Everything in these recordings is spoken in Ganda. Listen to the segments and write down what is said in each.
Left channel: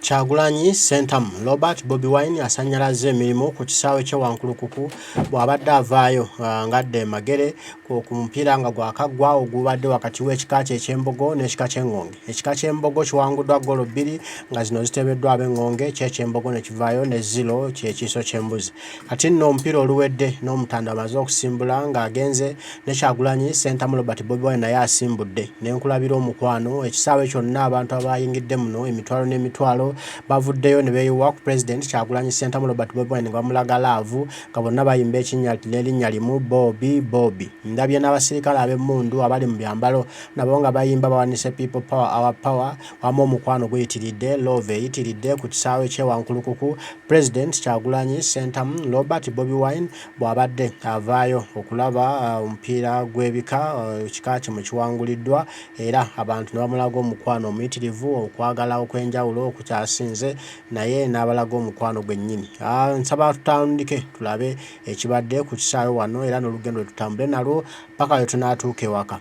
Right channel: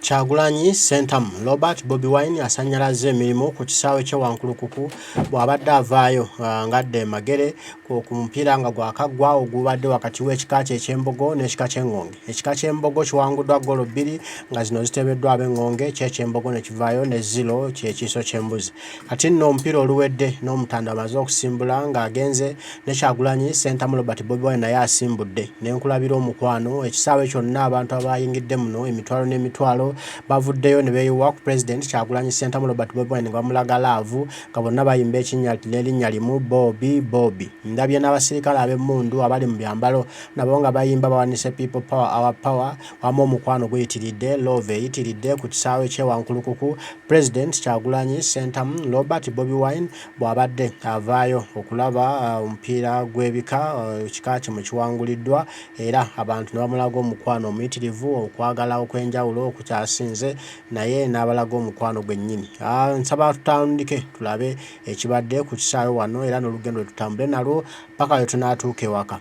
Kyagulanyi Sentamu Robert Bobi Wine asanyalaze emirimu ku kisaawe kye Wankulukuku bw'abadde avaayo ngadde magere ku mupiira nga gwakaggwa ogubadde wakati w'ekika ky'Embogo n'ekika ky'Engonge. Ekika ky'Embogo kiwanguddwa ggoolo 2 nga zino ziteebeddwa ab'Engonge, ky'Embogo ne kivaayo ne 0 ky'ekiiso ky'embuzi. Kati nno omupiira oluwedde n'Omutanda amaze okusimbula ng'agenze ne Kyagulanyi Sentamu Robert Bobi Wine naye asimbudde. Ne nkulabira omukwano ekisaawe kyonna abantu abayingidde muno emitwalo n'emitwalo bavuddeyo ne beeyiwa ku President Kyagulanyi Sentamu Robert Bobi Wine nga bamulaga laavu nga bonna bayimba n'erinnya limu Bobi Bobi. Ndabye n'abasirikale ab'emmundu abali mu byambalo nabo nga bayimba bawanise People Power Our Power wamu omukwano guyitiridde love eyitiridde ku kisaawe kye Wankulukuku President Kyagulanyi Sentamu Robert Bobi Wine bw'abadde avaayo okulaba omupiira gw'ebika ekika kye mu kiwanguliddwa era abantu ne bamulaga omukwano omuyitirivu okwagala okw'enjawulo okukyasinze naye n'abalaga omukwano gwennyini. Nsaba tutandike tulabe ekibadde ku kisaawe wano era n'olugendo tutambule nalwo paka lwe tunaatuuka ewaka.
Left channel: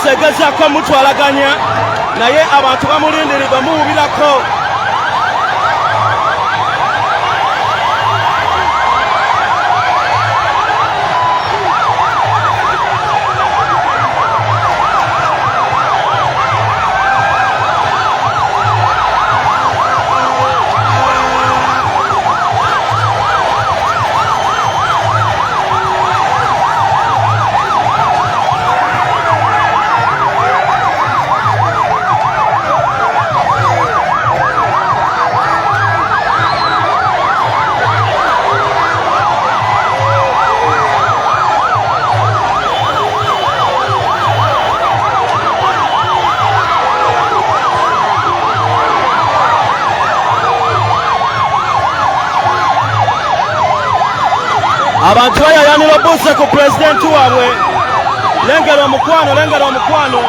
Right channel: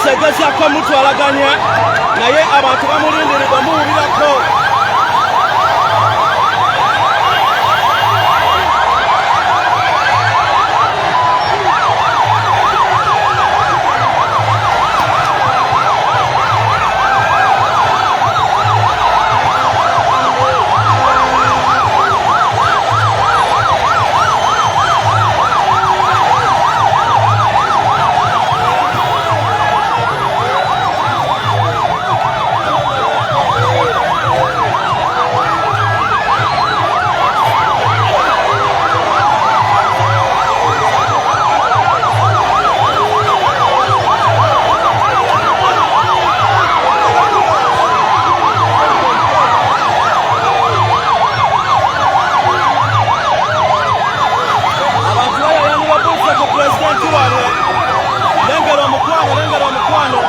poliisi egezaako mutwalaganya naye abantu bamulindirirwa muwubirako. Abantu bayayanira bose ku pulezidenti waabwe. Lengera omukwano, lengera omukwano.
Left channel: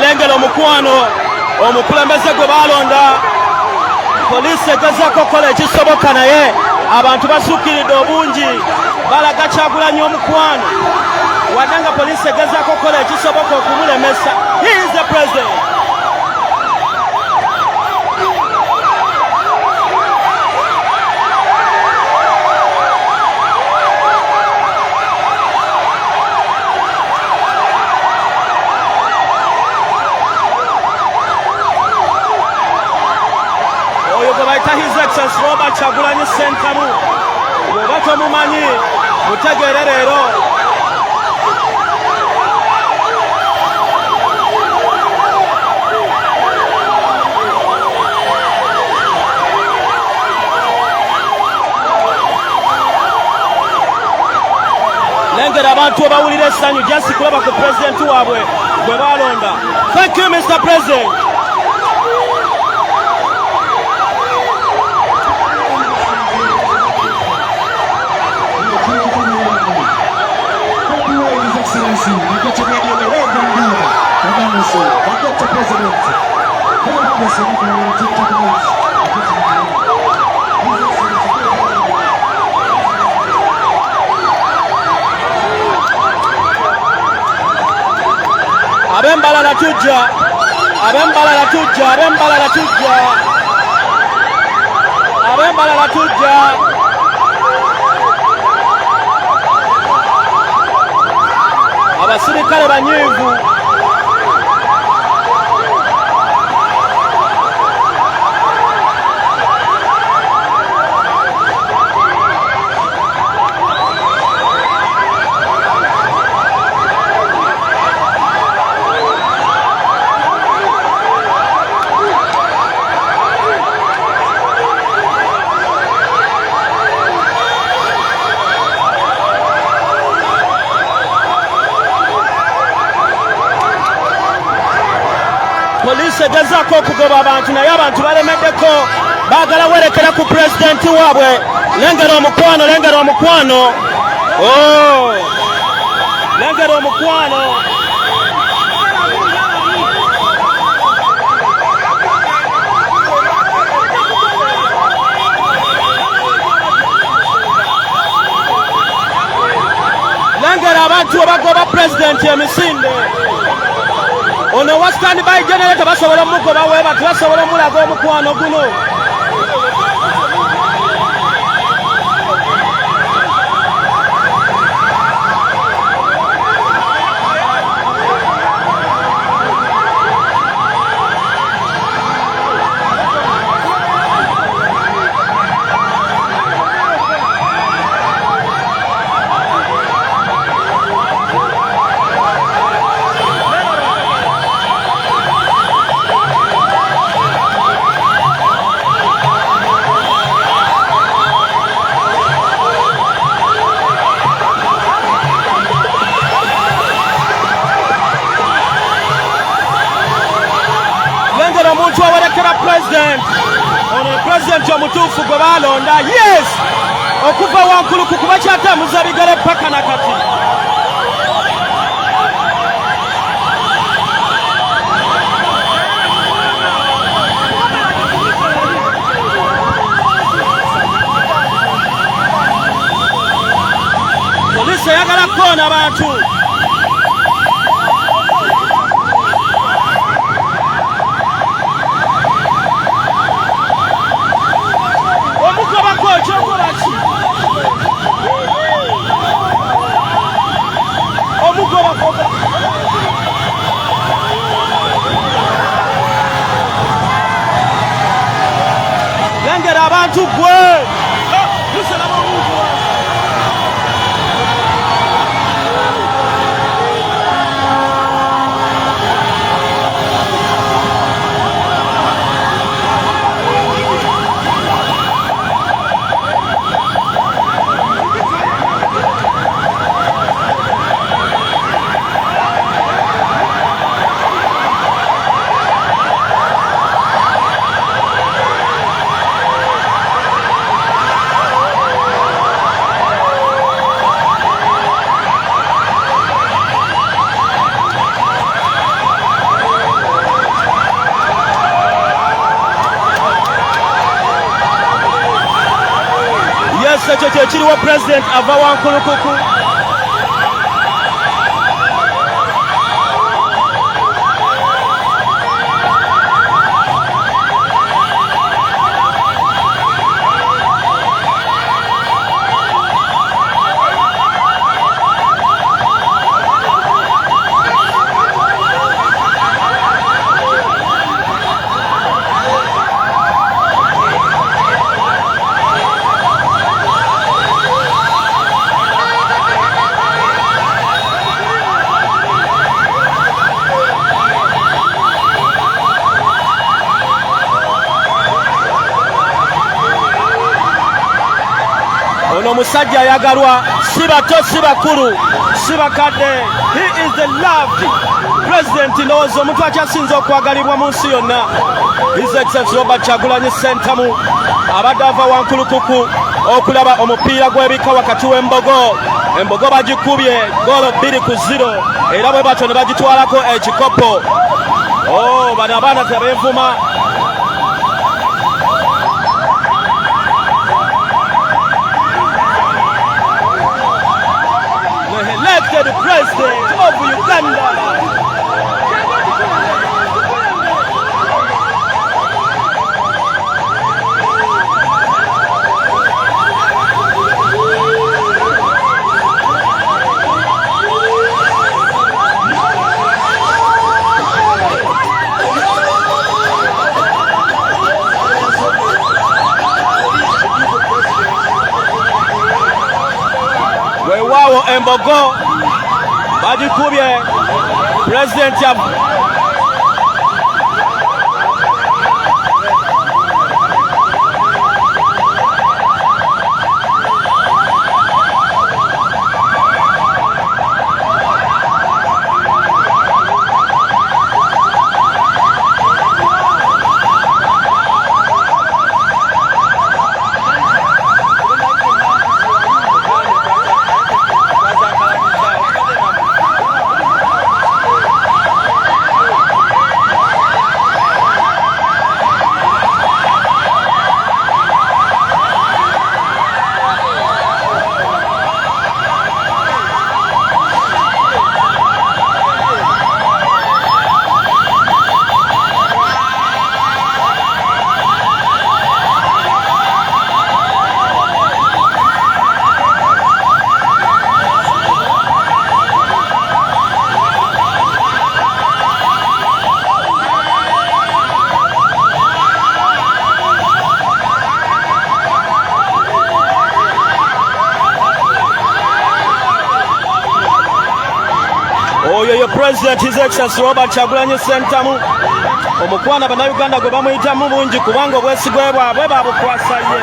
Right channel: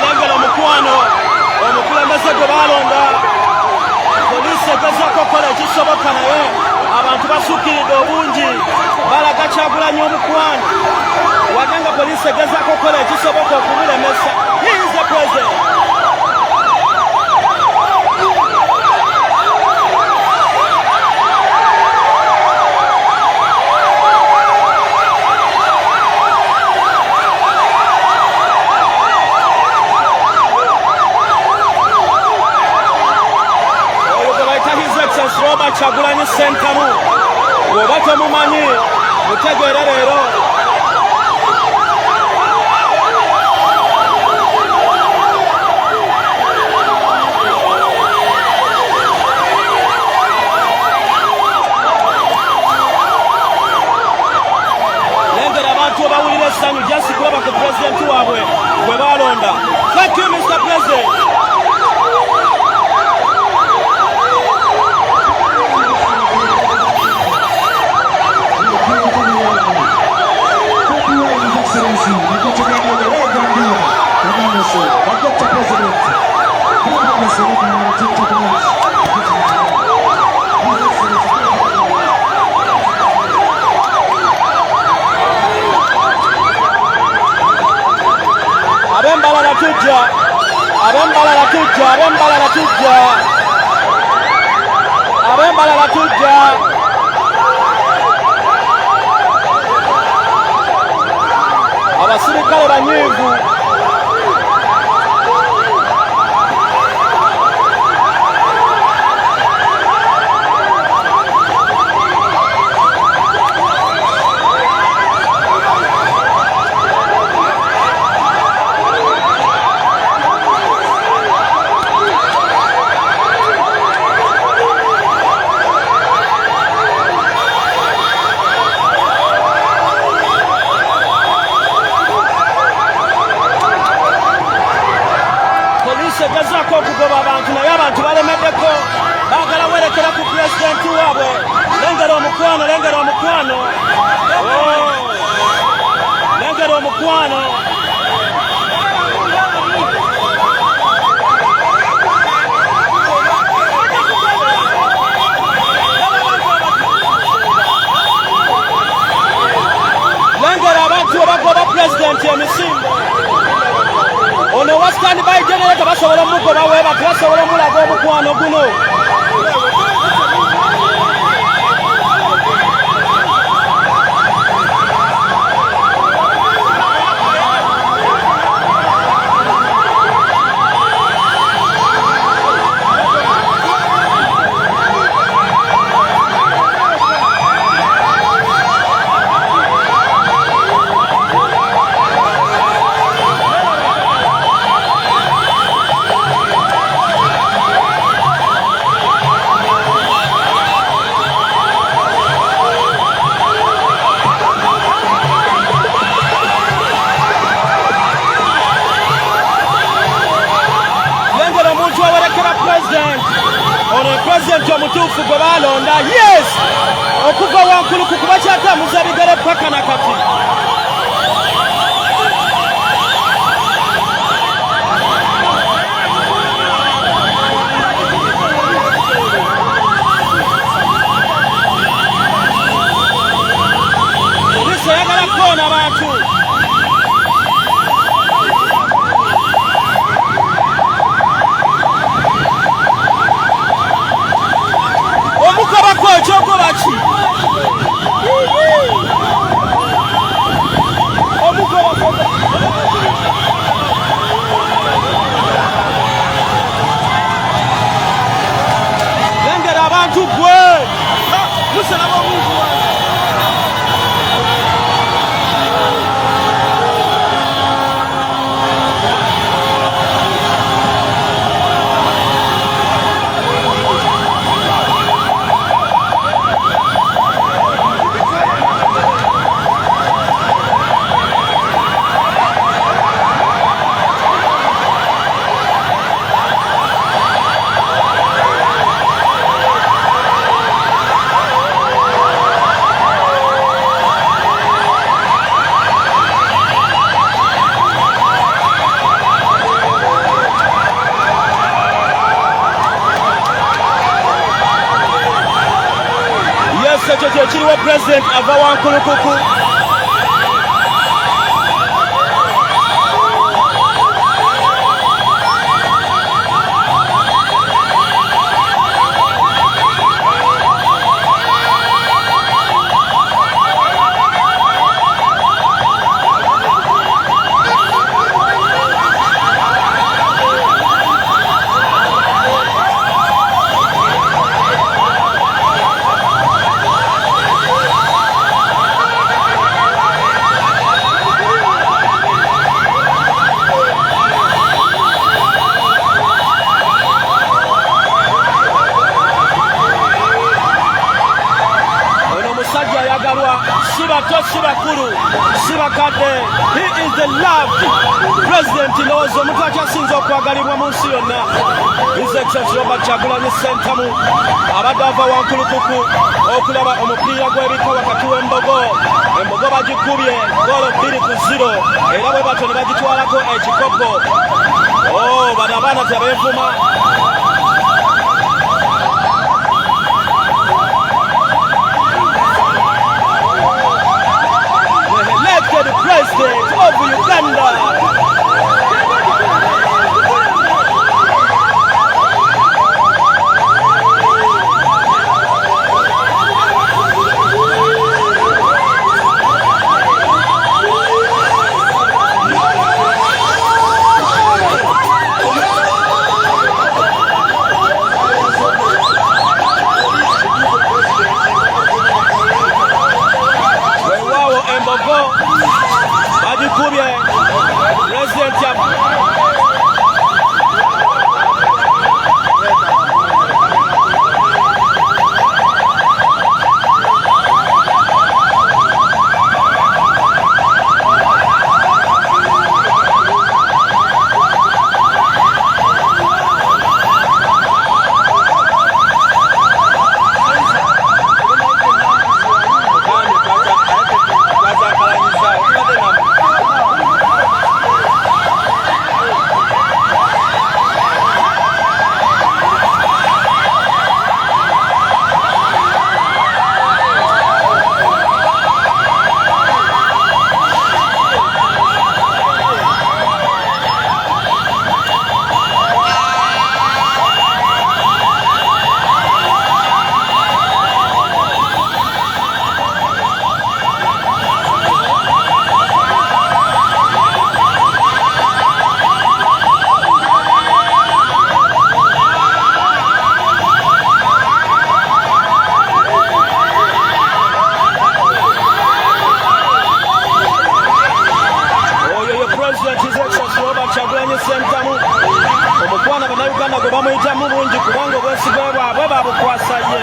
Lengera omukwano omukulembeze gwe balonda poliisi egezaako okukola ekisoboka naye abantu basuukiridde obungi balaga Kyagulanyi omukwano wadde nga poliisi egezaako okukola ekisoboka okumulemesa. He is the president. His Excellency Robert Kyagulanyi Ssentamu bw'oba tomumanyi mutegeere leero. Lengera abantu abawulira essanyu just kulaba ku pulezidenti waabwe gwe balonda. Thank you, Mr. President. Thank you. ab'embalala tujja, ab'embalala tujja, ab'embalala tujja, ab'embalala tujja. Abasirikale banyiivu. Poliisi egezaako okugoba abantu naye abantu balemeddeko baagala werekera ku pulezidenti waabwe. Lengera omukwano, lengera omukwano, lengera omukwano. Lengera abantu abagoba pulezidenti emisinde. Ono wasitani bayi generator basobola mugoba weba basobola mulaga omukwano guno. Omuntu awerekera president ono president omutuufu gwe balonda, yes, okuva wankulu ku kuba kyatambuza bigere paka na kati. Polisi eyagala koona abantu. Lengera abantu gwe musalaba omuntu wange. Ekyo kyekiriwo president ava wankulukuku. Omusajja ayagalwa, si bato si bakulu si bakadde. He is the loved president. Ndowooza omuntu akyasinza okwagalibwa mu nsi yonna. His Excellency Robert Kyagulanyi Ssentamu abadde ava wankulukuku okulaba omupiira gw'ebika wakati w'embogo. Embogo bagikubye goolo 2-0 era bwe batyo ne bagitwalako ekikopo. Bano abaana tebeevuma. Elected president of Uganda. embogo bagikubye Pulezidenti President His Excellency Robert Kyagulanyi Ssentamu omukwana bannayuganda gwe bamuyitamu bungi kubanga obwesigwe bwabwe babukwasa ye.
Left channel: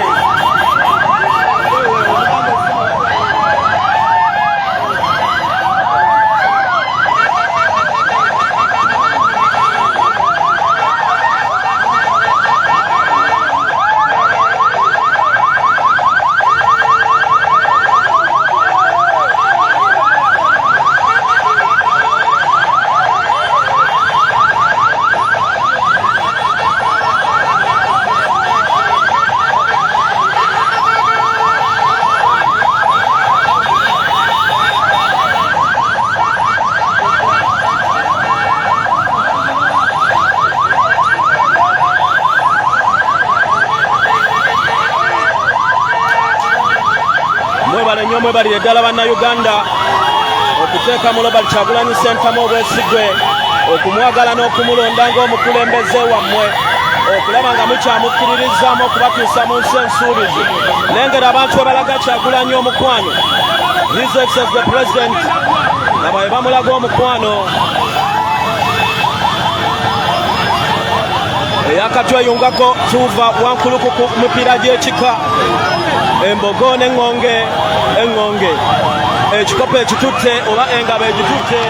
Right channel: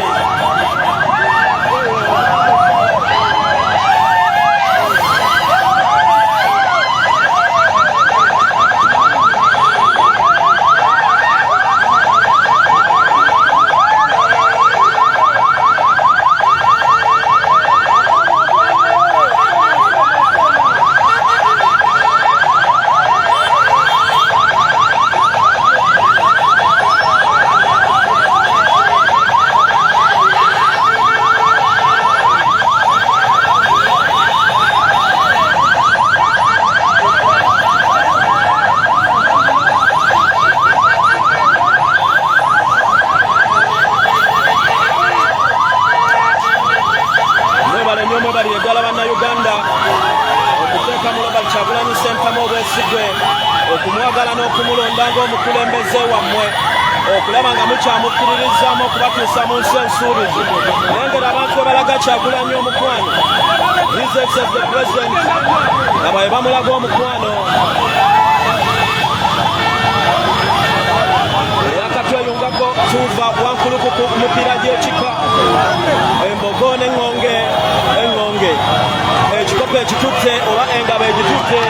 Mwe bali eddala bannayuganda okuteeka mu Robert Kyagulanyi Ssentamu obwesigwe okumwagala n'okumulonda ng'omukulembeze wammwe okulaba nga mukyamukkiririzaamu okubatuusa mu nsi ensuubizi. Lengera abantu bwe balaga Kyagulanyi omukwano His Excellency the President nga bwe bamulaga omukwano eyakatweyungako tuva wankulukuku mupira gy'ekika embogo n'eŋŋonge ekikopo ekitutte oba engabo egitutte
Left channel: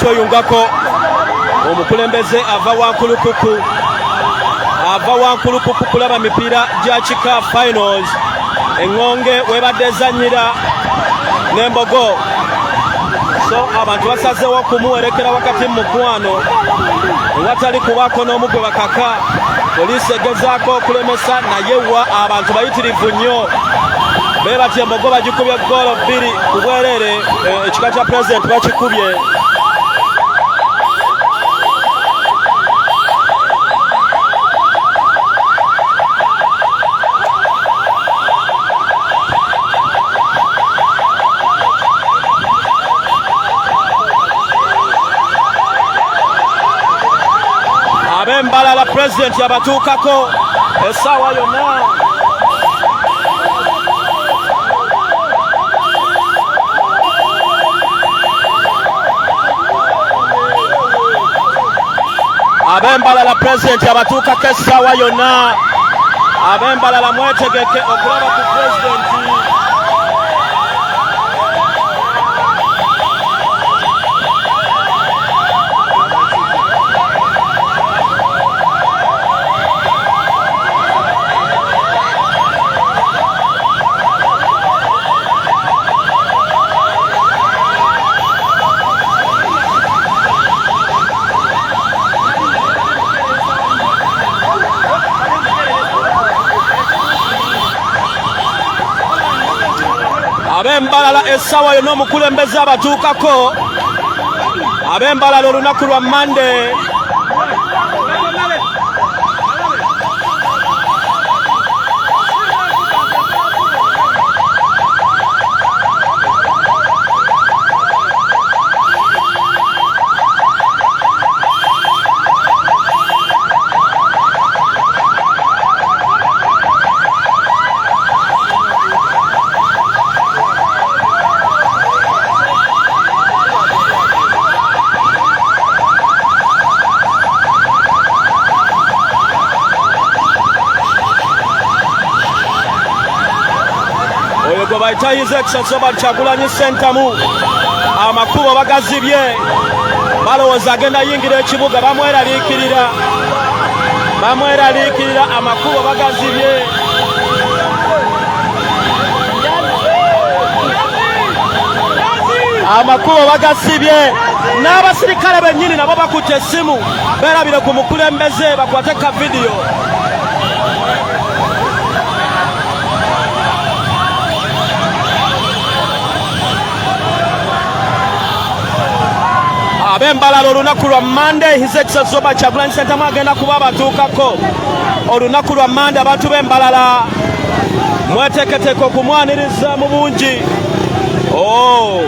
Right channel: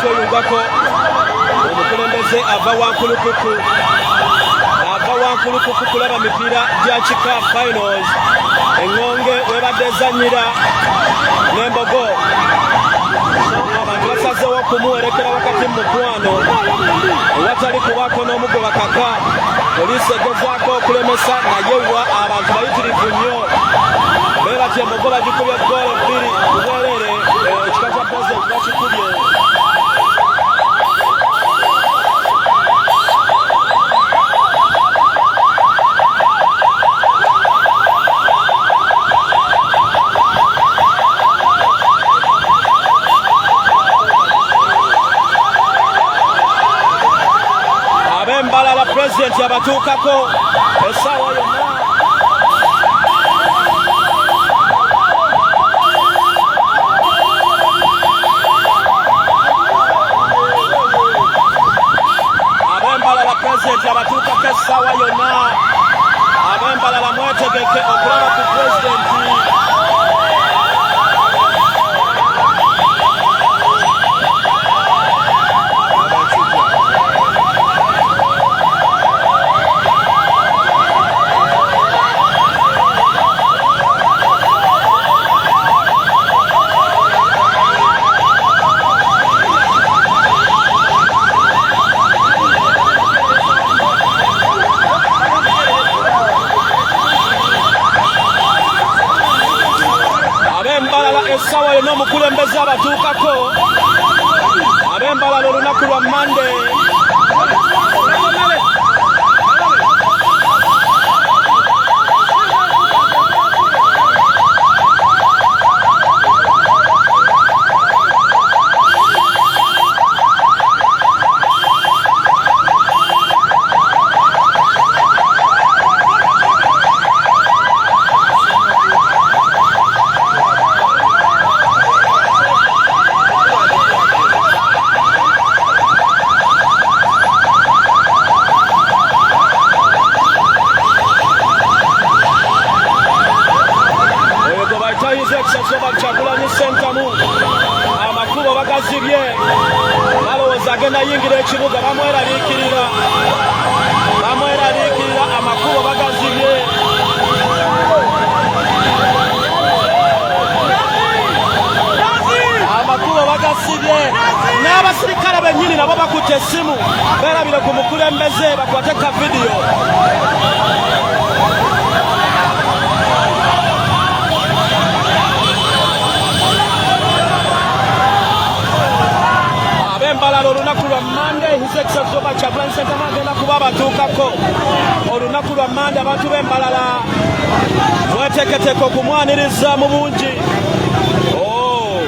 Tweyungako omukulembeze ava wankulukuku kulaba mipiira gya kika finals eŋŋonge webadde ezannyira n'embogo so abantu basazeewo okumuwerekera wakati mu mukwano ewatali kubaako n'omu gwe bakaka Poliisi egezaako okulemesa naye wa abantu bayitirivu nnyo bebatya embogo bagikubye goolo 2 ku bwereere ekika kya pulezidenti bakikubye. Ab'embalala pulezidenti abatuukako essaawa yonna. Ab'embalala pulezidenti abatuukako essaawa yonna. Ab'embalala mwetegeke okulaba ku pulezidenti. Ab'embalala essaawa yonna omukulembeze abatuukako. Ab'embalala olunaku lwa Monday. Bayitayiza ekisasoba Kyagulanyi Ssentamu amakubo bagazibye balowooza agenda yingira ekibuga bamweraliikirira amakubo bagazibye. Amakubo bagasibye n'abasirikale bennyini nabo bakutte essimu beerabire ku mukulembeze bakwate ka vidiyo. Ab'embalala olunaku lwa Monday His Excellency Kyagulanyi Ssentamu agenda kuba abatuukako. Olunaku lwa Monday abantu b'embalala mweteeketeeke okumwaniriza mu bungi. Oh,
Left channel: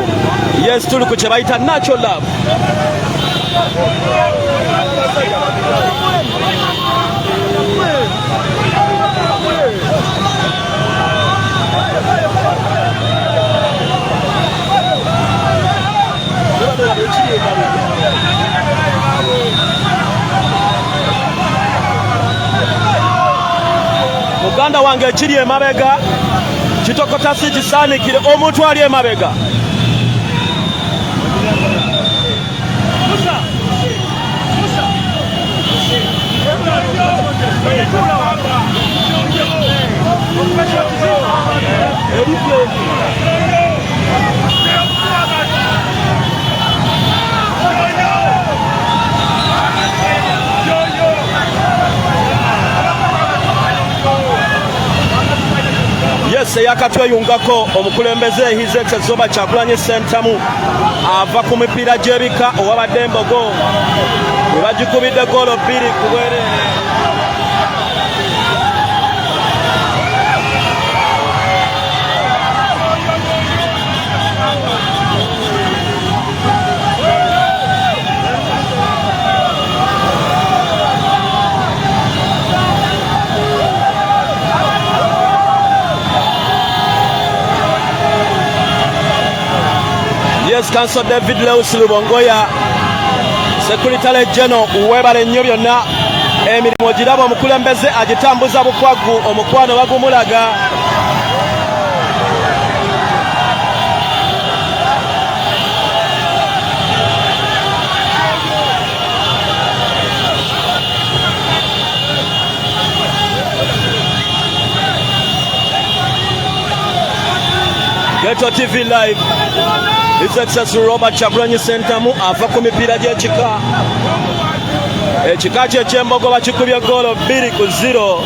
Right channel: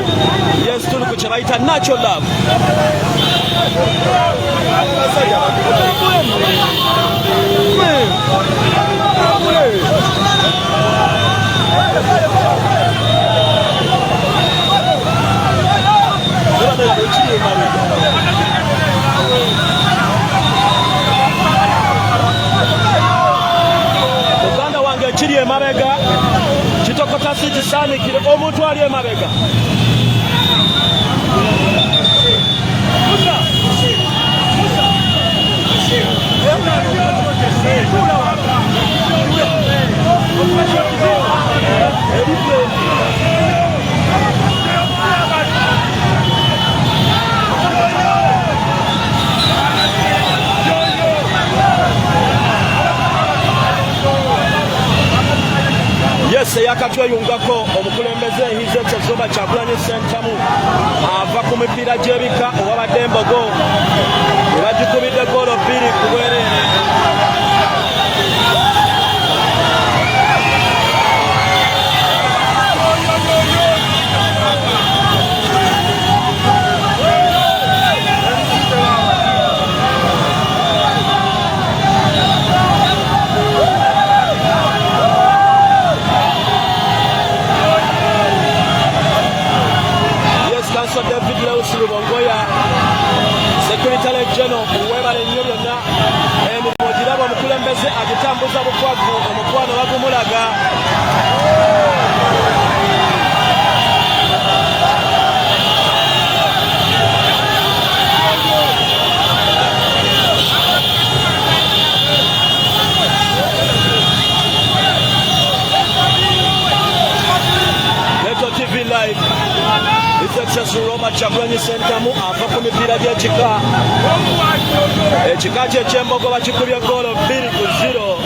yes, tuli ku kye bayita natural love. Muganda wange ekiri emabega kitokota si kisaanikire omuntu ali emabega. Yes, yakatweyungako omukulembeze His Excellency Kyagulanyi Ssentamu ava ku mipiira gy'ebika owabadde embogo ebagikubidde goolo 2 ku bwereere. Council David Lewis Lubongoya Secretary General uwebale nnyo byonna emirimu ogiraba omukulembeze agitambuza bukwagu omukwano bagumulaga. Metro TV Live His Excellency Kyagulanyi Ssentamu ava ku mipiira gy'ekika ekika kye ky'embogo bakikubye goolo 2-0.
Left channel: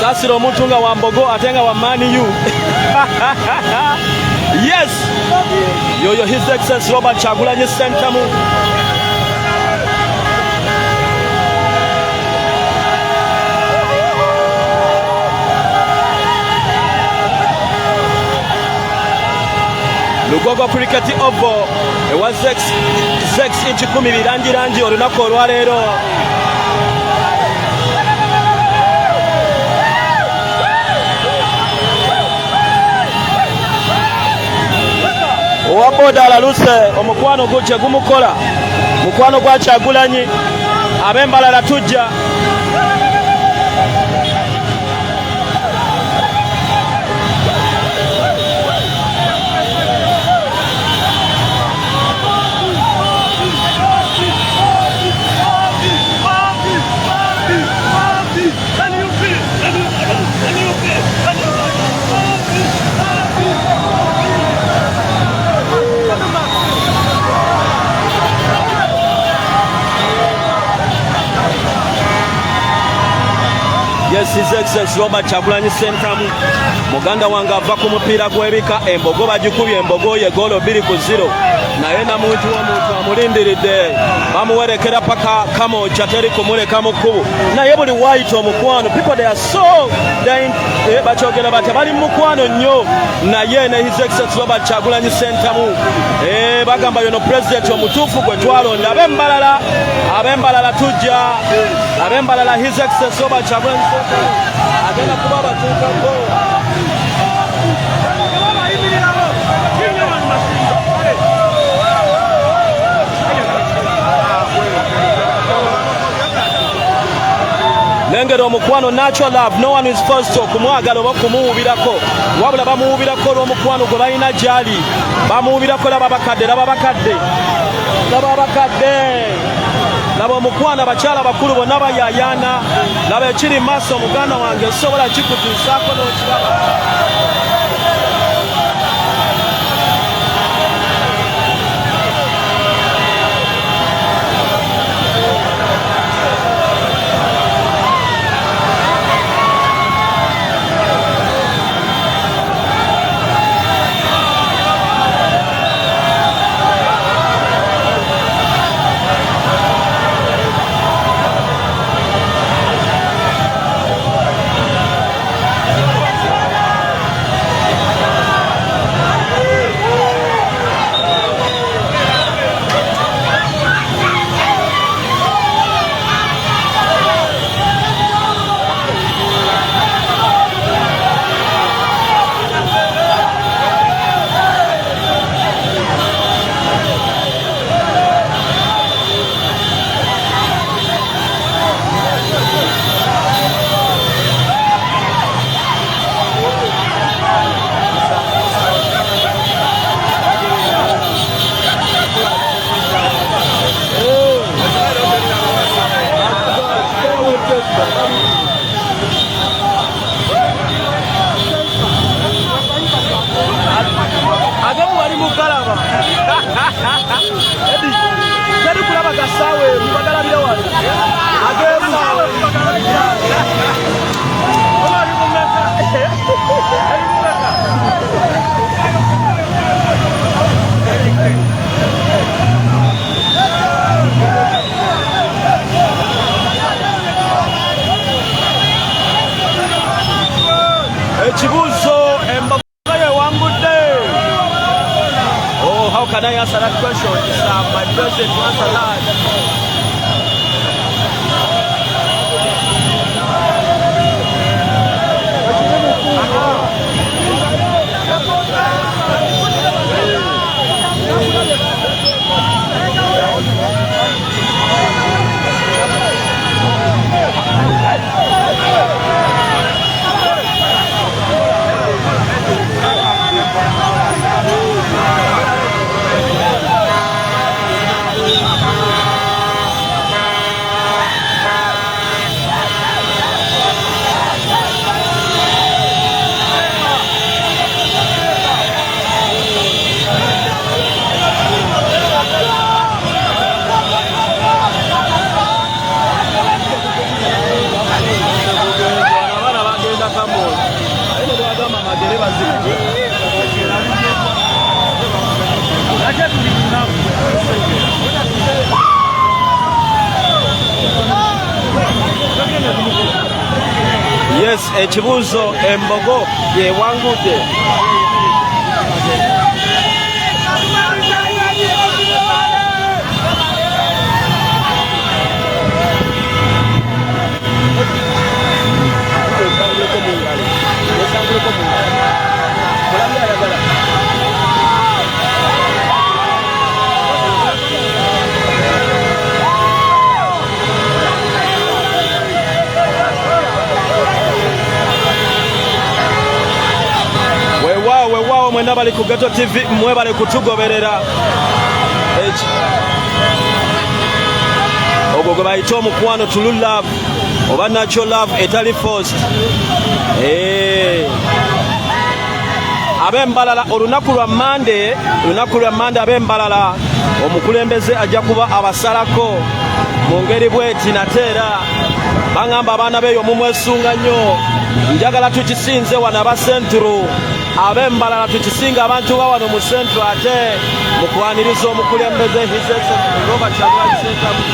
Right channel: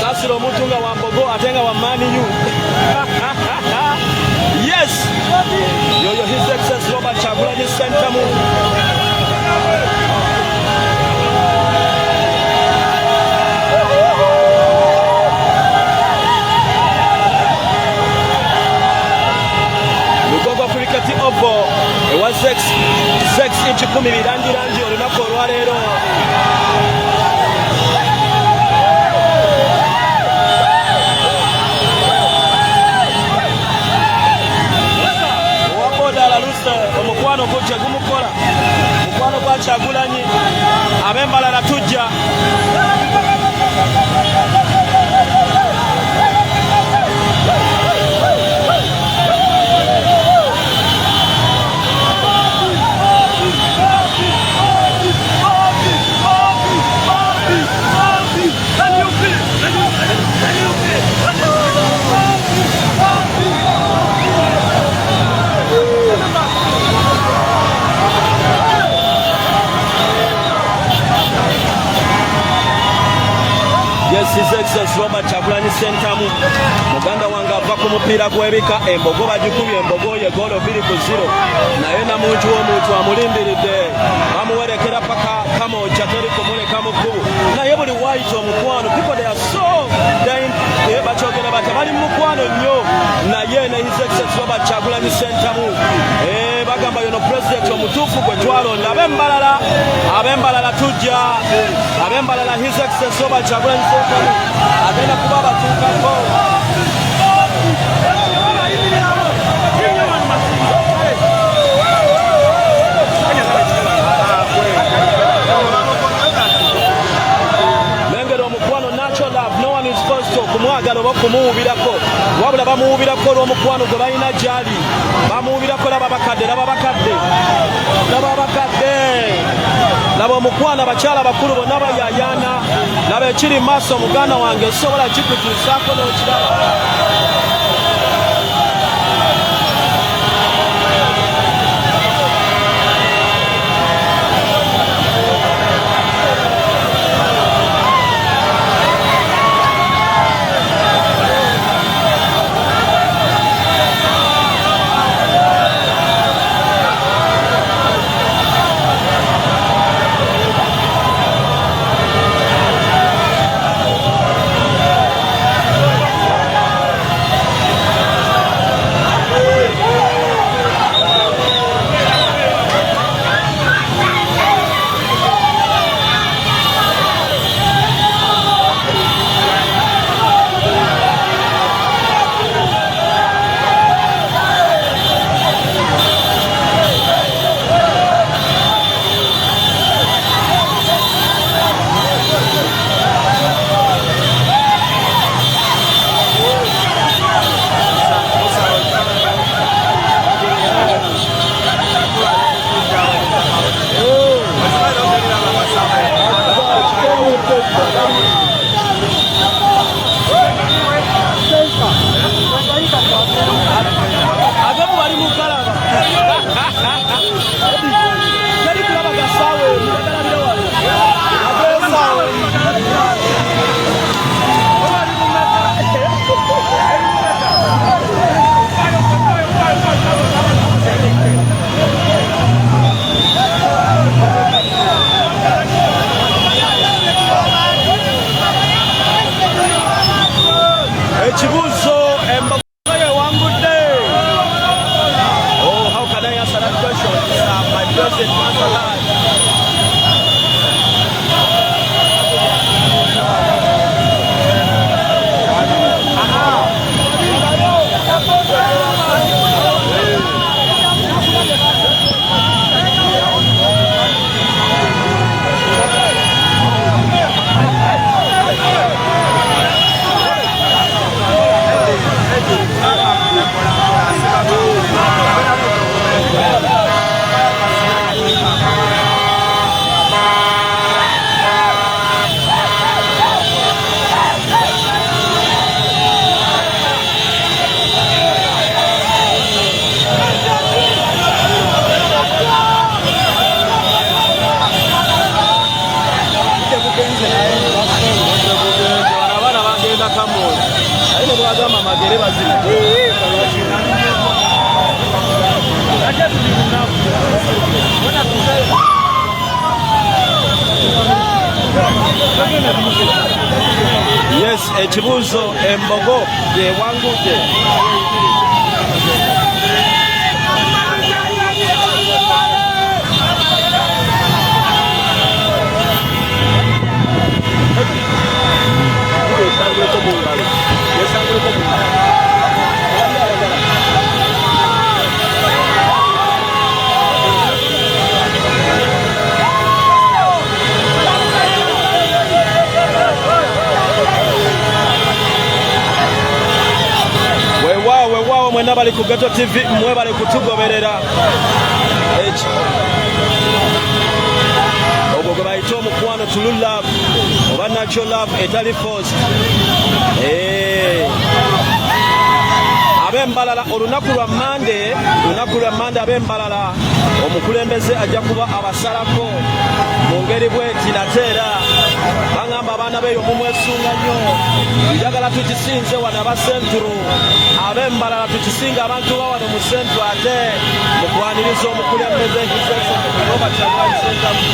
Sasiro omuntu nga wa mbogo ate nga wa Man U. Yes, yoyo His Excellency Robert Kyagulanyi Ssentamu. Lugogo Cricket Oval ewa 6-10 birangirangi olunaku olwaleero. Owaboda alaluse omukwano gujje gumukola mukwano gwa Kyagulanyi ab'embalala tujja. Yes, His Excellency Robert Kyagulanyi Ssentamu muganda wange ava ku mupiira gw'ebika embogo bagikubye embogo ye goolo 2-0 naye namuntu w'omuntu amulindiridde bamuwerekera paka kamoja teri kumuleka mu kkubo naye buli waayita omukwano people they are so bakyogera bati bali mu mukwano nnyo naye ne His Excellency Robert Kyagulanyi Ssentamu bagamba yono pulezidenti omutuufu gwe twalonda ab'embalala tujja ab'embalala His Excellency Robert Kyagulanyi Ssentamu agenda kuba abatuukako. Lengero omukwano natural love, no one is forced to kumwagala oba kumuwubirako wabula bamuwubirako olw'omukwano gwe balina gyali bamuwubirako laba bakadde laba omukwano abakyala bakulu bonna bayayaana laba ekiri maaso muganda wange sobola kikutuusaako n'okiraba. Oh, how can I answer that question? My president wants a lot. ekibuuzo embogo yewangudde. Weewaawo mwena bali ku Ghetto TV mwe bali kutugoberera. Ogwo gwe bayita omukwano true love oba natural love etali forced. Ab'embalala olunaku lwa Monday ab'embalala omukulembeze ajja kuba abasalako mu ngeri bweti nateera baŋŋamba abaana beeyo mumwesunga nnyo. Njagala tukisinze wano aba Central, ab'embalala tukisinga abantu ba wano mu Central ate mukwaniriza omukulembeze Robert Kyagulanyi Ssentamu.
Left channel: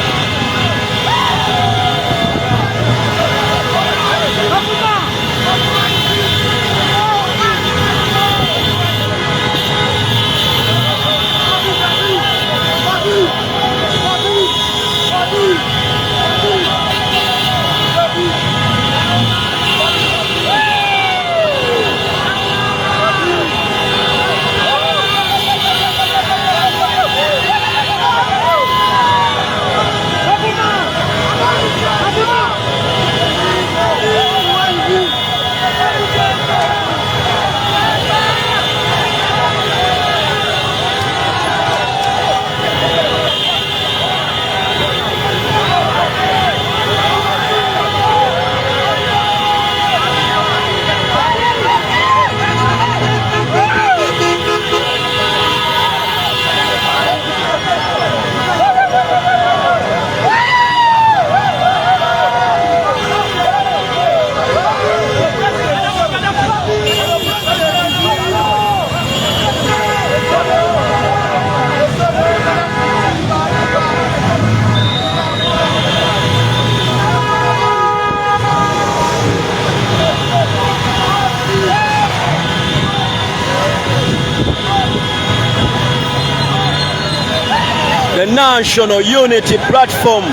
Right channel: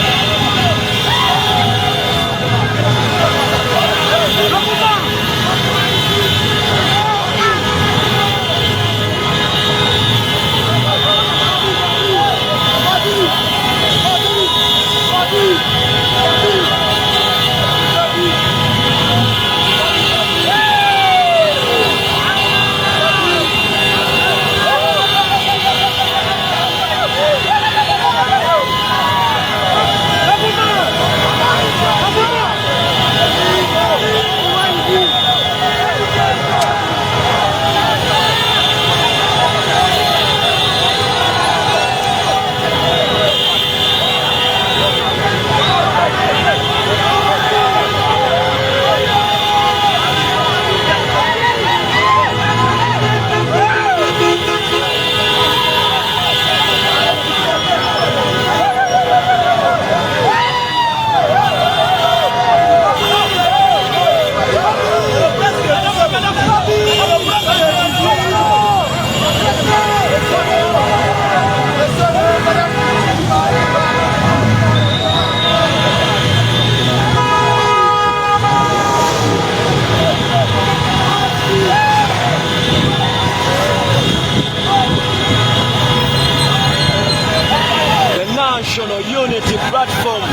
National Unity Platform.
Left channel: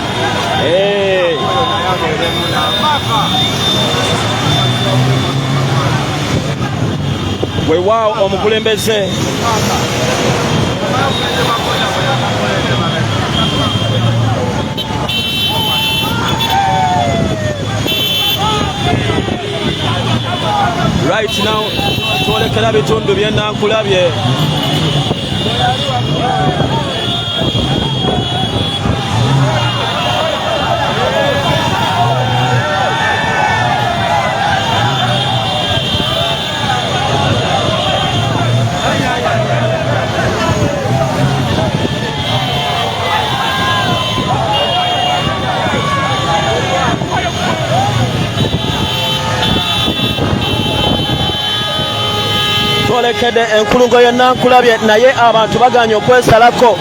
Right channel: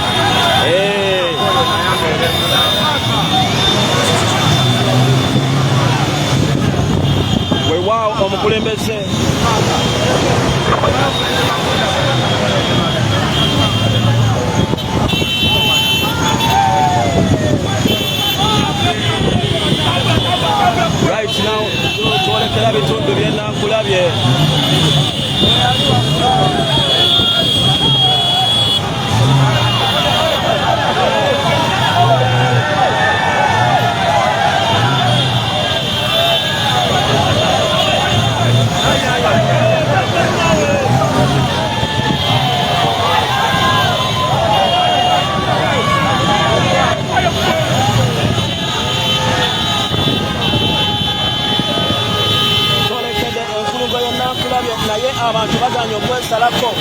Weewaawo omukulembeze right now twolekera bitundu by'ennakulabye. Enkulungo y'ennakulabye naye abantu baganye okwesalako.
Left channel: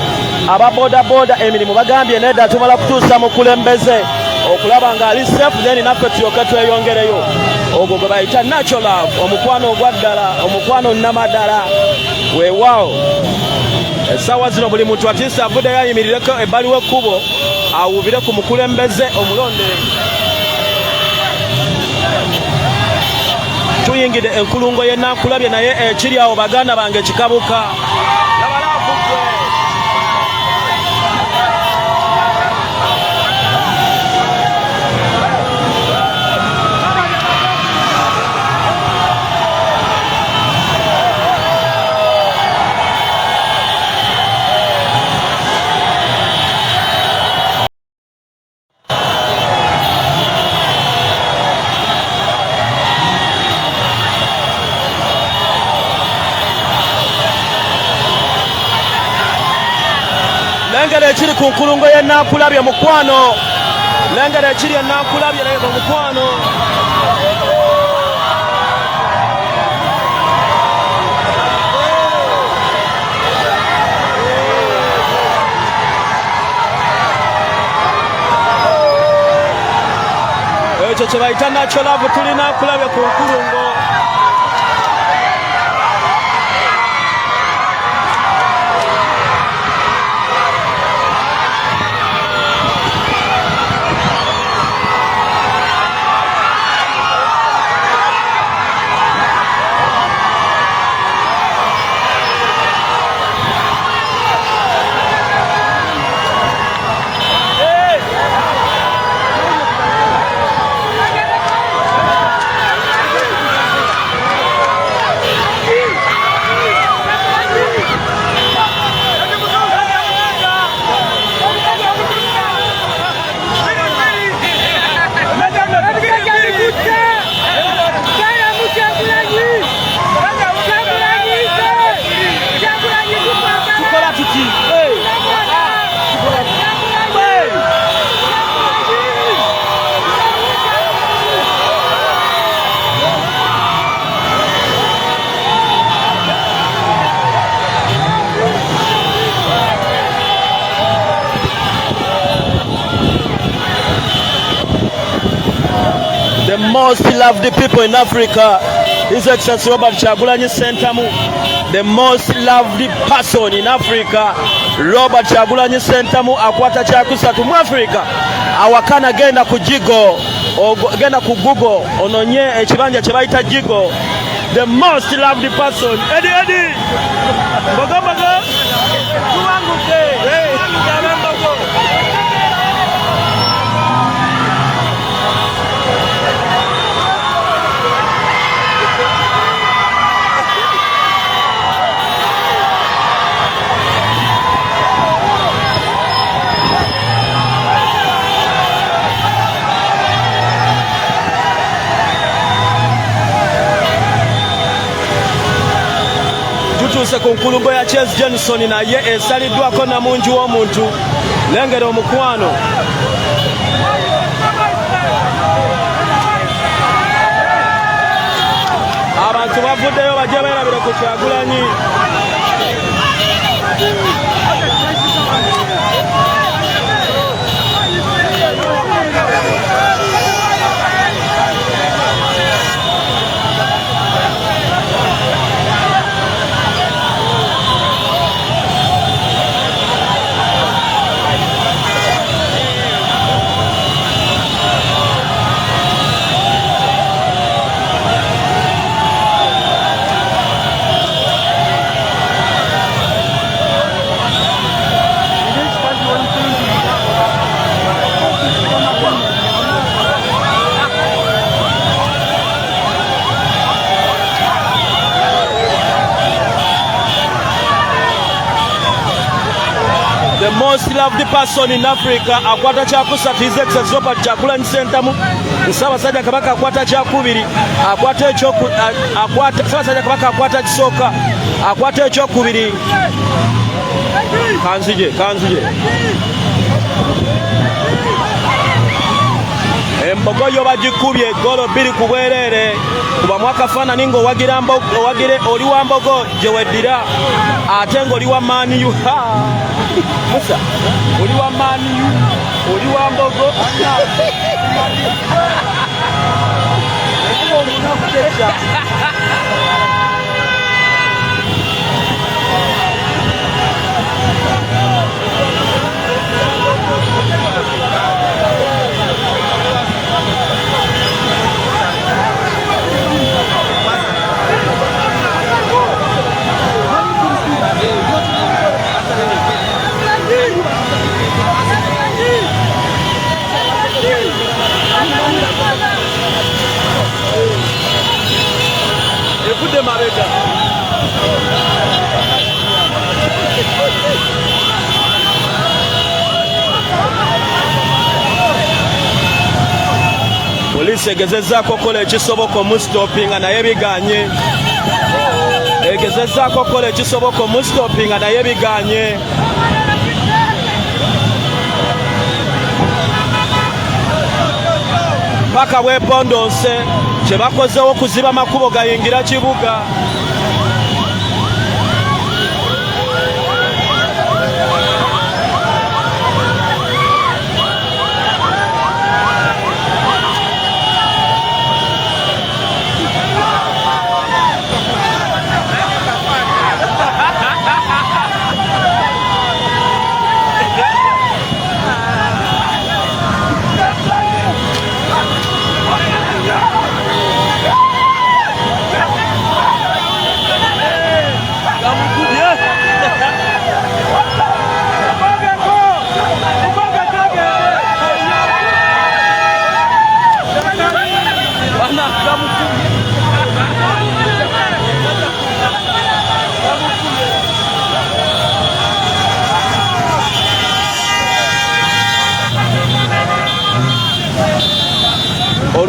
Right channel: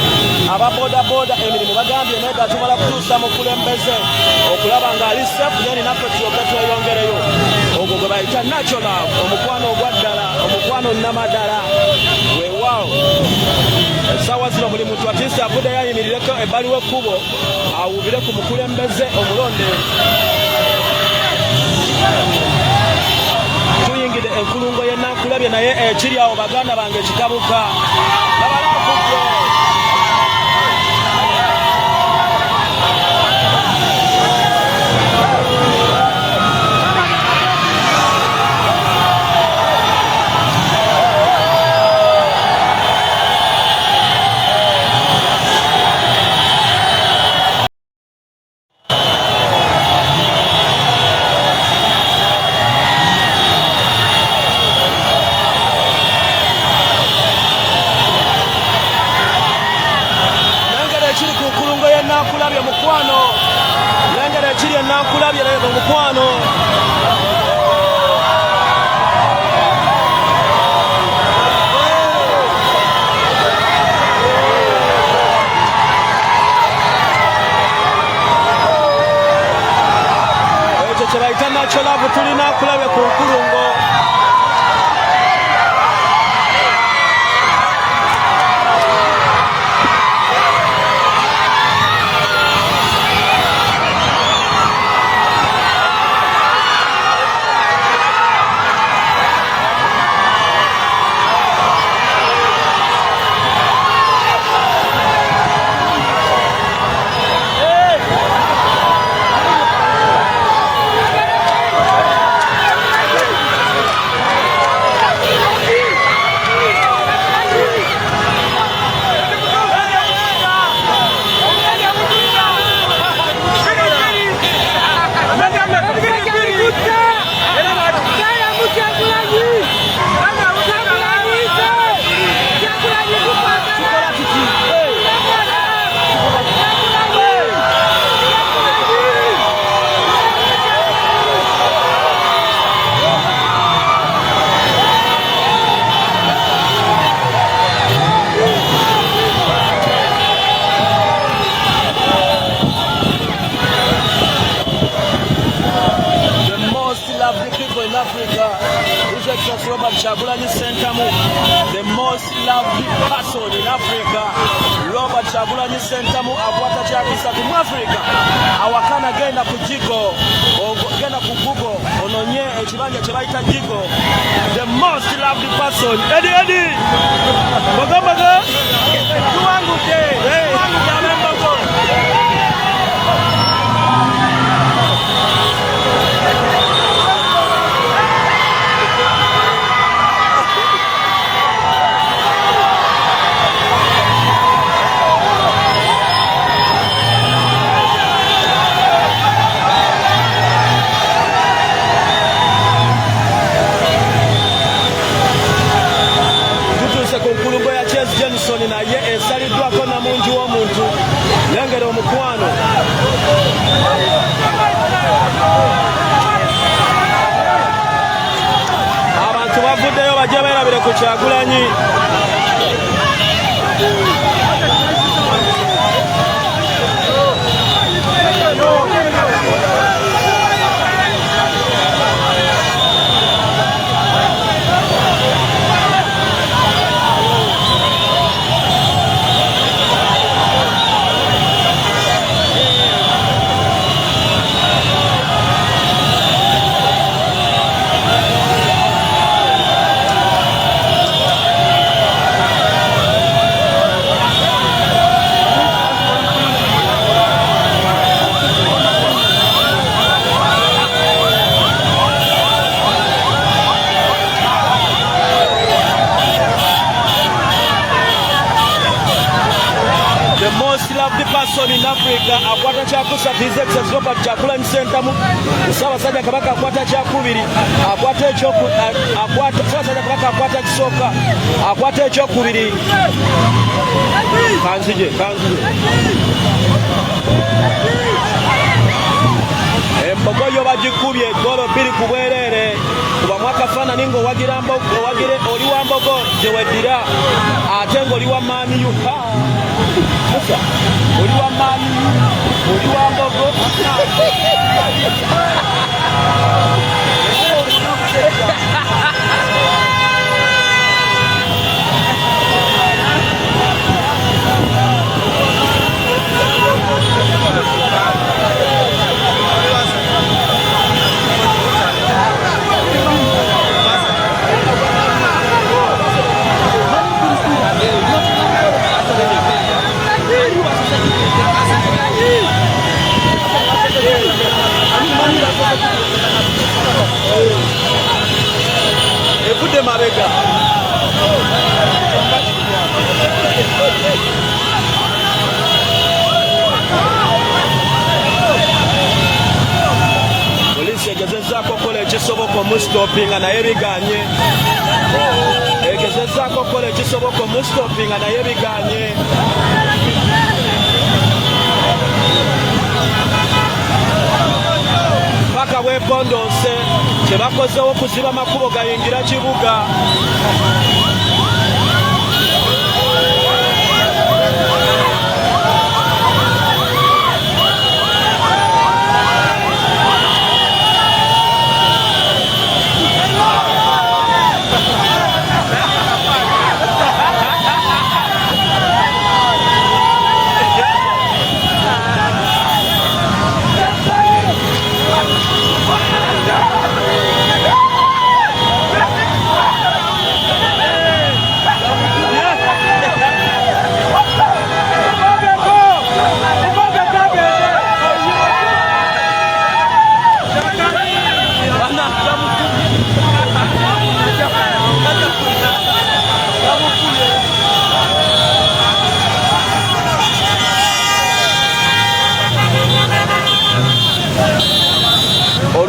Aba boda emirimu bagambye nedda tumala kutuusa mukulembeze okulaba ng'ali safe then naffe tulyoke tweyongereyo. Ogwo gwe bayita natural love, omukwano ogwaddala, omukwano nnamadala. Weewaawo essaawa zino buli muntu atiisa avuddeyo ayimirireko ebbali w'ekkubo awuubire ku mukulembeze omulonde. Tuyingidde enkulungo y'ennakulabye naye ekiri awo baganda bange kikabuka. Ekiri ku nkulungo y'ennakulabye mukwano, lengera ekiri ennakulabye leba mukwano. kye bayita nakyo laavu tulina akulabye ku nkulungo. Loved people in Africa, His Excellency Robert Kyagulanyi Ssentamu, the most loved person in Africa. Robert Kyagulanyi Ssentamu akwata kyakusatu mu Africa. Awakana genda ku Jigo, genda ku Google ononye ekibanja kye bayita Jigo. The most loved person. Eddie Bogo tuwangute abembogo. Ku nkulungo ya Charles Jenison naye esaliddwako na mungi w'omuntu. Lengera omukwano. Abantu bavuddeyo bajje beerabire ku Kyagulanyi. The most loved person in Africa akwata kyakusatu His Excellency Robert Kyagulanyi Ssentamu. Ssaabasajja Kabaka akwata kyakubiri, akwata Ssaabasajja Kabaka akwata kisooka, akwata ekyokubiri. Kanzige embogo yo bagikubye eggolo 2 ku bwereere. Kubamu akafaananyi ng'owagire oli wa mbogo gye weddira ate ng'oli wa maaniyu. Musa oli wa maaniyu oli wa mbogo. Evudde mabega. Polisi egezezzaako okukola ekisoboka omusitopinga naye biganye. Egezezzaako okukola ekisoboka omusitopinga naye biganye. Paka bwepondonse tebakozewo kuziba amakubo gayingira kibuga.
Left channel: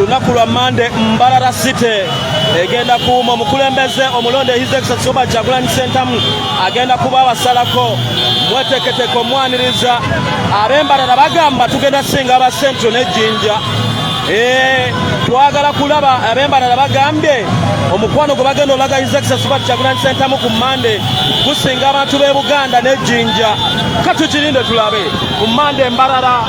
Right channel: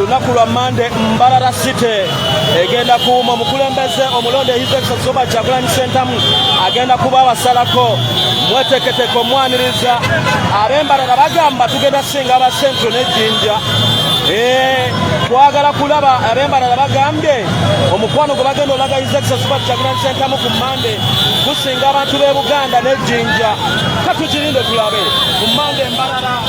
olunaku lwa Mande Mbarara City egenda kuuma omukulembeze omulonde His Excellency Robert Kyagulanyi Ssentamu agenda kuba abasalako mweteketeko omwaniriza ab'Embarara bagamba tugenda singa aba Central n'Ejjinja. Twagala kulaba ab'Embarara bagambye omukwano gwe bagenda olaga His Excellency Robert Kyagulanyi Ssentamu ku Mande gusinga abantu b'e Buganda n'Ejjinja. Katukirinde tulabe ku Mande Mbarara.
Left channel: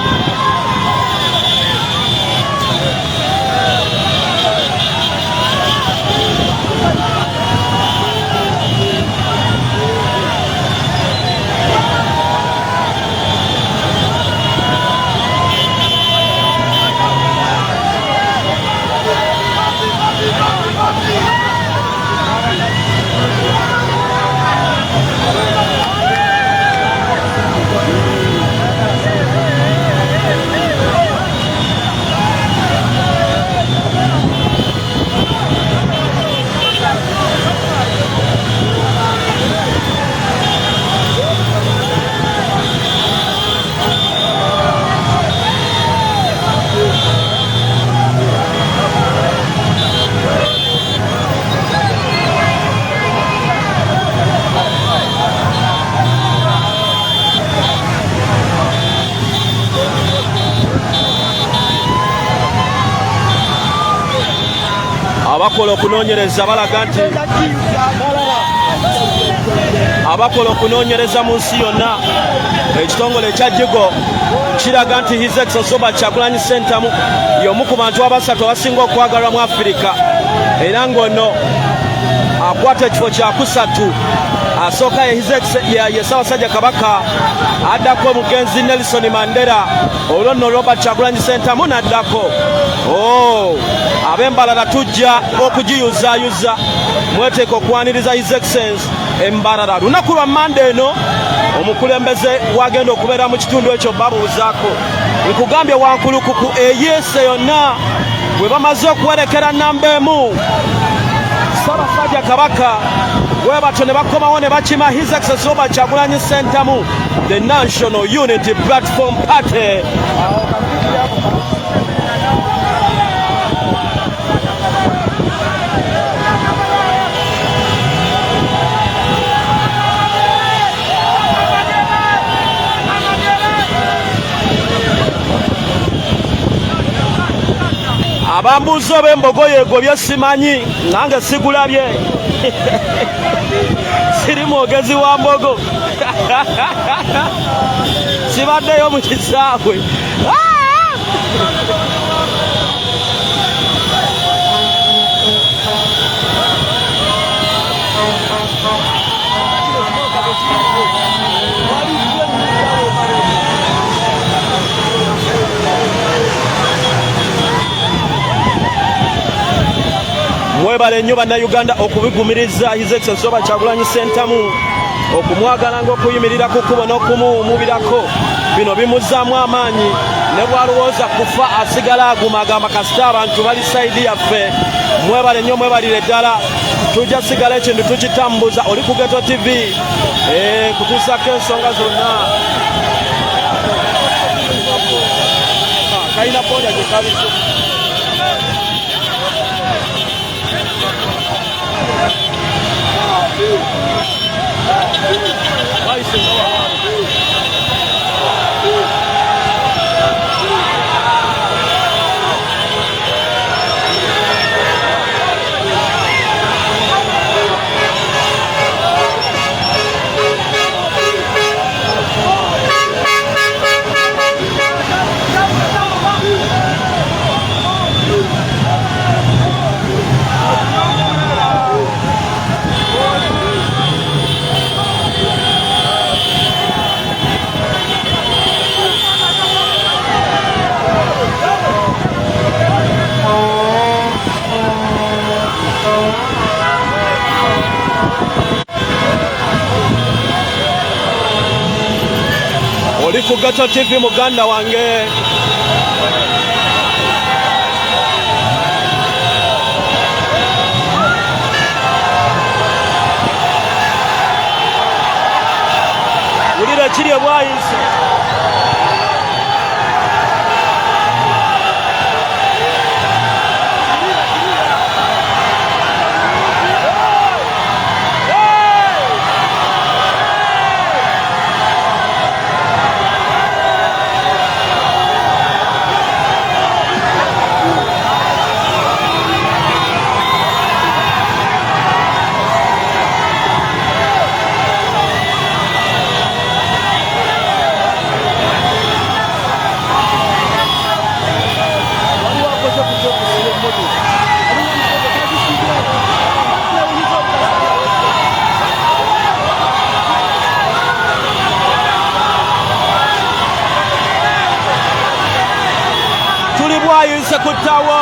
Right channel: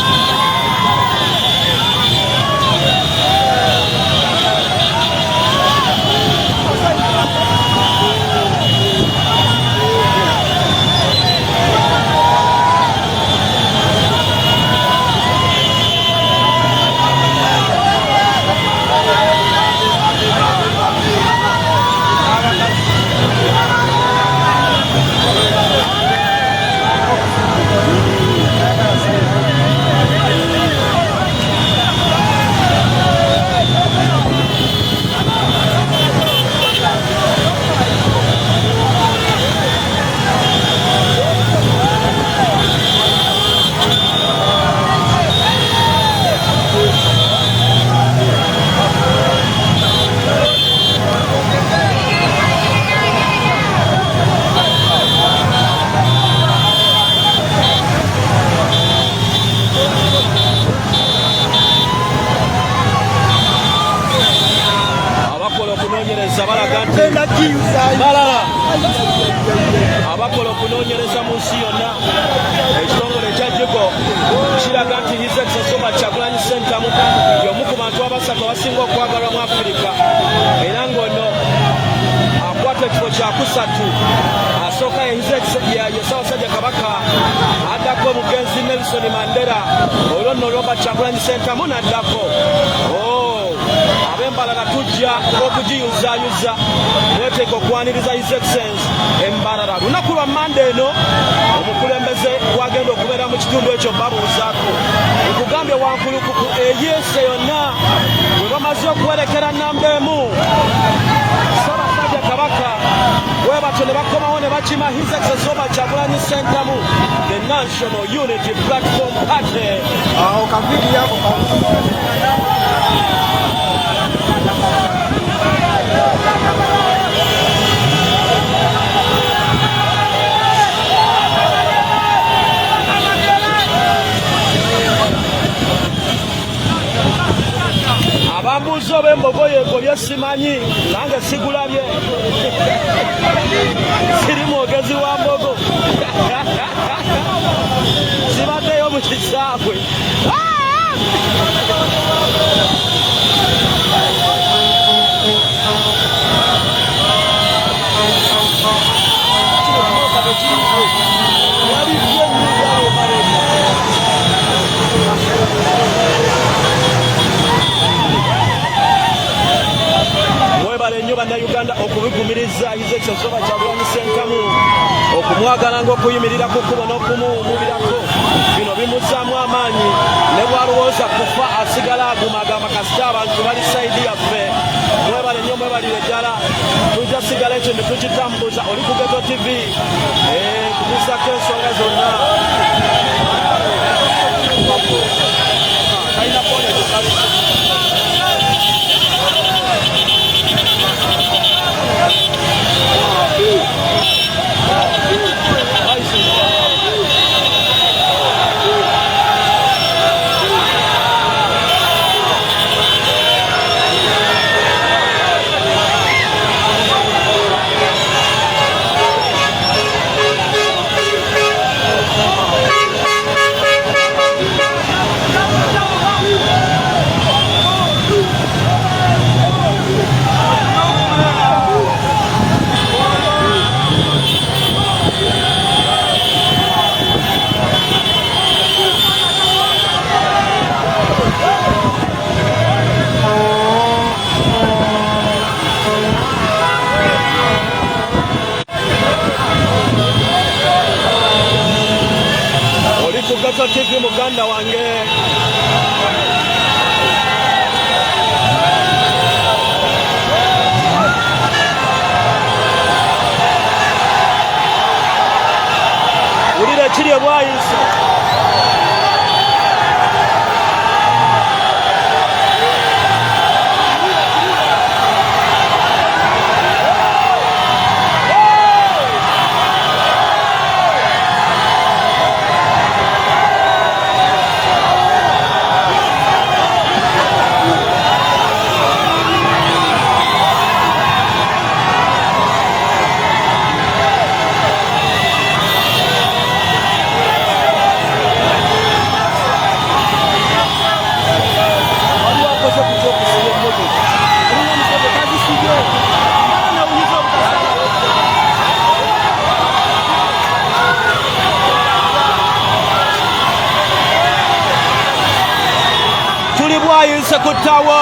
Okunoonyereza balaga nti balala abakola okunoonyereza mu nsi yonna ekitongole ekya Jigo kiraga nti His Excellency Robert Kyagulanyi Ssentamu y'omu ku bantu abasatu abasinga okwagalwa mu Afirika era ng'ono akwata ekifo kyakusatu. Asooka ye Ssaabasajja Kabaka, addako omugenzi Nelson Mandela, olwo nno Robert Kyagulanyi Ssentamu n'addako. Ab'Embarara tujja okugiyuzaayuza mweteeka okwaniriza His Excellency Embarara. Lunaku lwa Mande eno omukulembeze wagenda okubeera mu kitundu ekyo babuuzaako nkugambye wankulukuku eyeese yonna bwe bamaze okuwerekera nnamba emu Ssaabasajja Kabaka bwe batyo ne bakomawo ne bakima His Excellency Robert Kyagulanyi Ssentamu, the National Unity Platform Party. Abambuuza oba embogo yeegobye simanyi, nange sigulabye. Siri mwogezi wa mbogo. Sibaddeyo mu kisaawe. Mwebale nnyo bannayuganda okubigumiriza His Excellency Robert Kyagulanyi Ssentamu, okumwagala ng'okuyimirira ku kkubo n'okumuwuubirako. Bino bimuzzaamu amaanyi, ne bw'alowooza kufa asigala aguma agamba kasita abantu bali sayidi yaffe. Mwebale nnyo, mwebalire ddala. Tujja sigala ekintu tukitambuza. Oli ku Geto TV kutuusako ensonga zonna. Ku Geto TV muganda wange. Wulira kiri bwayise. gwayise ku ttawo.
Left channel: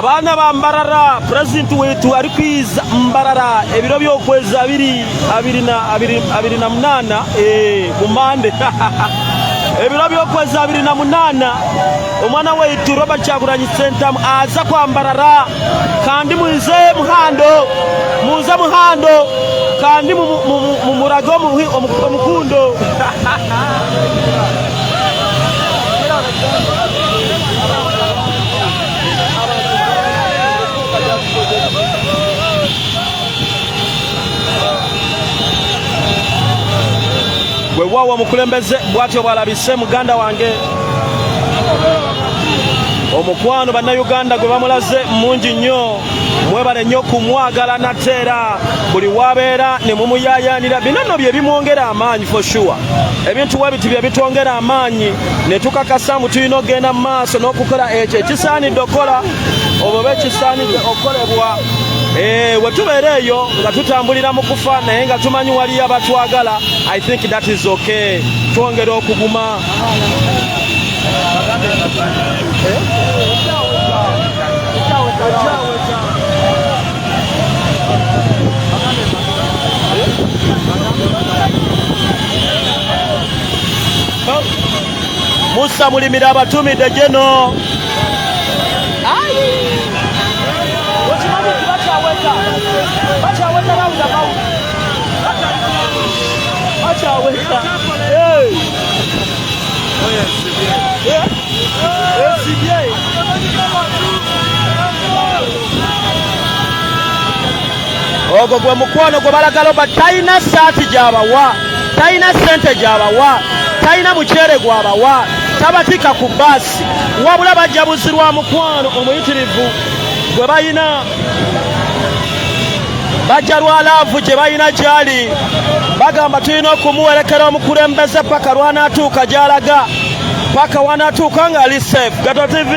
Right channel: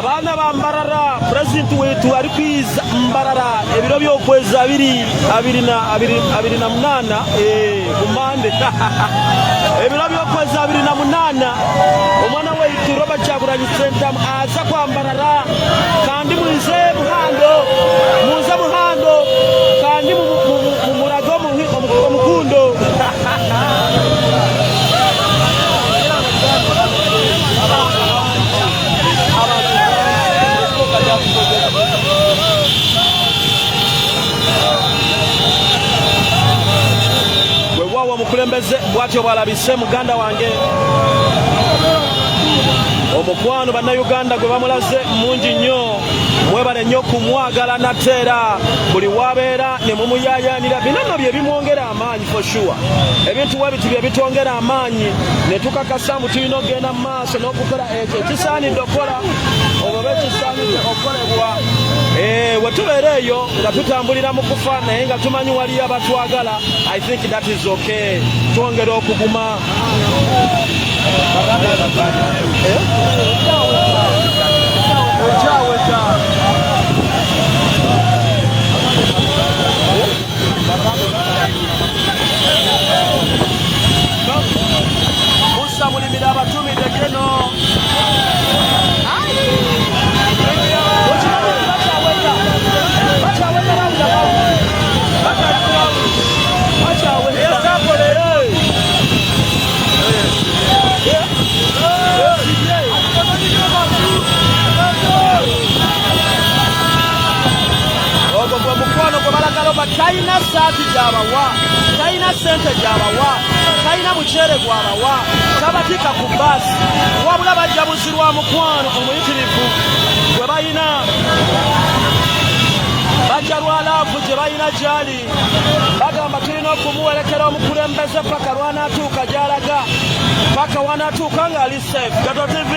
Abaana ba Mbarara, President wetu ali kwiza Mbarara ebiro by'okwezi 28 ku Mande. Ebiro by'okwezi 28 omwana wetu Robert Kyagulanyi Ssentamu aza kwa Mbarara kandi muze muhando kandi mu murago omukundo. Wewawa mukulembeze bwatyo bwalabise muganda wange omukwano bannayuganda gwe bamulaze mungi nnyo, mwebale nnyo kumwagala nateera buli wabeera ne mumuyayaanira. Bino nno bye bimwongera amaanyi for sure. Ebintu webiti bye bitwongera amaanyi ne tukakasa mbu tulina okugenda mu maaso n'okukola ekyo ekisaanidde okola oba ekisaanidde okolebwa. We tubeera eyo nga tutambulira mu kufa naye nga tumanyi waliyo abatwagala. I think that is okay. Twongera okuguma. Musa mulimira abatumidde geno. Ogwo gwe mukwano gwe balagala talina saati gy'abawa, talina ssente gy'abawa, talina muceere gw'abawa, tabatika ku baasi, wabula bajja buzirwa mukwano omuyitirivu gwe balina. Bajja lwa laavu gye balina gy'ali, bagamba tulina okumuwerekera omukulembeze paka lw'anaatuuka gy'alaga, paka wanaatuuka ng'ali safe. Gato TV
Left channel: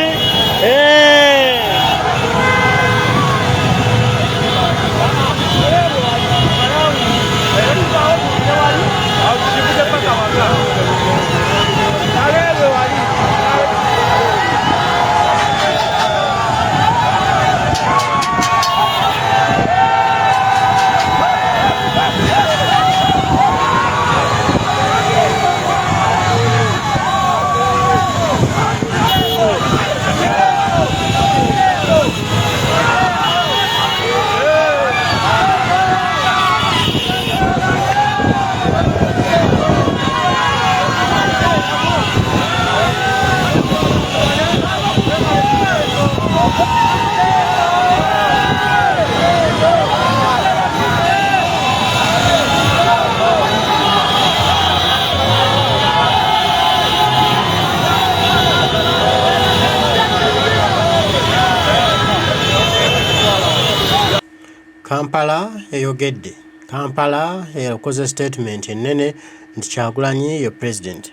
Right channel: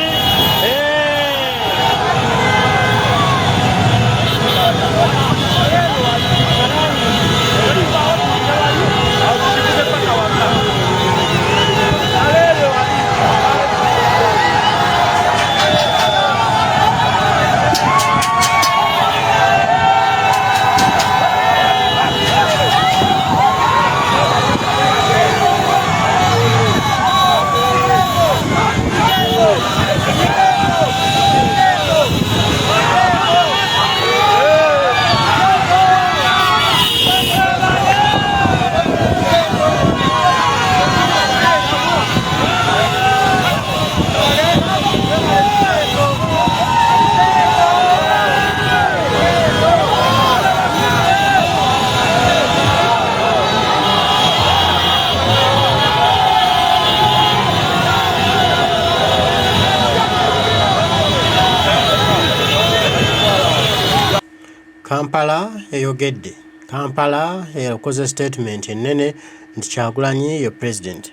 Kampala eyogedde. Kampala yakoze statement ennene nti Kyagulanyi ye president.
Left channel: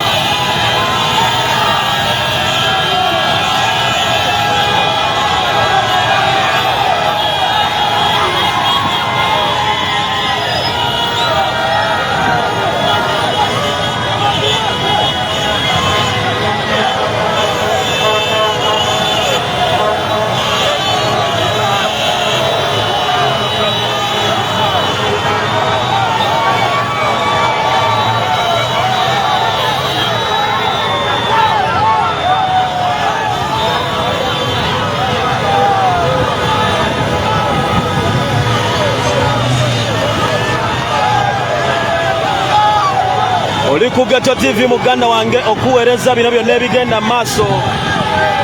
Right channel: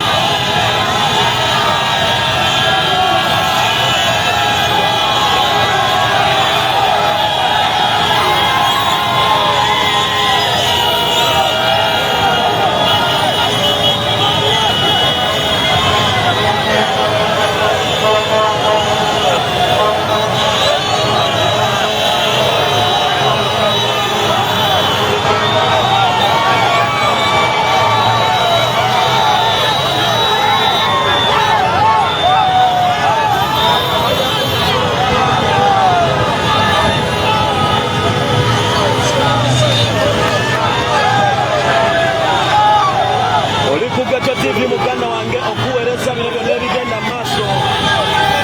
Oli ku Ghetto TV muganda wange okuweereza bino byonna ebigenda maaso.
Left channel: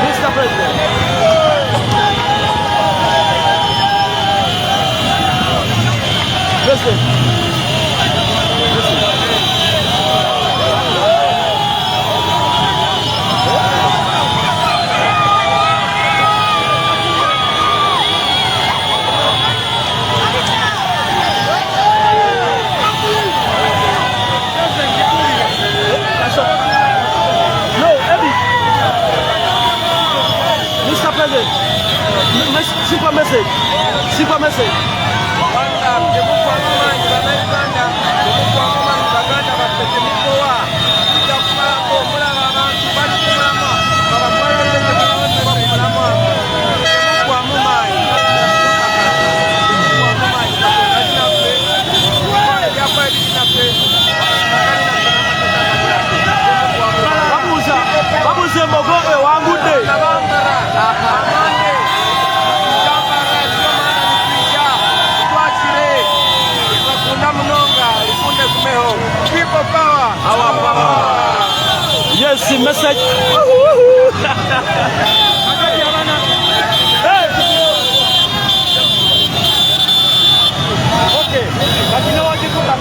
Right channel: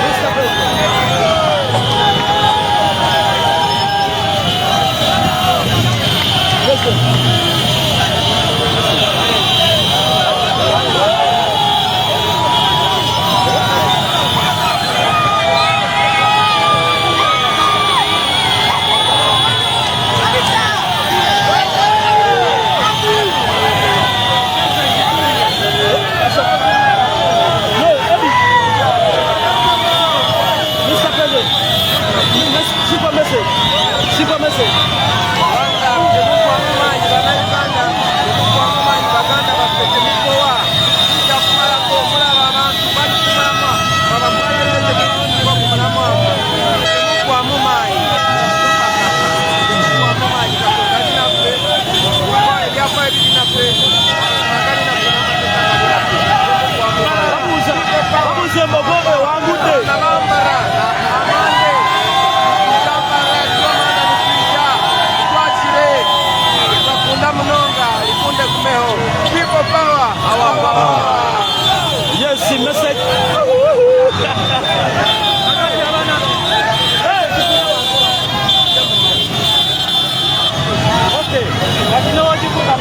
Mr. President. Super message. Banda temukuwa mumanyi bannayuganda temukuwa mumanyi baganda baffe temukowa kijja kumalako omulaba abantu bali ku mulamwa babamwagedde temukuwa ku mulamwa temukuwa mumanyi temukuwa mumanyi katonda kinaffe ebyapa ebiri naffe amazima gali naffe n'amateeka gali naffe temukuwa mumanyi babuze embogo ewangudde nabambara amande Bakunda munonga likunde kumeho people power our power. Yes, message. Okay, but you know what you put up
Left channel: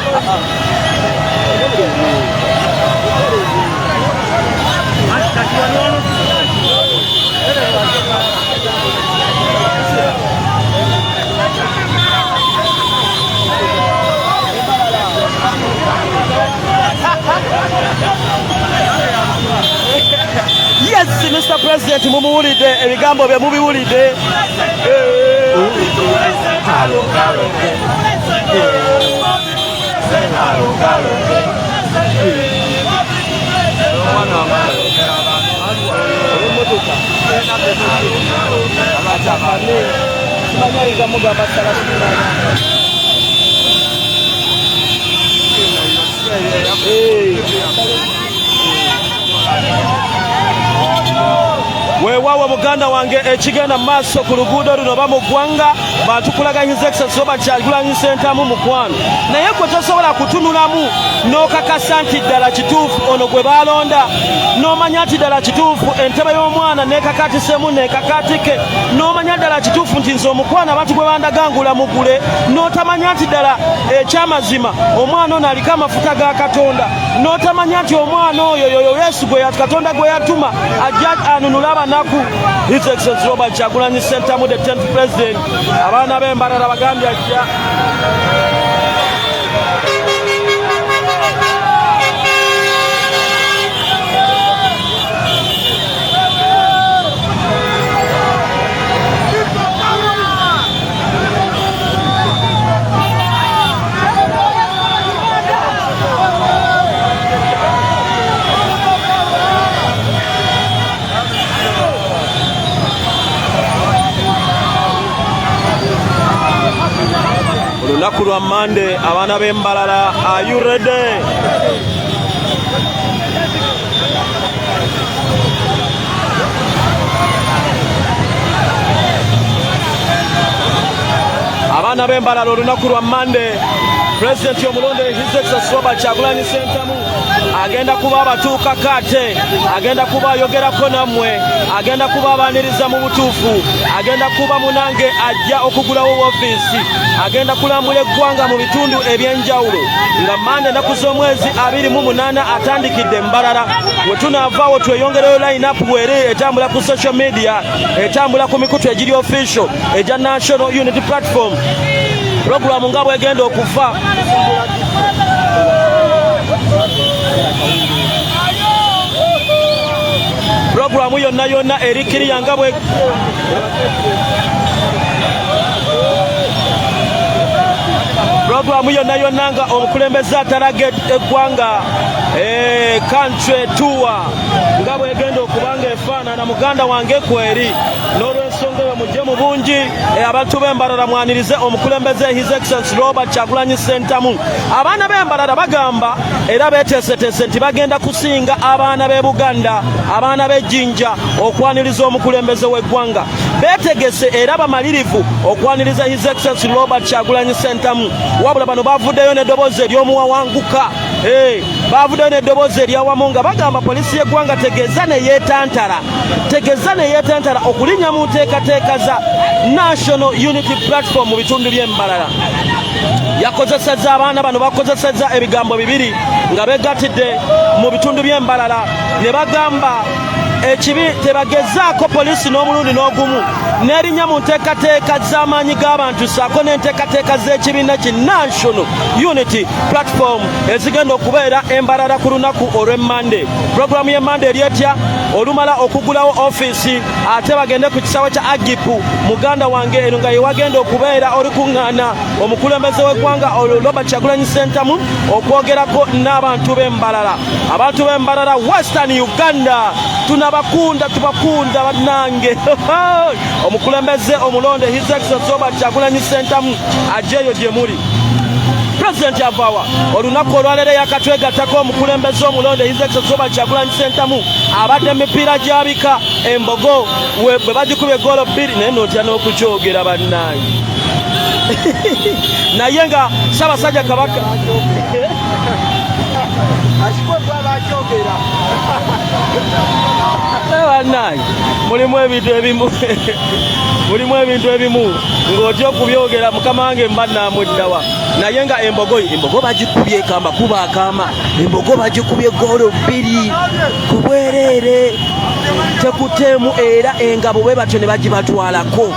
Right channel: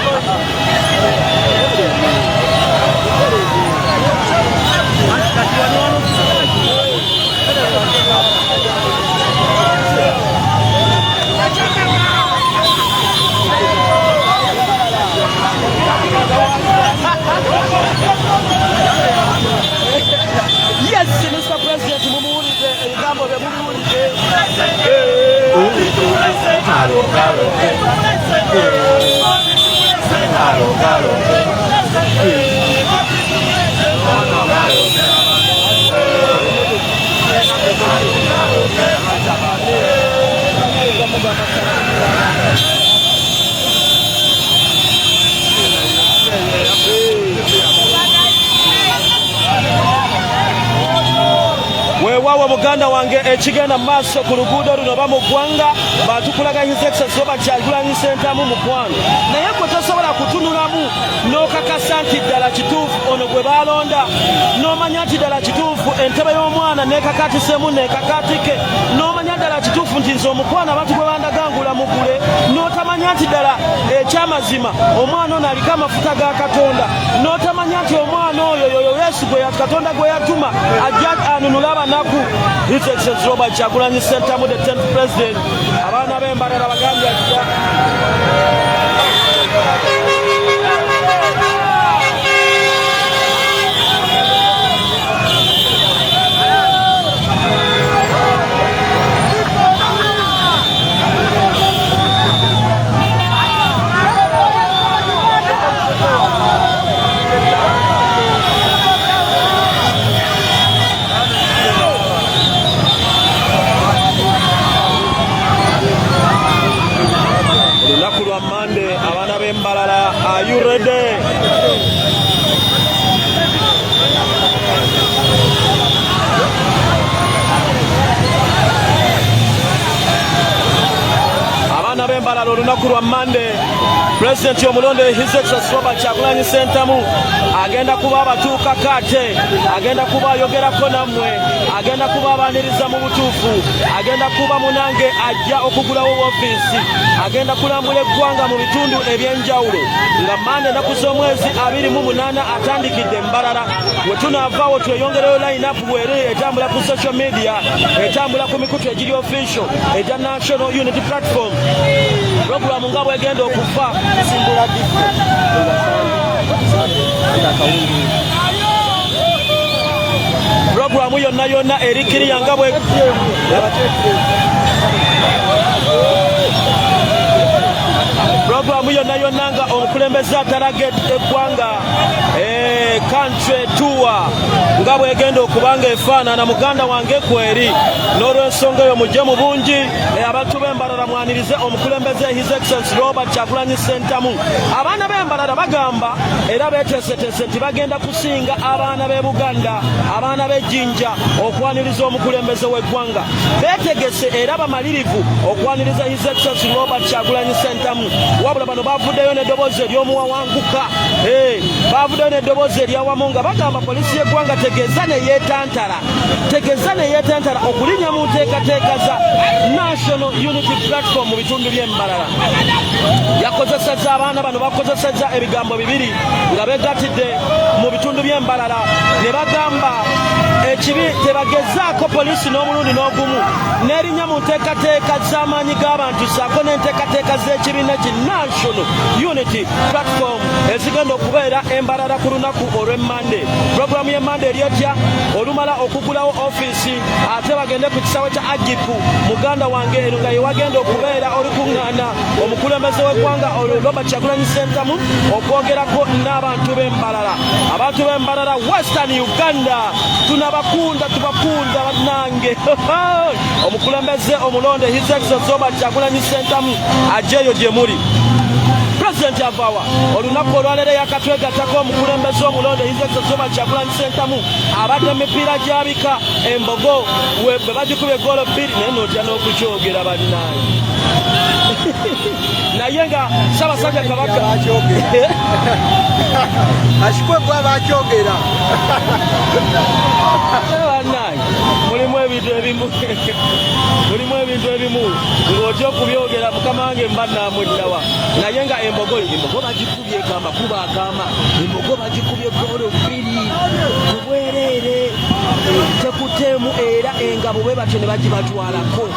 Yes, Mr. President, mumuwulidde ebigambo bye mubiwulidde. Weewaawo muganda wange ekigenda maaso ku luguudo luno oba mu ggwanga batukulaga His Excellency Robert Kyagulanyi Ssentamu mukwano naye gwe tosobola kutunulamu n'okakasa nti ddala kituufu ono gwe baalonda n'omanya nti ddala kituufu entebe y'omwana n'ekakatisemu n'ekakatike n'omanya ddala kituufu nti nze omukwano abantu gwe bandagangula mugule n'otamanya nti ddala ekyamazima omwana ono aliko amafuta ga Katonda n'otamanya nti omwana oyo yoyo Yesu gwe Katonda gwe yatuma ajja anunula abanaku His Excellency Robert Kyagulanyi Ssentamu the 10th President abaana b'embalala bagambye ajja olunaku lwa Monday abaana b'embalala are you ready? abaana b'embalala olunaku lwa Monday President omulonde His Excellency Robert Kyagulanyi Ssentamu agenda kuba abatuuka kate agenda kuba ayogerako nammwe agenda kuba abaaniriza mu butuufu agenda kuba munange ajja okugulawo woofiisi agenda kulambula eggwanga mu bitundu eby'enjawulo nga Monday ennaku z'omwezi 28 atandikidde Mbalala we tunaavaawo tweyongereyo line-up bweri etambula ku social media etambula ku mikutu egiri official egya National Unity Platform Programu nga bwegenda okufa Programu yonna erikiriya nga bwe Programu yonna nga omukulembeze atalaga eggwanga country tour nga bwegenda okubanga efaanana muganda wange kweri n'olw'ensonga eyo mujje mu bungi abantu b'embalala mwanirize omukulembeze His Excellency Robert Kyagulanyi Ssentamu abaana b'embalala bagamba era beeteeseteese nti bagenda kusinga abaana b'e Buganda abaana b'ejjinja okwaniriza omukulembeze w'eggwanga beetegese era bamalirivu okwaniriza His Excellency Robert Kyagulanyi Ssentamu wabula bano bavuddeyo n'eddoboozi ery'omuwawanguka bavuddeyo n'eddoboozi eryawamu nga bagamba poliisi y'eggwanga tegeeza ne yeetantala okulinnya mu nteekateeka za National Unity Platform mu bitundu by'embalala. Yakozesezza abaana bano bakozesezza ebigambo bibiri nga beegattidde mu bitundu by'embalala ne bagamba ekibi tebagezaako poliisi n'omulundi n'ogumu n'erinnya mu nteekateeka z'amaanyi g'abantu saako n'enteekateeka z'ekibiina ki National Unity Platform ezigenda okubeera embalala ku lunaku olw'Emmande. Puroguramu y'Emmande eryetya olumala okugulawo ofiisi ate bagende ku kisawo kya Agipu muganda wange eno nga yewagenda okubeera olukuŋŋaana omukulembeze w'eggwanga Robert Kyagulanyi Ssentamu okwogerako n'abantu b'embalala. Abantu b'embalala Western Uganda tunabakunda tubakunda bannange. Omukulembeze omulonde His Excellency Robert Kyagulanyi Ssentamu ajjeeyo gye muli. President Avawa olunaku olwaleero yakatwegattako omukulembeze omulonde His Excellency Robert Kyagulanyi Ssentamu abadde emipiira gyabika embogo bwe bagikubye goolo 2 naye n'otya n'okukyogera bannange. Naye nga Ssaabasajja Kabaka bannange mulimu ebintu ebimu ng'otya okubyogera mukama wange mba naamuddawa. Naye nga embogo bagikubye ekamba kuba akaama, embogo bagikubye goolo 2 ku bwereere tekuteemu era engabo bwe batyo ne bagibatwalako.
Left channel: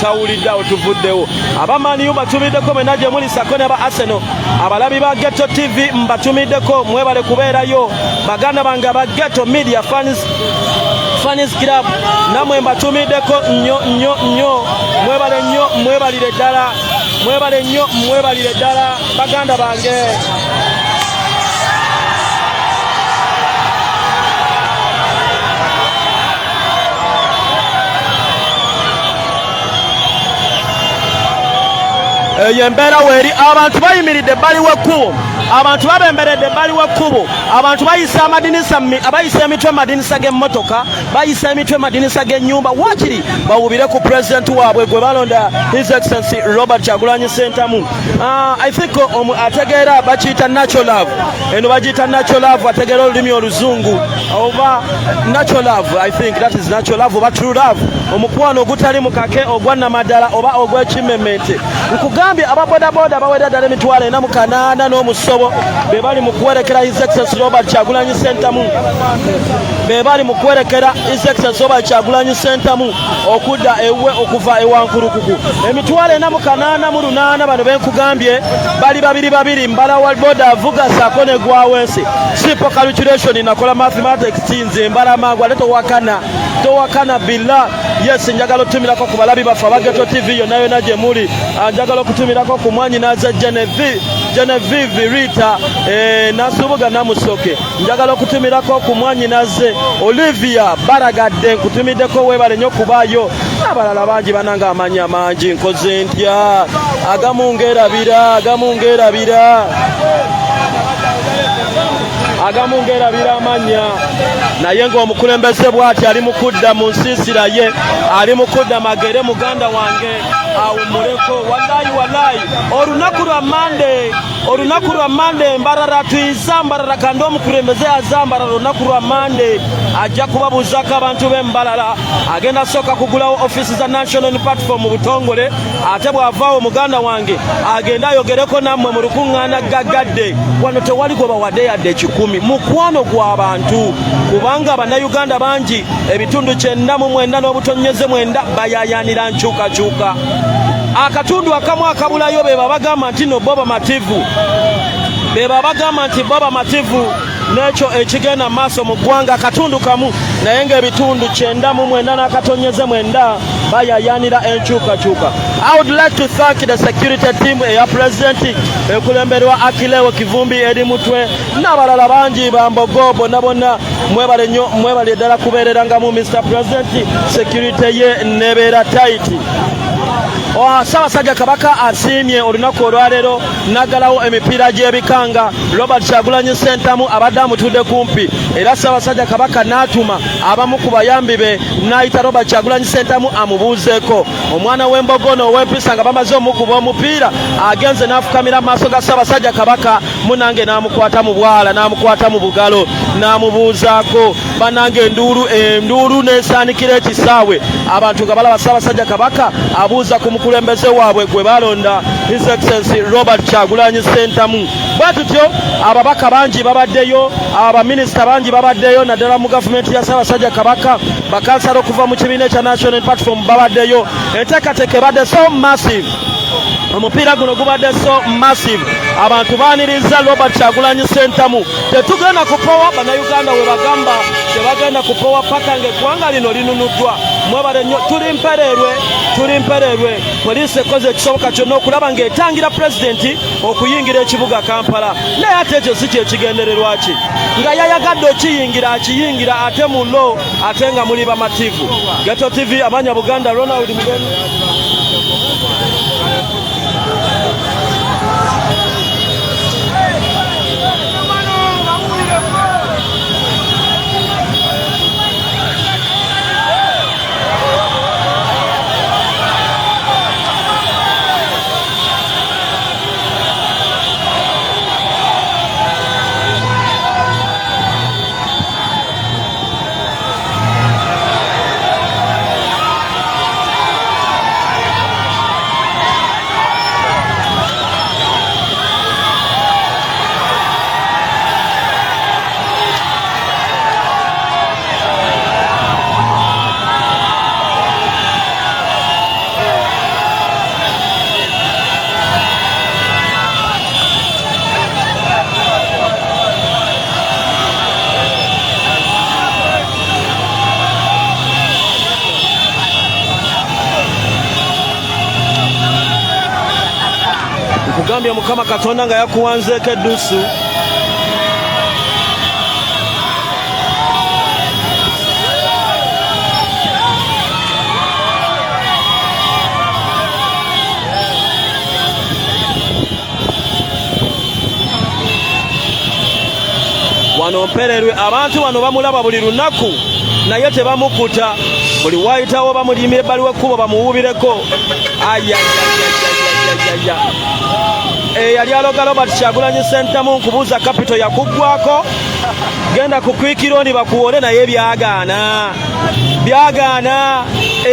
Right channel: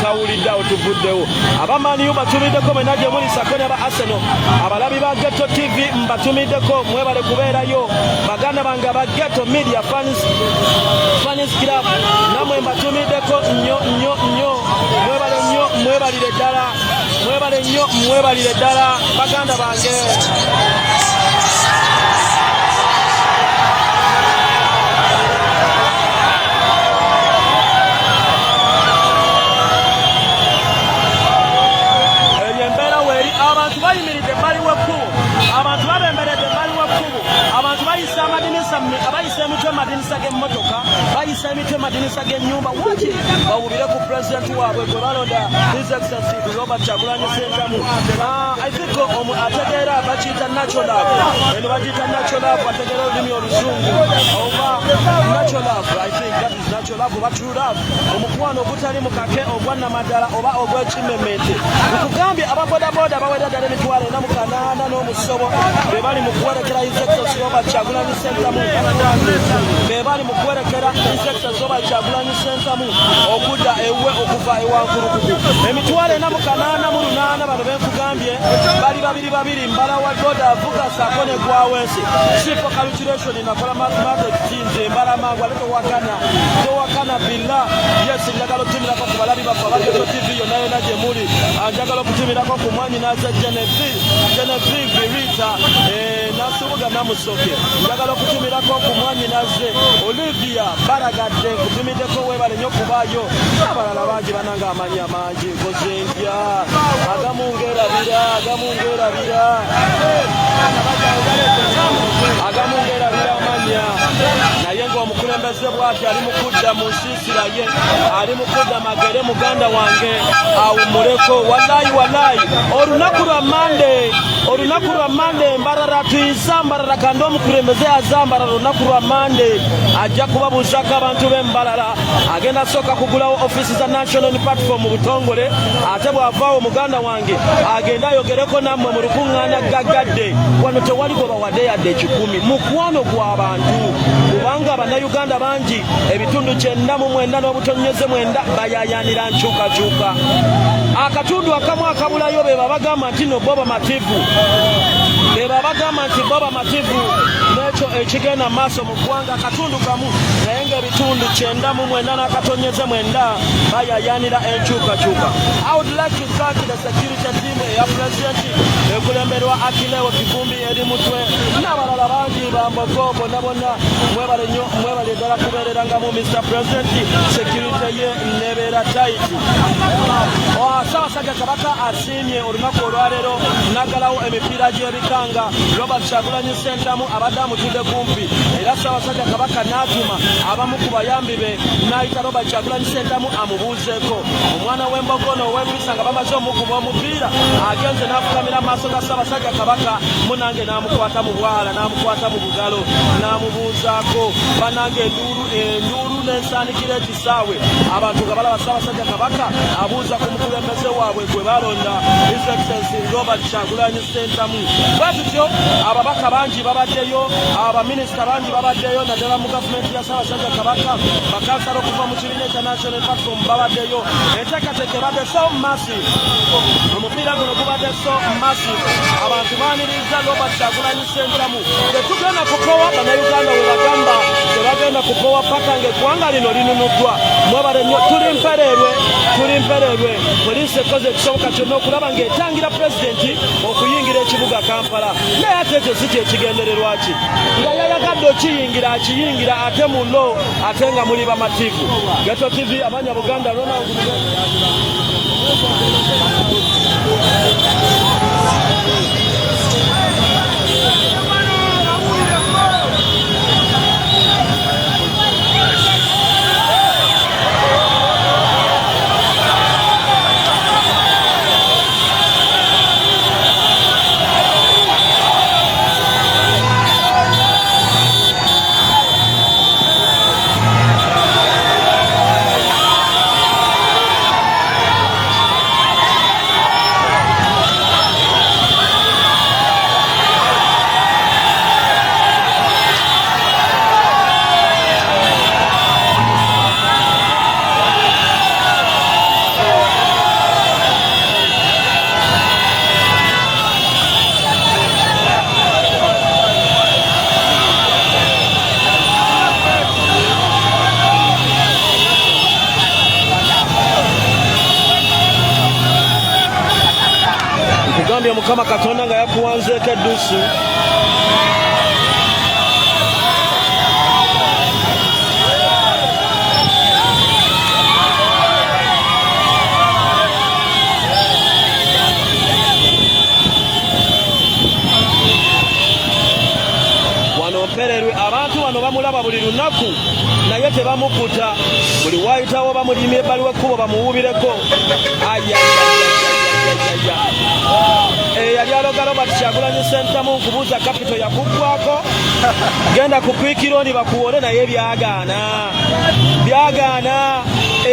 Tawuliddeawo tuvuddewo. Abamaniyu batumiddeko mwena gye muli sako ne ba Arsenal. Abalabi ba Ghetto TV mbatumiddeko mwebale kubeerayo. Baganda bange aba Ghetto Media Fans Club namwe mbatumiddeko nnyo. Mwebale nnyo mwebalire ddala baganda bange. Embeera weeri abantu bayimiridde ebbali w'ekkubo, abantu babemberedde ebbali w'ekkubo, abantu bayisa emitwe amadinisa g'emmotoka, bayisa emitwe amadinisa g'ennyumba. Waakiri bawubire ku pulezidenti waabwe gwe balonda His Excellency Robert Kyagulanyi Ssentamu. I think ategeera bakiyita natural love. Eno bagiyita natural love, ategeera olulimi oluzungu oba natural love. I think that is natural love oba true love, omukwano ogutali mukake ogwa namaddala oba ogw'ekimmemmete. Nkugambye ababodaboda bawera ddala emitwalo 48 n'omusobo be bali mu kuwerekera His Excellency Robert Kyagulanyi Ssentamu, okudda ewe okuva ewankulukuku. Emitwalo 48 bano benkugambye bali babiri mbala wa boda avuga saako ne gwawensi. Simple calculation nakola mathematics nze mbala mangu ate towakana billa. Yes, njagala otumirako ku balabi baffe aba Ghetto TV yonna gye muli. Njagala okutumirako ku mwanyi naza Genevieve Rita Nasubuga Namusoke. Njagala okutumirako ku mwanyi naze Olivia Baragadde nkutumiddeko webale nnyo kubaayo. Abalala bangi bananga amanyi amangi nkoze ntya agamu ngerabira amanya. Naye ng'omukulembeze bw'ati ali mu kudda mu nsiisira ye, ali mu kudda magere muganda wange awummuleko. Wallahi olunaku lwa Mande mbarara tuyizambarara kandi omukulembeze azambarara olunaku lwa Mande ajja kubabuuzako abantu b'embalala. Agenda sooka kugulawo ofiisi za National Platform mu butongole, ate bw'avaawo muganda wange agenda ayogereko nammwe mu lukuŋŋaana gaggadde. Wano tewali gwe bawadde yadde 10 mukwano gw'abantu, kubanga Abannayuganda bangi ebitundu 99 n'obutonyeze 9 bayayaanira nkyukakyuka. Akatundu akamu akabulayo be babagamba nti no Boba Mativu, Boba Mativu n'ekyo ekigenda maaso mu ggwanga akatundu kamu, naye ng'ebitundu 99 n'akatonyeze 9 bayayaanira enkyukakyuka. I would like to thank the security team eya Pulezidenti ekulemberwa Akilewo Kivumbi eri mutwe n'abalala bangi bambogo bonna mwebale ddala kubeererangamu Mr. President. Security ye nebeera tight. Ssaabasajja Kabaka asiimye olunaku olwaleero n'aggalawo emipiira gy'ebikanga. Robert Kyagulanyi Ssentamu abadde amutudde kumpi era Ssaabasajja Kabaka n'atuma abamu ku bayambi be n'ayita Robert Kyagulanyi Ssentamu amubuuzeeko. Omwana w'embogono ow'empisa nga bamaze omukuba omupiira agenze n'afukamira mu maaso ga Ssaabasajja Kabaka munange n'amukwata mu bwala n'amukwata mu bugalo n'amubuuzaako. Banange enduulu n'esaanikira ekisaawe abantu nga balaba Ssaabasajja Kabaka abuuza ku mukulembeze waabwe gwe balonda His Excellency Robert Kyagulanyi Ssentamu. Bwatutyo ababaka bangi babaddeyo, abaminisita bangi babaddeyo, naddala mu gavumenti ya Ssaabasajja Kabaka, bakansala okuva mu kibiina ekya National Platform babaddeyo. Enteekateeka ebadde so massive, omupiira guno gubadde so massive. Abantu baaniriza Robert Kyagulanyi Ssentamu. Tetugenda kupowa, bannayuganda we bagamba tebagenda kupowa paka ng'eggwanga lino linunuddwa. Mwebale nnyo, tuli mpereerwe. Poliisi ekoze ekisoboka kyonna okulaba ng'etangira pulezidenti okuyingira ekibuga Kampala. Naye ate ekyo si kyekigendererwa ki? Nga yayagadde akiyingira ate mu lo ate nga muli bamativu. Geto TV Amanya Buganda, Ronald Mugeni. Kugambye Mukama Katonda nga yakuwanzeeko eddusu. Wano mpererwe, abantu wano bamulaba buli lunaku naye tebamukuta. Buli wayitawo bamulimye ebbali w'ekkubo bamuwuubireko. Yali aloga Robert Kyagulanyi Ssentamu nkubuuza kapito yakuggwako. Genda ku kwikironi bakuwole naye byagaana.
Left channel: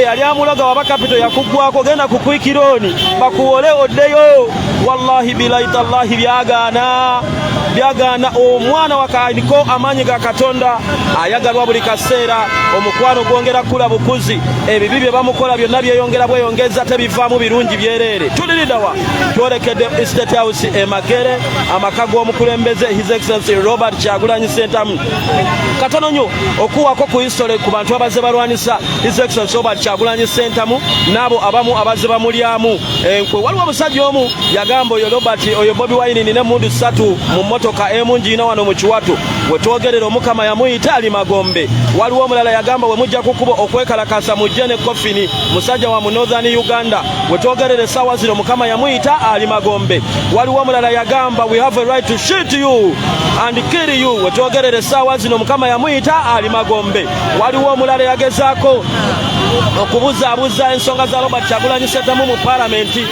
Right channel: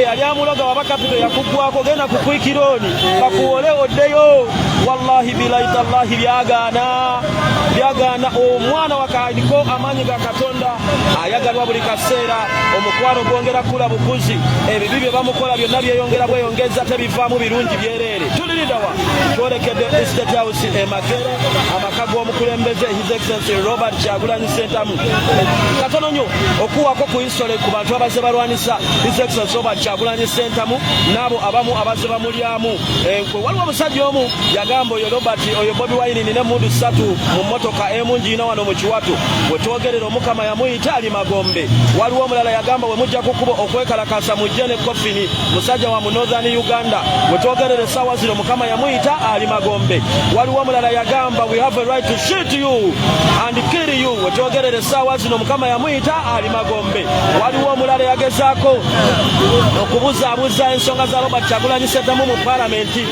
Yali amuloga waba kapito yakuggwako, genda ku kwikironi bakuwole oddeyo. Wallahi bilahi tallahi byagaana. Omwana wakaliko amaanyi ga Katonda ayagalwa buli kaseera. Omukwano gwongera kula bukuzi. Ebibi bye bamukola byonna byeyongera bweyongeza tebivaamu birungi byereere. Tuliridawa twolekedde State House Magere, amaka g'omukulembeze His Excellency Robert Kyagulanyi Ssentamu. Katono nnyo okuwako ku history ku bantu abaze balwanisa His Excellency Robert Kyagulanyi Ssentamu n'abo abamu abaze bamulyamu. Waliwo omusajja omu yagamba oyo Robert oyo Bobi Wine nina emmundu 3 mu mmotoka emungiina wano mu Kiwato. Wetwogerera Omukama yamuyita ali Magombe. Waliwo omulala yagamba we mujja kukuba okwekalakasa mujje ne Kofini musajja wa mu Northern Uganda. Wetwogerera essaawa zino Mukama yamuyita ali Magombe. Waliwo omulala yagamba we have a right to shoot you and kill you. Wetwogerera essaawa zino Mukama yamuyita ali Magombe. Waliwo omulala yagezaako okubuzaabuza ensonga za Robert Kyagulanyi Ssentamu mu palamenti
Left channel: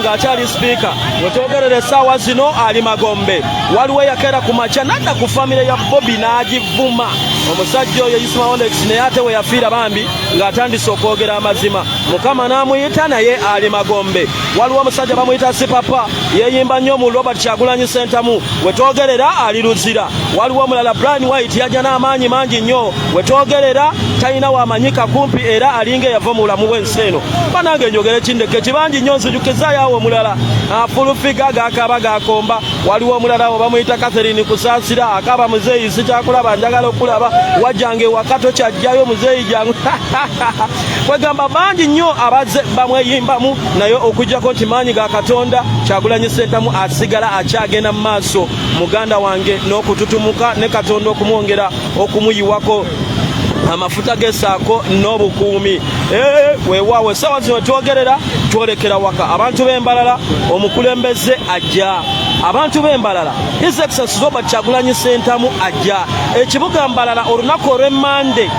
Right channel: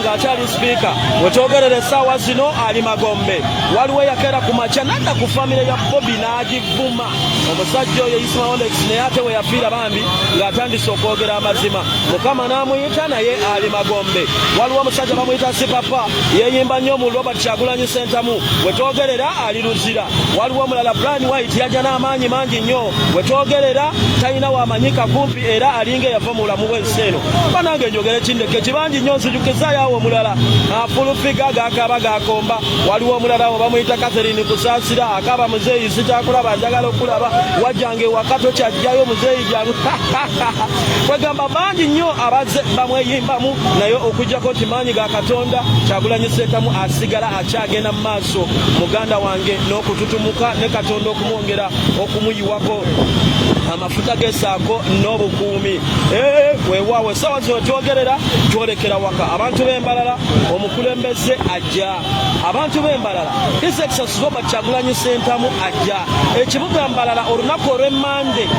ng'akyali sipiika. Wetwogerera essaawa zino ali Magombe. Waliwo yakera ku makya nadda ku famire ya Bobi n'agivuma. Omusajja oyo Ismail naye ate we yafiira bambi ng'atandise okwogera amazima. Mukama n'amuyita naye ali Magombe. Waliwo omusajja bamuyita Sipapa yeeyimba nnyo mu Robert Kyagulanyi Ssentamu. Wetwogerera ali Luzira. Waliwo omulala Brian White yajja n'amaanyi mangi nnyo. Wetwogerera talina wamanyika kumpi era alinga yava mu bulamu bw'ensi eno. Banange njogere kindeke kibangi nnyo nzijukizaayo awo omulala afulufiga gaakaba gaakomba. Waliwo omulala bamuyita Catherine Kusaasira akaba muzeeyi sikyakulaba njagala okulaba wajjange wakato kyajjayo muzeeyi jangu. Kwegamba bangi nnyo abaze bamweyimbamu naye okujjako nti maanyi ga Katonda Kyagulanyi Ssentamu asigala akyagenda mu maaso muganda wange n'okututumuka ne Katonda okumwongera okumuyiwako. amafuta gesaako n'obukuumi. Weewaawo essaawa zino twogerera twolekera waka abantu b'Embalala omukulembeze ajja. Abantu b'Embalala His Excellency Robert Kyagulanyi Ssentamu ajja. Ekibuga Mbalala olunaku olw'Emmande.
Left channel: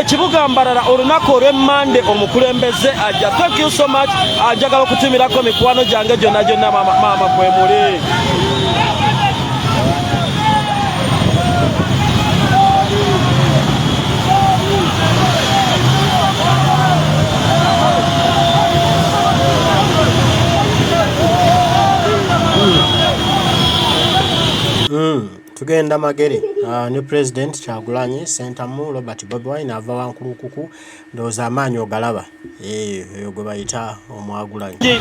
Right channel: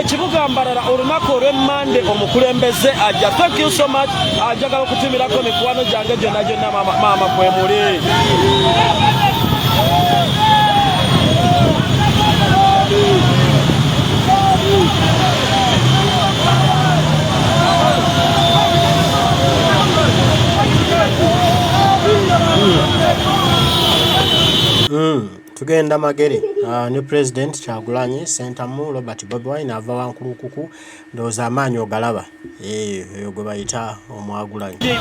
Ekibuga Mbalala olunaku olw'Emmande omukulembeze ajja. Thank you so much. Ajagala okutumirako mikwano gyange gyonna gyonna maama kwe muli. Tugenda magere ne President Kyagulanyi Ssentamu Robert Bobi Wine ava wankulukuku ndowooza amaanyi ogalaba eyo gwe bayita omwagulanyi.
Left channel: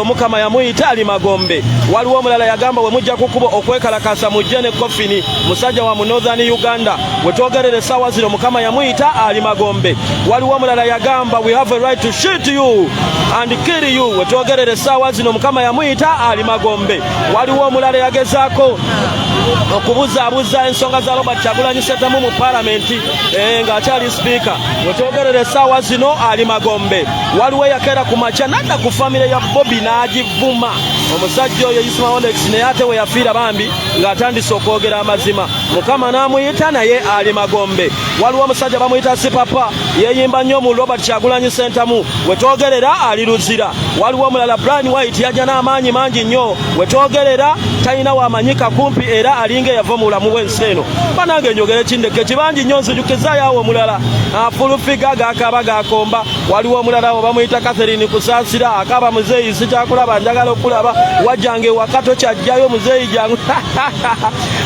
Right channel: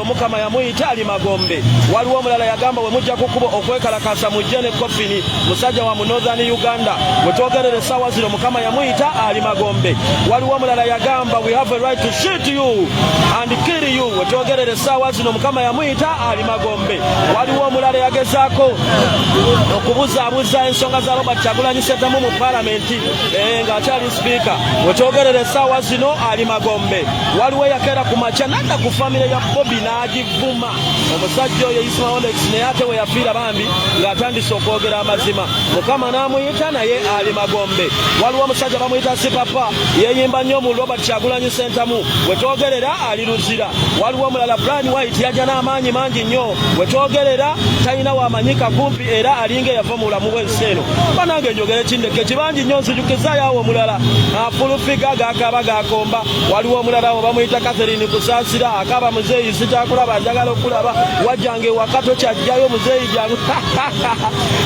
Omukama yamuyita ali Magombe. Waliwo omulala yagamba we mujja kukuba okwekalakasa mujje ne Kofini musajja wa mu Northern Uganda. Wetwogerere essaawa zino Mukama yamuyita ali Magombe. Waliwo omulala yagamba we have a right to shoot you and kill you. Wetwogerere essaawa zino Mukama yamuyita ali Magombe. Waliwo omulala yagezaako okubuzaabuza ensonga za Robert Kyagulanyi Ssentamu mu Palamenti ng'akyali Speaker. Wetwogerere essaawa zino ali Magombe. Waliwo yakeera ku makya nadda ku famire ya Bobi n'agivuma. Omusajja oyo Ismail Alex naye ate we yafiira bambi ng'atandise okwogera amazima. Mukama n'amuyita naye ali Magombe. Waliwo omusajja bamuyita Sipapa yeeyimba nnyo mu Robert Kyagulanyi Ssentamu. Wetwogerera ali Luzira. Waliwo omulala Brian White yajja n'amaanyi mangi nnyo. Wetwogerera talina wamanyika kumpi era alinga yava mu bulamu bw'ensi eno. Banange njogere kindeke kibangi nnyo nzijukizaayo awo omulala afulufiga gaakaaba gaakomba. Waliwo omulala bamuyita Catherine Kusaasira akaaba muzeeyi sikyakulaba njagala okulaba wajjange wakato kyajjayo muzeeyi jangu.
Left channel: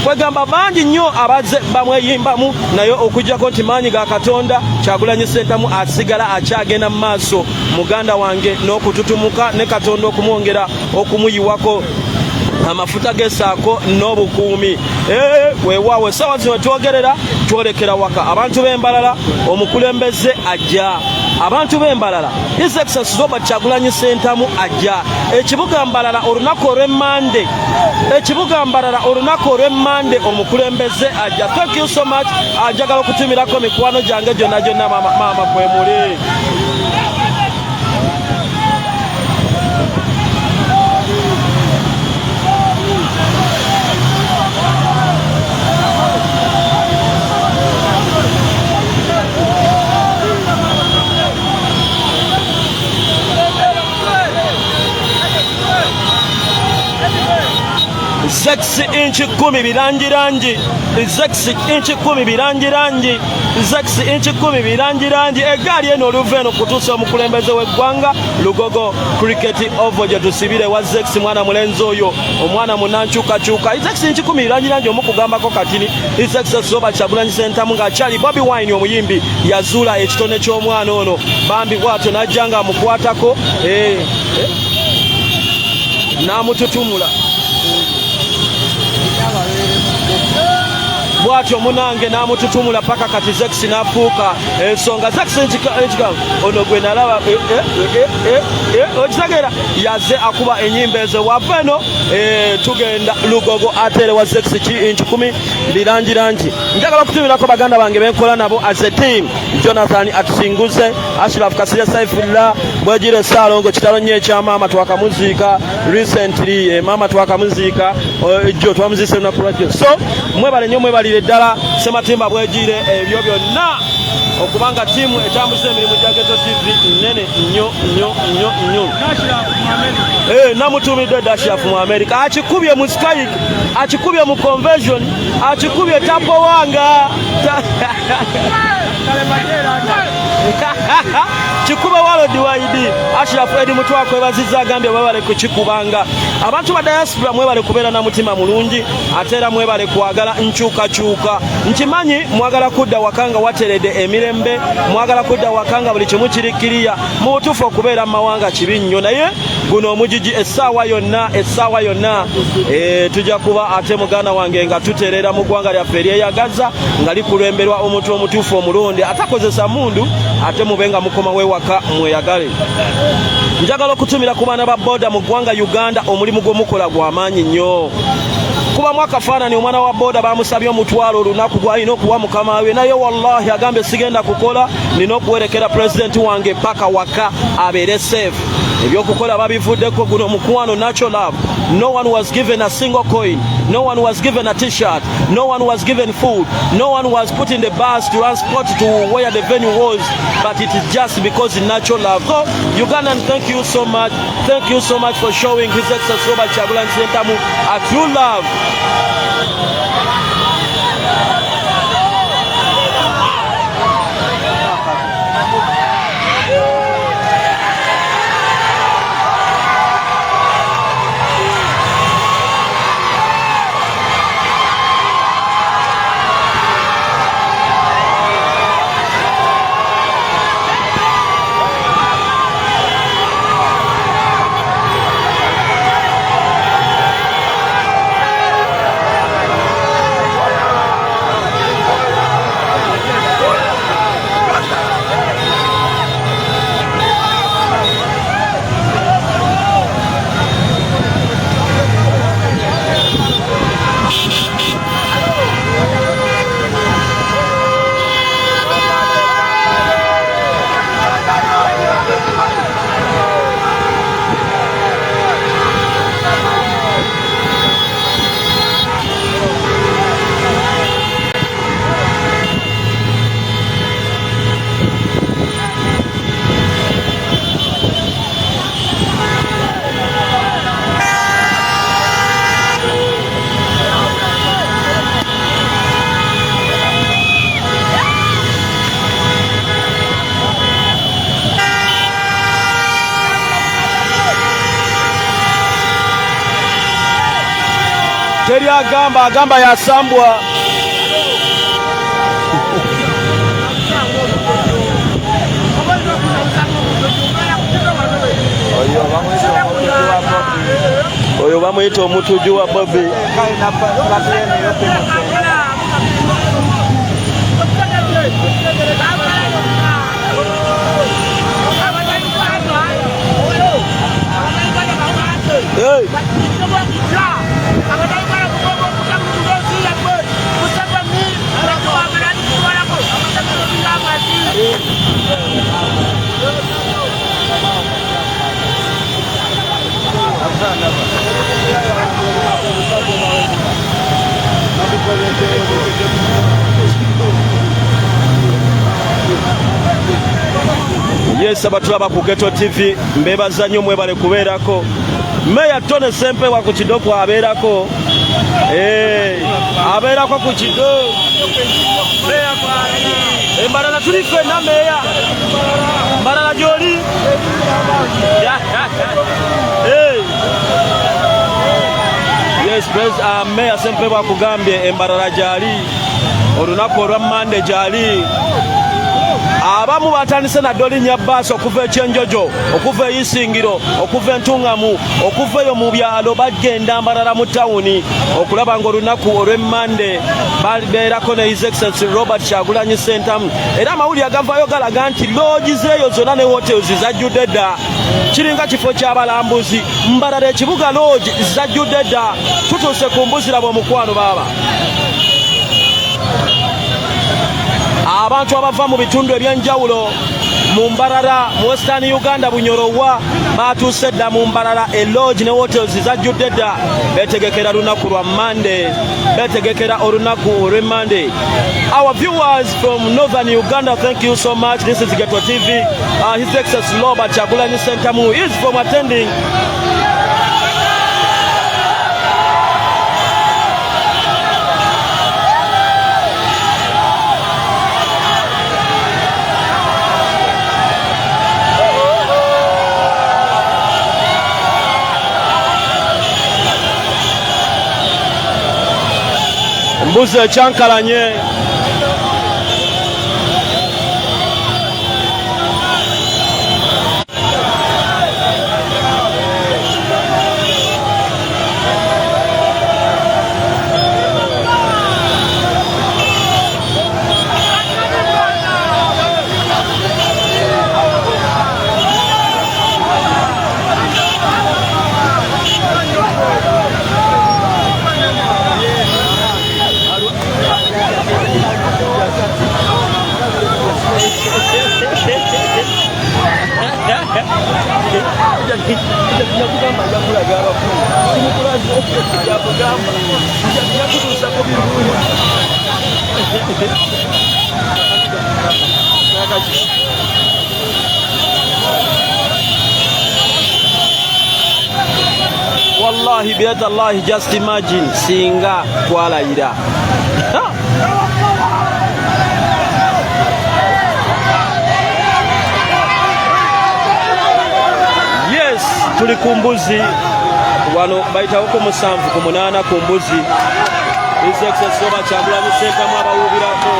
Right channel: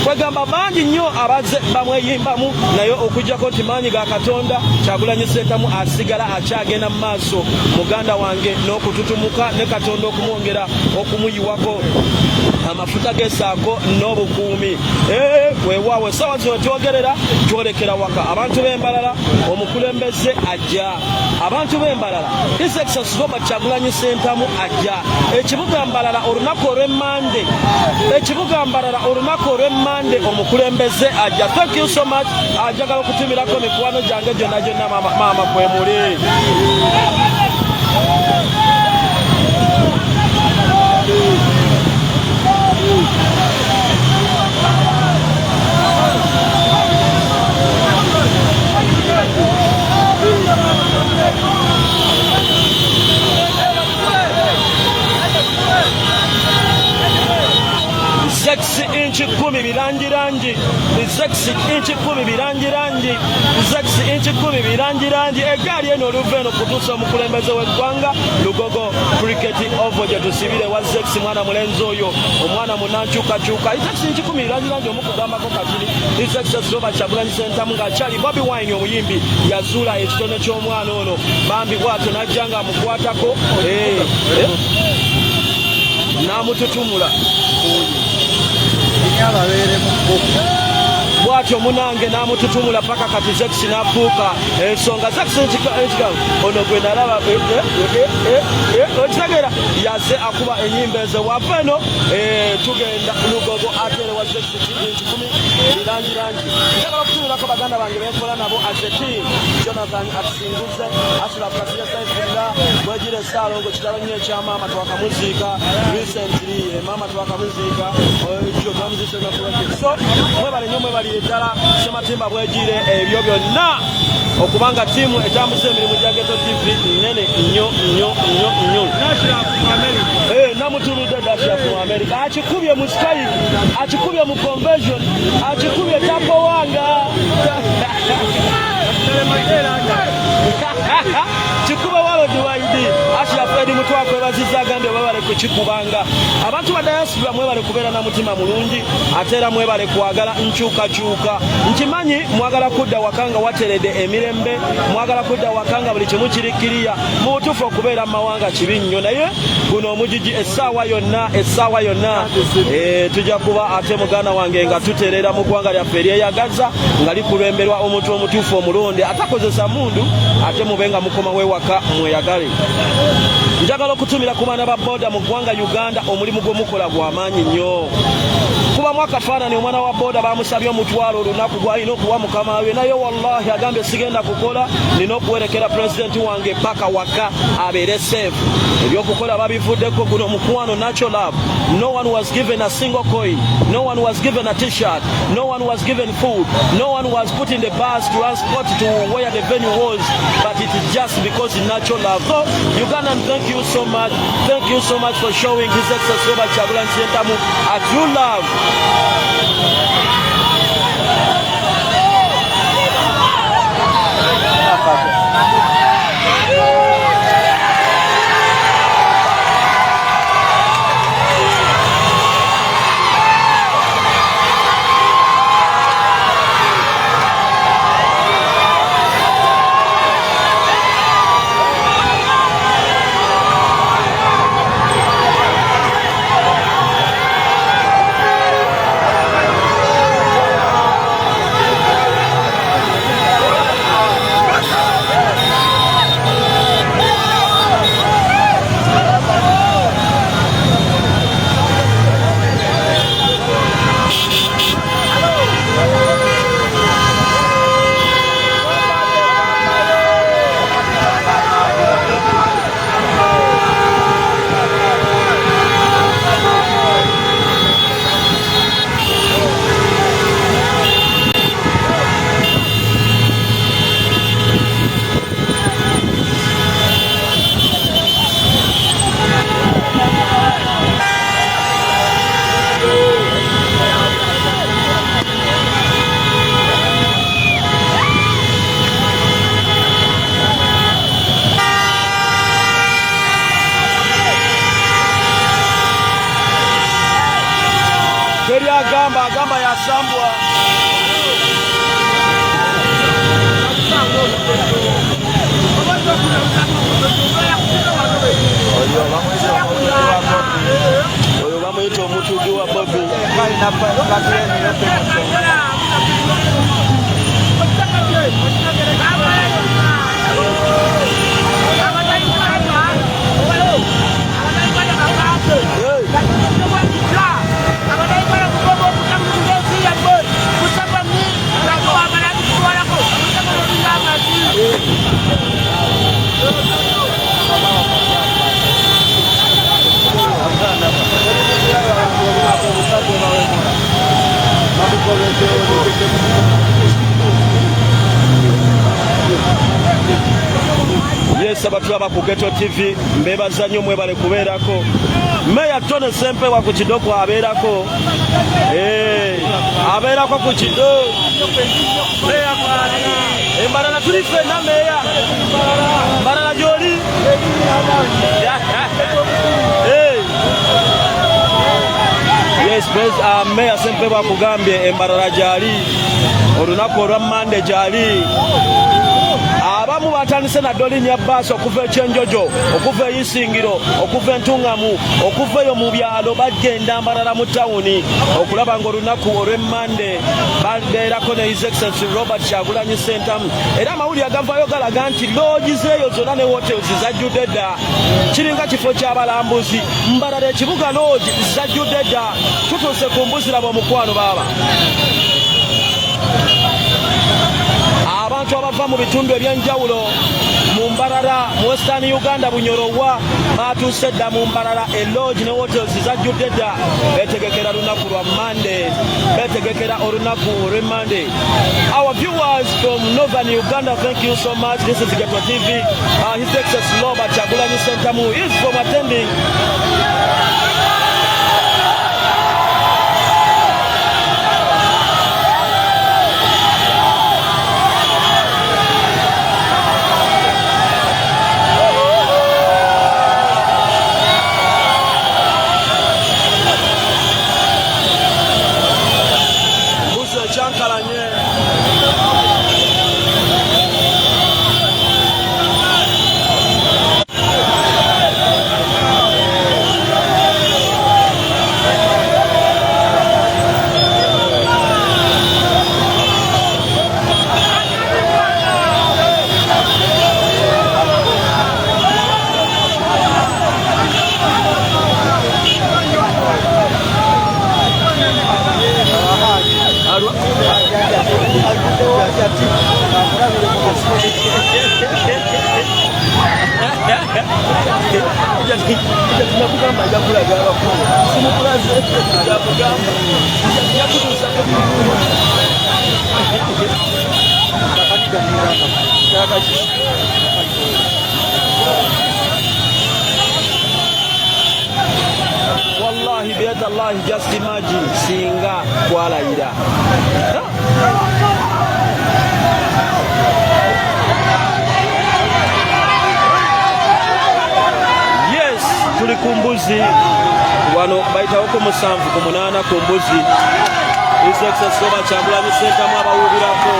Wagamba bangi nnyo abazze bamweyimbamu naye okujjako nti maanyi ga Katonda Kyagulanyi Ssentamu asigala akyagenda mu maaso muganda wange n'okututumuka ne Katonda okumwongera okumuyiwako amafuta gesaako n'obukuumi. Weewaawo essaawa zino twogerera twolekera waka abantu b'Embalala omukulembeze ajja. Abantu b'Embalala His Excellency Robert Kyagulanyi Ssentamu ajja. Ekibuga Mbalala olunaku olw'Emmande. Ekibuga Mbalala olunaku olw'Emmande omukulembeze ajja. Thank you so much. Ajagala okutumirako mikwano gyange gyonna gyonna maama kwe muli. Zex inch 10 birangirangi. Zex inch 10 birangirangi. Zex inch 10 birangirangi. Eggali eno oluva eno kutuusa omukulembeze w'eggwanga Lugogo Cricket Oval gye tusibire wa Zex mwana mulenzi oyo omwana munankyukakyuka. Zex inch 10 birangirangi omukugambako katini. Zex Robert Kyagulanyi Ssentamu ng'akyali Bobi Wine omuyimbi yazuula ekitone ky'omwana ono bambi bw'atyo n'ajja ng'amukwatako n'amututumula. Bwatyo munange n'amututumula paka kati Zex n'afuuka ensonga. Zex ono gwe nalaba okitegeera yazze akuba ennyimba ezo wava eno tugenda Lugogo atere wa Zex inch 10 birangirangi. Njagala okutumirako baganda bange benkola nabo as a team. Jonathan Akisinguze, Ashraf Kasirya Saifullah, Bwegire Saalongo kitalo nnyo ekyamaama twakamuziika recently maama twakamuziika jo twamuzise lunaku lwajjo. So mwebale nnyo mwebalire ddala Sematimba Bwegire ebyo byonna okubanga tiimu etambuza emirimu gya Geto TV nnene nnyo. Namutumidde Dashiaf mu America akikubye mu Skype akikubye mu convention akikubye tapo wanga kikuba walodi waidi Ashraf Edi Mutwala kwebazizza agambye mwebale kukikubanga. Abantu ba diaspora mwebale kubeera na mutima mulungi ate era mwebale kwagala nkyukakyuka. Nkimanyi mwagala kudda wakanga wateredde emirembe, mwagala kudda wakanga buli kimu kirikiriya, mu butuufu okubeera mu mawanga kibi nnyo, naye guno omugigi essaawa yonna tujja kuba ate muganda wange nga tuteerera mu ggwanga lyaffe eryeyagaza nga likulembelwa omuntu omutuufu omulonde atakozesa mundu ate mubenga mukoma wewaka mweyagale. njagala okutumira ku baana ba boda mu ggwanga Uganda omulimu gwe mukola gw'amaanyi nnyo. Kubamu akafaanani omwana wa boda bamusabye omutwalo olunaku gw'alina okuwa mukama we, naye wallahi agambye sigenda kukola, nina okuwerekera pulezidenti wange paka waka abeere safe. Ebyokukola babivuddeko. Guno mukwano natural love. No one was given a single coin. No one was given a t-shirt. No one was given food. No one was put in the bus to transport to where the venue was. But it is just because of natural love. So, Ugandan, thank you so much. Thank you so much for showing His Excellency Robert Kyagulanyi Ssentamu a true love. Teri agamba yasambwa. Oyo bamuyita omutujju wa Bobi. Yes, abatulaba ku Ghetto TV mbebaza nnyo mwebale kubeerako. Meya Tone Sempewa ku Kidoko abeerako. Abeerako ku Kido. Embalala tuli ffenna meya. Mbalala gy'oli. Yes, Meya Sempewa kugambye embalala gy'ali. Olunaku olwa Mande gy'ali. Abamu batandise na dolinnya bbaasi okuva ekyenjojo, okuva eyisingiro, okuva entungamu, okuva eyo mu byalo bagenda Mbarara mu tawuni okulaba ng'olunaku olw'Emmande babeerako ne His Excellency Robert Kyagulanyi Ssentamu. Era amawulire agavaayo galaga nti loogizi eyo zonna ne hotels zajjudde dda. Kiringa kifo ky'abalambuzi. Mbarara ekibuga lodge zajjudde dda. Tutuuse ku mbuzirabo omukwano baaba. Abantu abava mu bitundu eby'enjawulo mu Mbarara mu Western Uganda Bunyorowa batuuse dda mu Mbarara lodge ne hotels zajjudde dda beetegekera lunaku lwa Monday, beetegekera olunaku olw'e Monday. Our viewers from Northern Uganda, thank you so much. This is Ghetto TV. His Excellency Robert Kyagulanyi Ssentamu is from attending mbuzi ekyankalanye. Wallahi biadallahi, just imagine singa kwalayira. Yes, tuli kumbuzi wano bayitawo ku 7 ku 8 kumbuzi. His Excellency Robert Kyagulanyi Ssentamu abawubirako.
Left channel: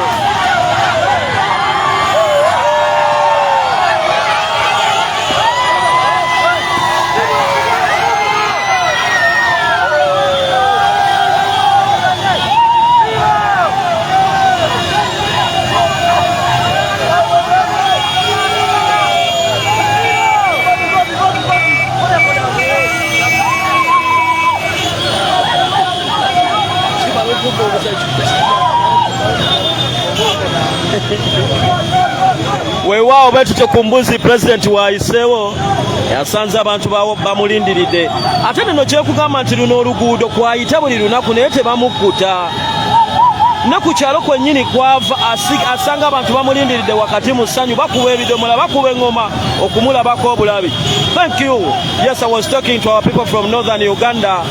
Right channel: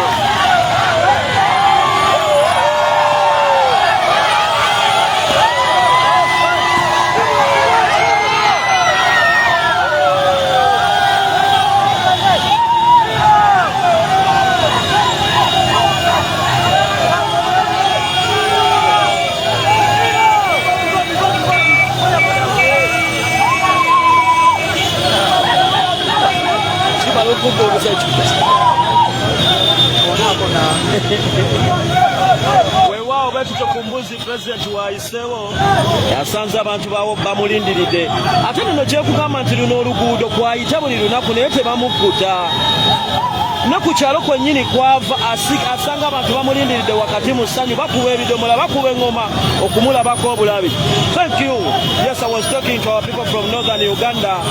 Weewaawo bwe tutyo ku mbuzi President waayiseewo yasanze abantu bamulindiridde. Ate nino kyekugamba nti luno oluguudo kwayita buli lunaku naye tebamukkuta. Ne ku kyalo kwennyini kwava asanga abantu bamulindiridde wakati mu ssanyu, bakuba ebidomola, bakuba eŋŋoma okumulabako obulabi. Thank you. Yes, I was talking to our people from northern Uganda,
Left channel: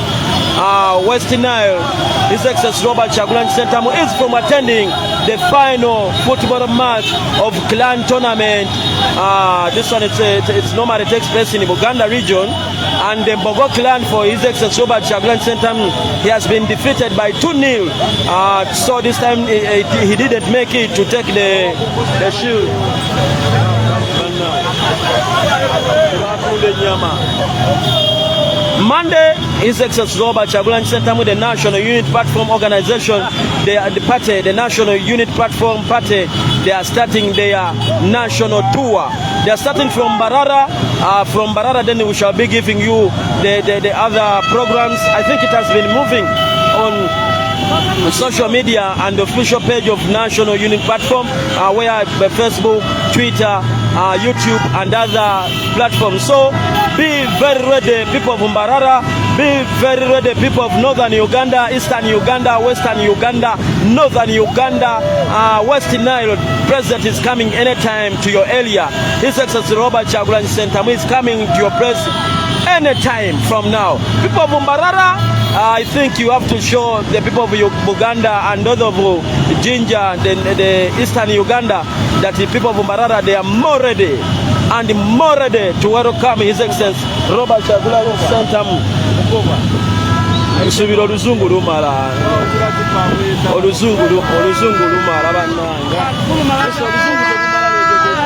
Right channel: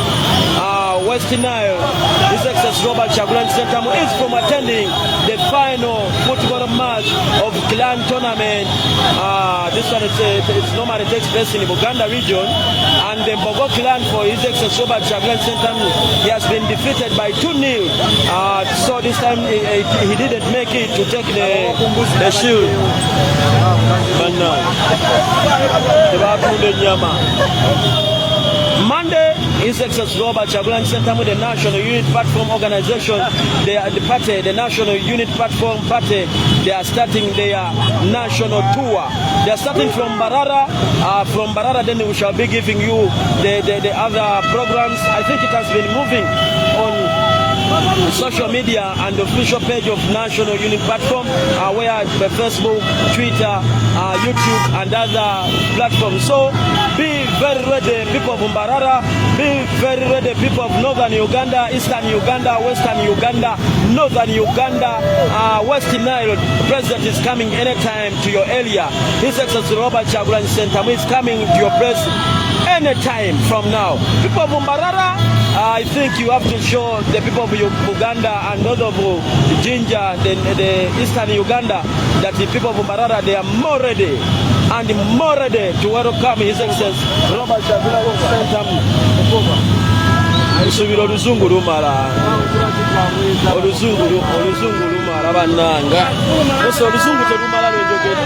West Nile. His Excellency Robert Kyagulanyi Ssentamu is from attending the final football match of clan tournament. This one it's normally takes place in the Buganda region, and the Mbogo clan for His Excellency Robert Kyagulanyi Ssentamu, he has been defeated by 2-0. So this time he didn't make it to take the shield. Monday, His Excellency Robert Kyagulanyi Ssentamu, the National Unit Platform Organization, the National Unit Platform Party, they are starting their national tour. They are starting from Barara. From Barara, then we shall be giving you the other programs. I think it has been moving on social media and the official page of National Unit Platform, where the Facebook, Twitter, YouTube and other platforms. So be very ready, people of Mbarara. Be very ready, people of Northern Uganda, Eastern Uganda, Western Uganda, Northern Uganda, West Nile. President is coming anytime to your area. His Excellency Robert Kyagulanyi Ssentamu is coming to your place anytime from now. People of Mbarara, I think you have to show the people of Uganda and those of Jinja, the Eastern Uganda, that the people of Mbarara, they are more ready and more ready to welcome His Excellency Robert Kyagulanyi Ssentamu. Nsubira oluzungu lumala. Oluzungu lumala bannanga. Ese oluzungu telumala lw'enjogera.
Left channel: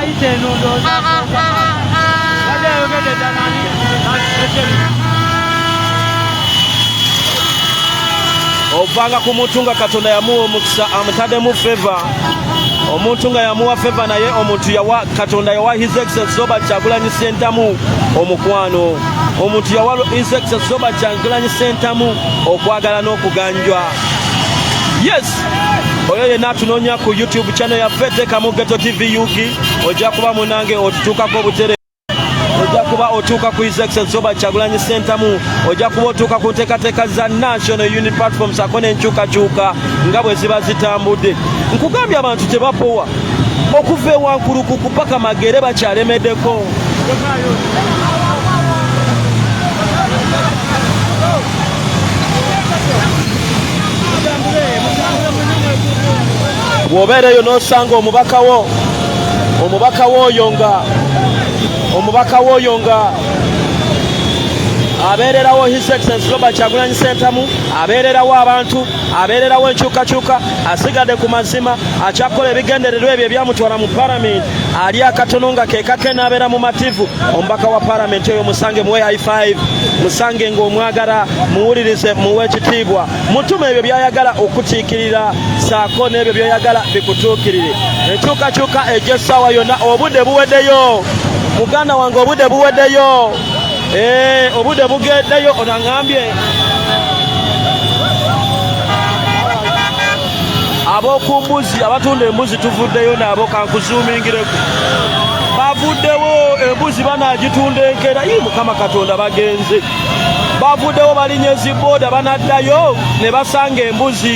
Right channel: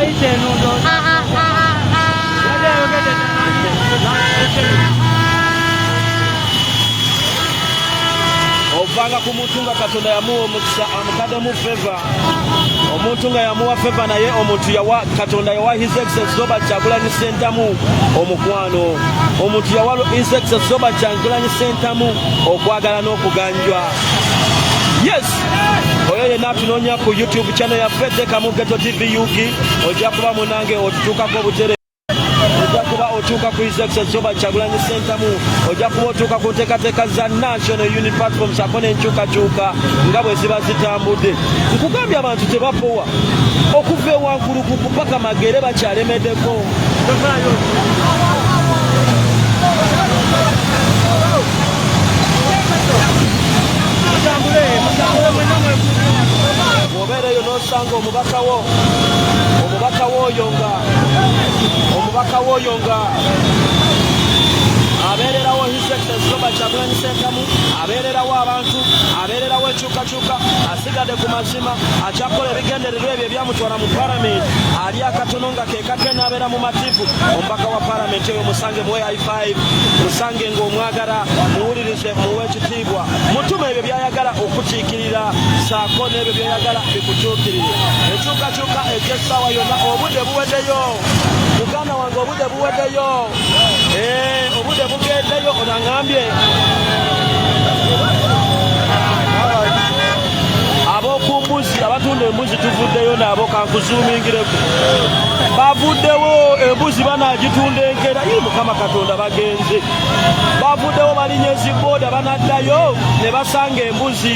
Ovanga ku muntu nga Katonda yamuwa omukisa amutaddemu favor. Omuntu nga yamuwa favor naye omuntu yawa Katonda yawa His Excellency Robert Kyagulanyi Ssentamu omukwano. Omuntu yawa His Excellency Robert Kyagulanyi Ssentamu okwagala n'okuganjwa. Yes, oyo yenna atunoonya ku YouTube channel yaffe teekamu Ghetto TV Yugi, ojja kuba munange otutuukako obutere. Ojja kuba otuuka ku His Excellency Robert Kyagulanyi Ssentamu, ojja kuba otuuka ku nteekateeka za National Unity Platform sako n'enkyukakyuka nga bwe ziba zitambudde. Nkugambye abantu tebapowa okuva ewankulukuku paka Magere bakyalemeddeko. Bw'obeereyo n'osanga omubaka w'oyo nga abeererawo His Excellency Robert Kyagulanyi Ssentamu, abeererawo abantu, abeererawo enkyukakyuka, asigadde ku mazima, akyakola ebigendererwa ebyo ebyamutwala mu Parliament, ali akatono nga ke kake n'abeera mu mativu. Omubaka wa Parliament oyo musange muwe high five, musange ng'omwagala, muwulirize, muwe ekitiibwa, mutume ebyo by'ayagala okukiikirira, saako n'ebyo by'ayagala bikutuukirire. Enkyukakyuka egy'essaawa yonna, obudde buweddeyo muganda wange, obudde buweddeyo. Obudde bugeddeyo onangambye. abokumbuzi abatunda embuzi tuvuddeyo nabo kankuzuumingireko bavuddewo embuzi banagitunda enkera mukama katonda bagenze bavuddewo balinye zibooda banaddayo ne basanga embuzi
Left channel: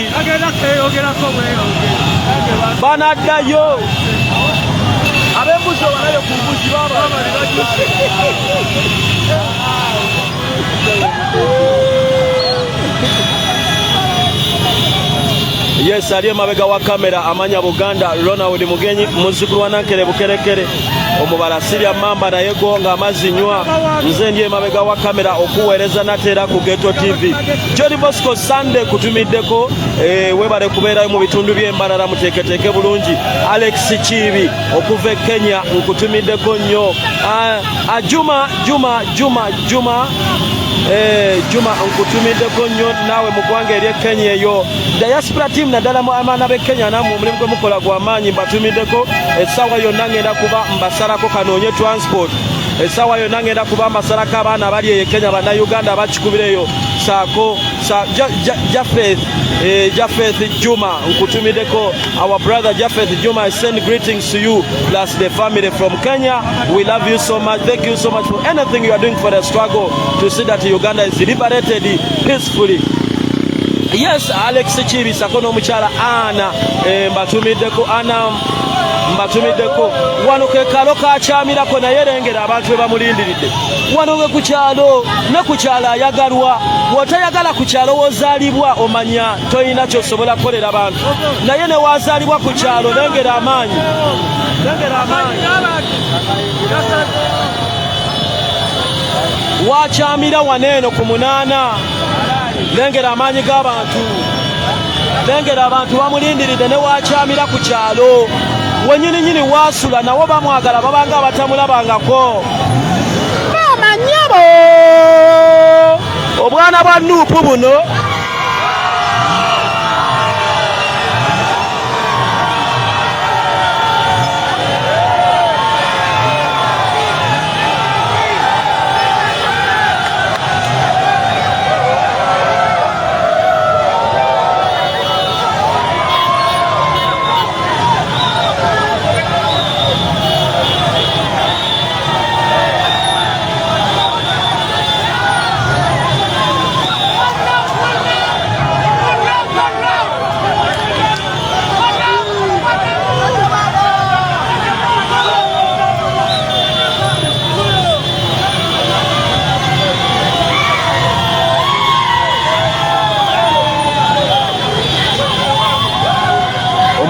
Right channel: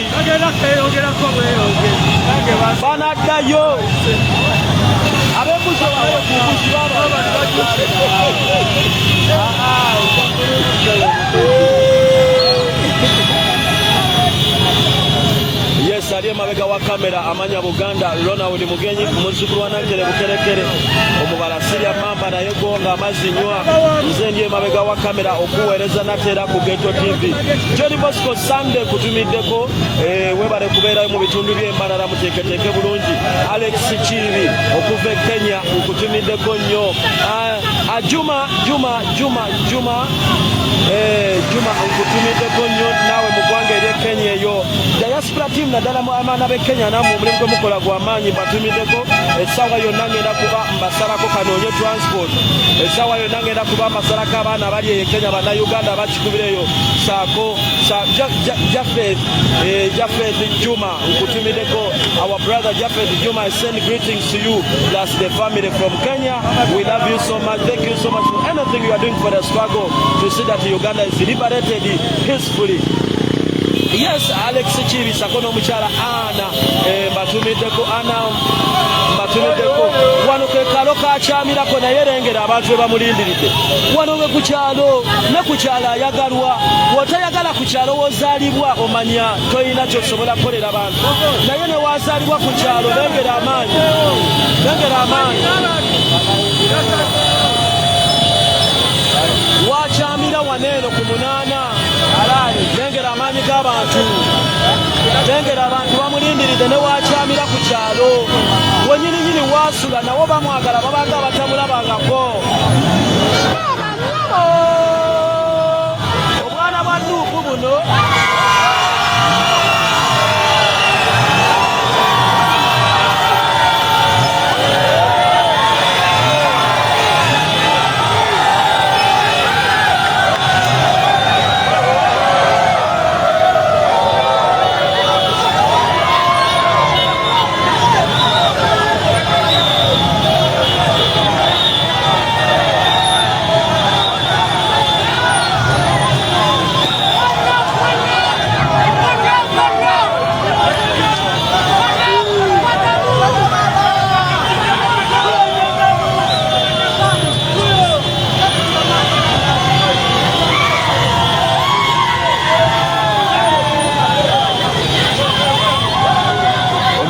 banaddayo abembuzi obalayo ku mbuzi baba yes ali emabega wa kamera amanya Buganda Ronald Mugenyi muzzukulu wa Nankere Bukerekere omubala Sirya Mamba naye gonga amazinywa nze ndiye emabega wa kamera okuweereza natera ku Ghetto TV Jody Bosco Sunday kutumiddeko webale kubeerayo mu bitundu by'embalala muteeketeeke bulungi Alex Chibi okuva e Kenya nkutumiddeko nnyo Juma nkutumiddeko nnyo naawe mu ggwanga ery'e Kenya eyo diaspora team naddala mu abaana b'e Kenya namwe omulimu gwe mukola gw'amaanyi mbatumiddeko essaawa yonna ngenda kuba mbasalako kanoonye transport essaawa yonna ngenda kuba mbasalako abaana bali eyo Kenya bannayuganda bakikubireyo saako Japheth Juma nkutumiddeko our brother Japheth Juma I send greetings to you plus the family from Kenya. We love you so much. Thank you so much for anything you are doing for the struggle to see that Uganda is liberated peacefully. Yes, Alex Chiri sakono mukyala Ana mbatumiddeko wano ke kalo kakyamirako naye lengera abantu be bamulindiridde wano we ku kyalo ne ku kyalo ayagalwa wotayagala ku kyalo wozaalibwa omanya toyina kyosobola kukolera abantu naye ne wazaalibwa ku kyalo lengera amaanyi wakyamira waneeno ku munaana lengera amaanyi g'abantu lengera abantu bamulindiridde ne wakyamira ku kyalo wenyininyini wasula nawo bamwagala babanga batamulabangako amanyabo obwana bwa Nuupu buno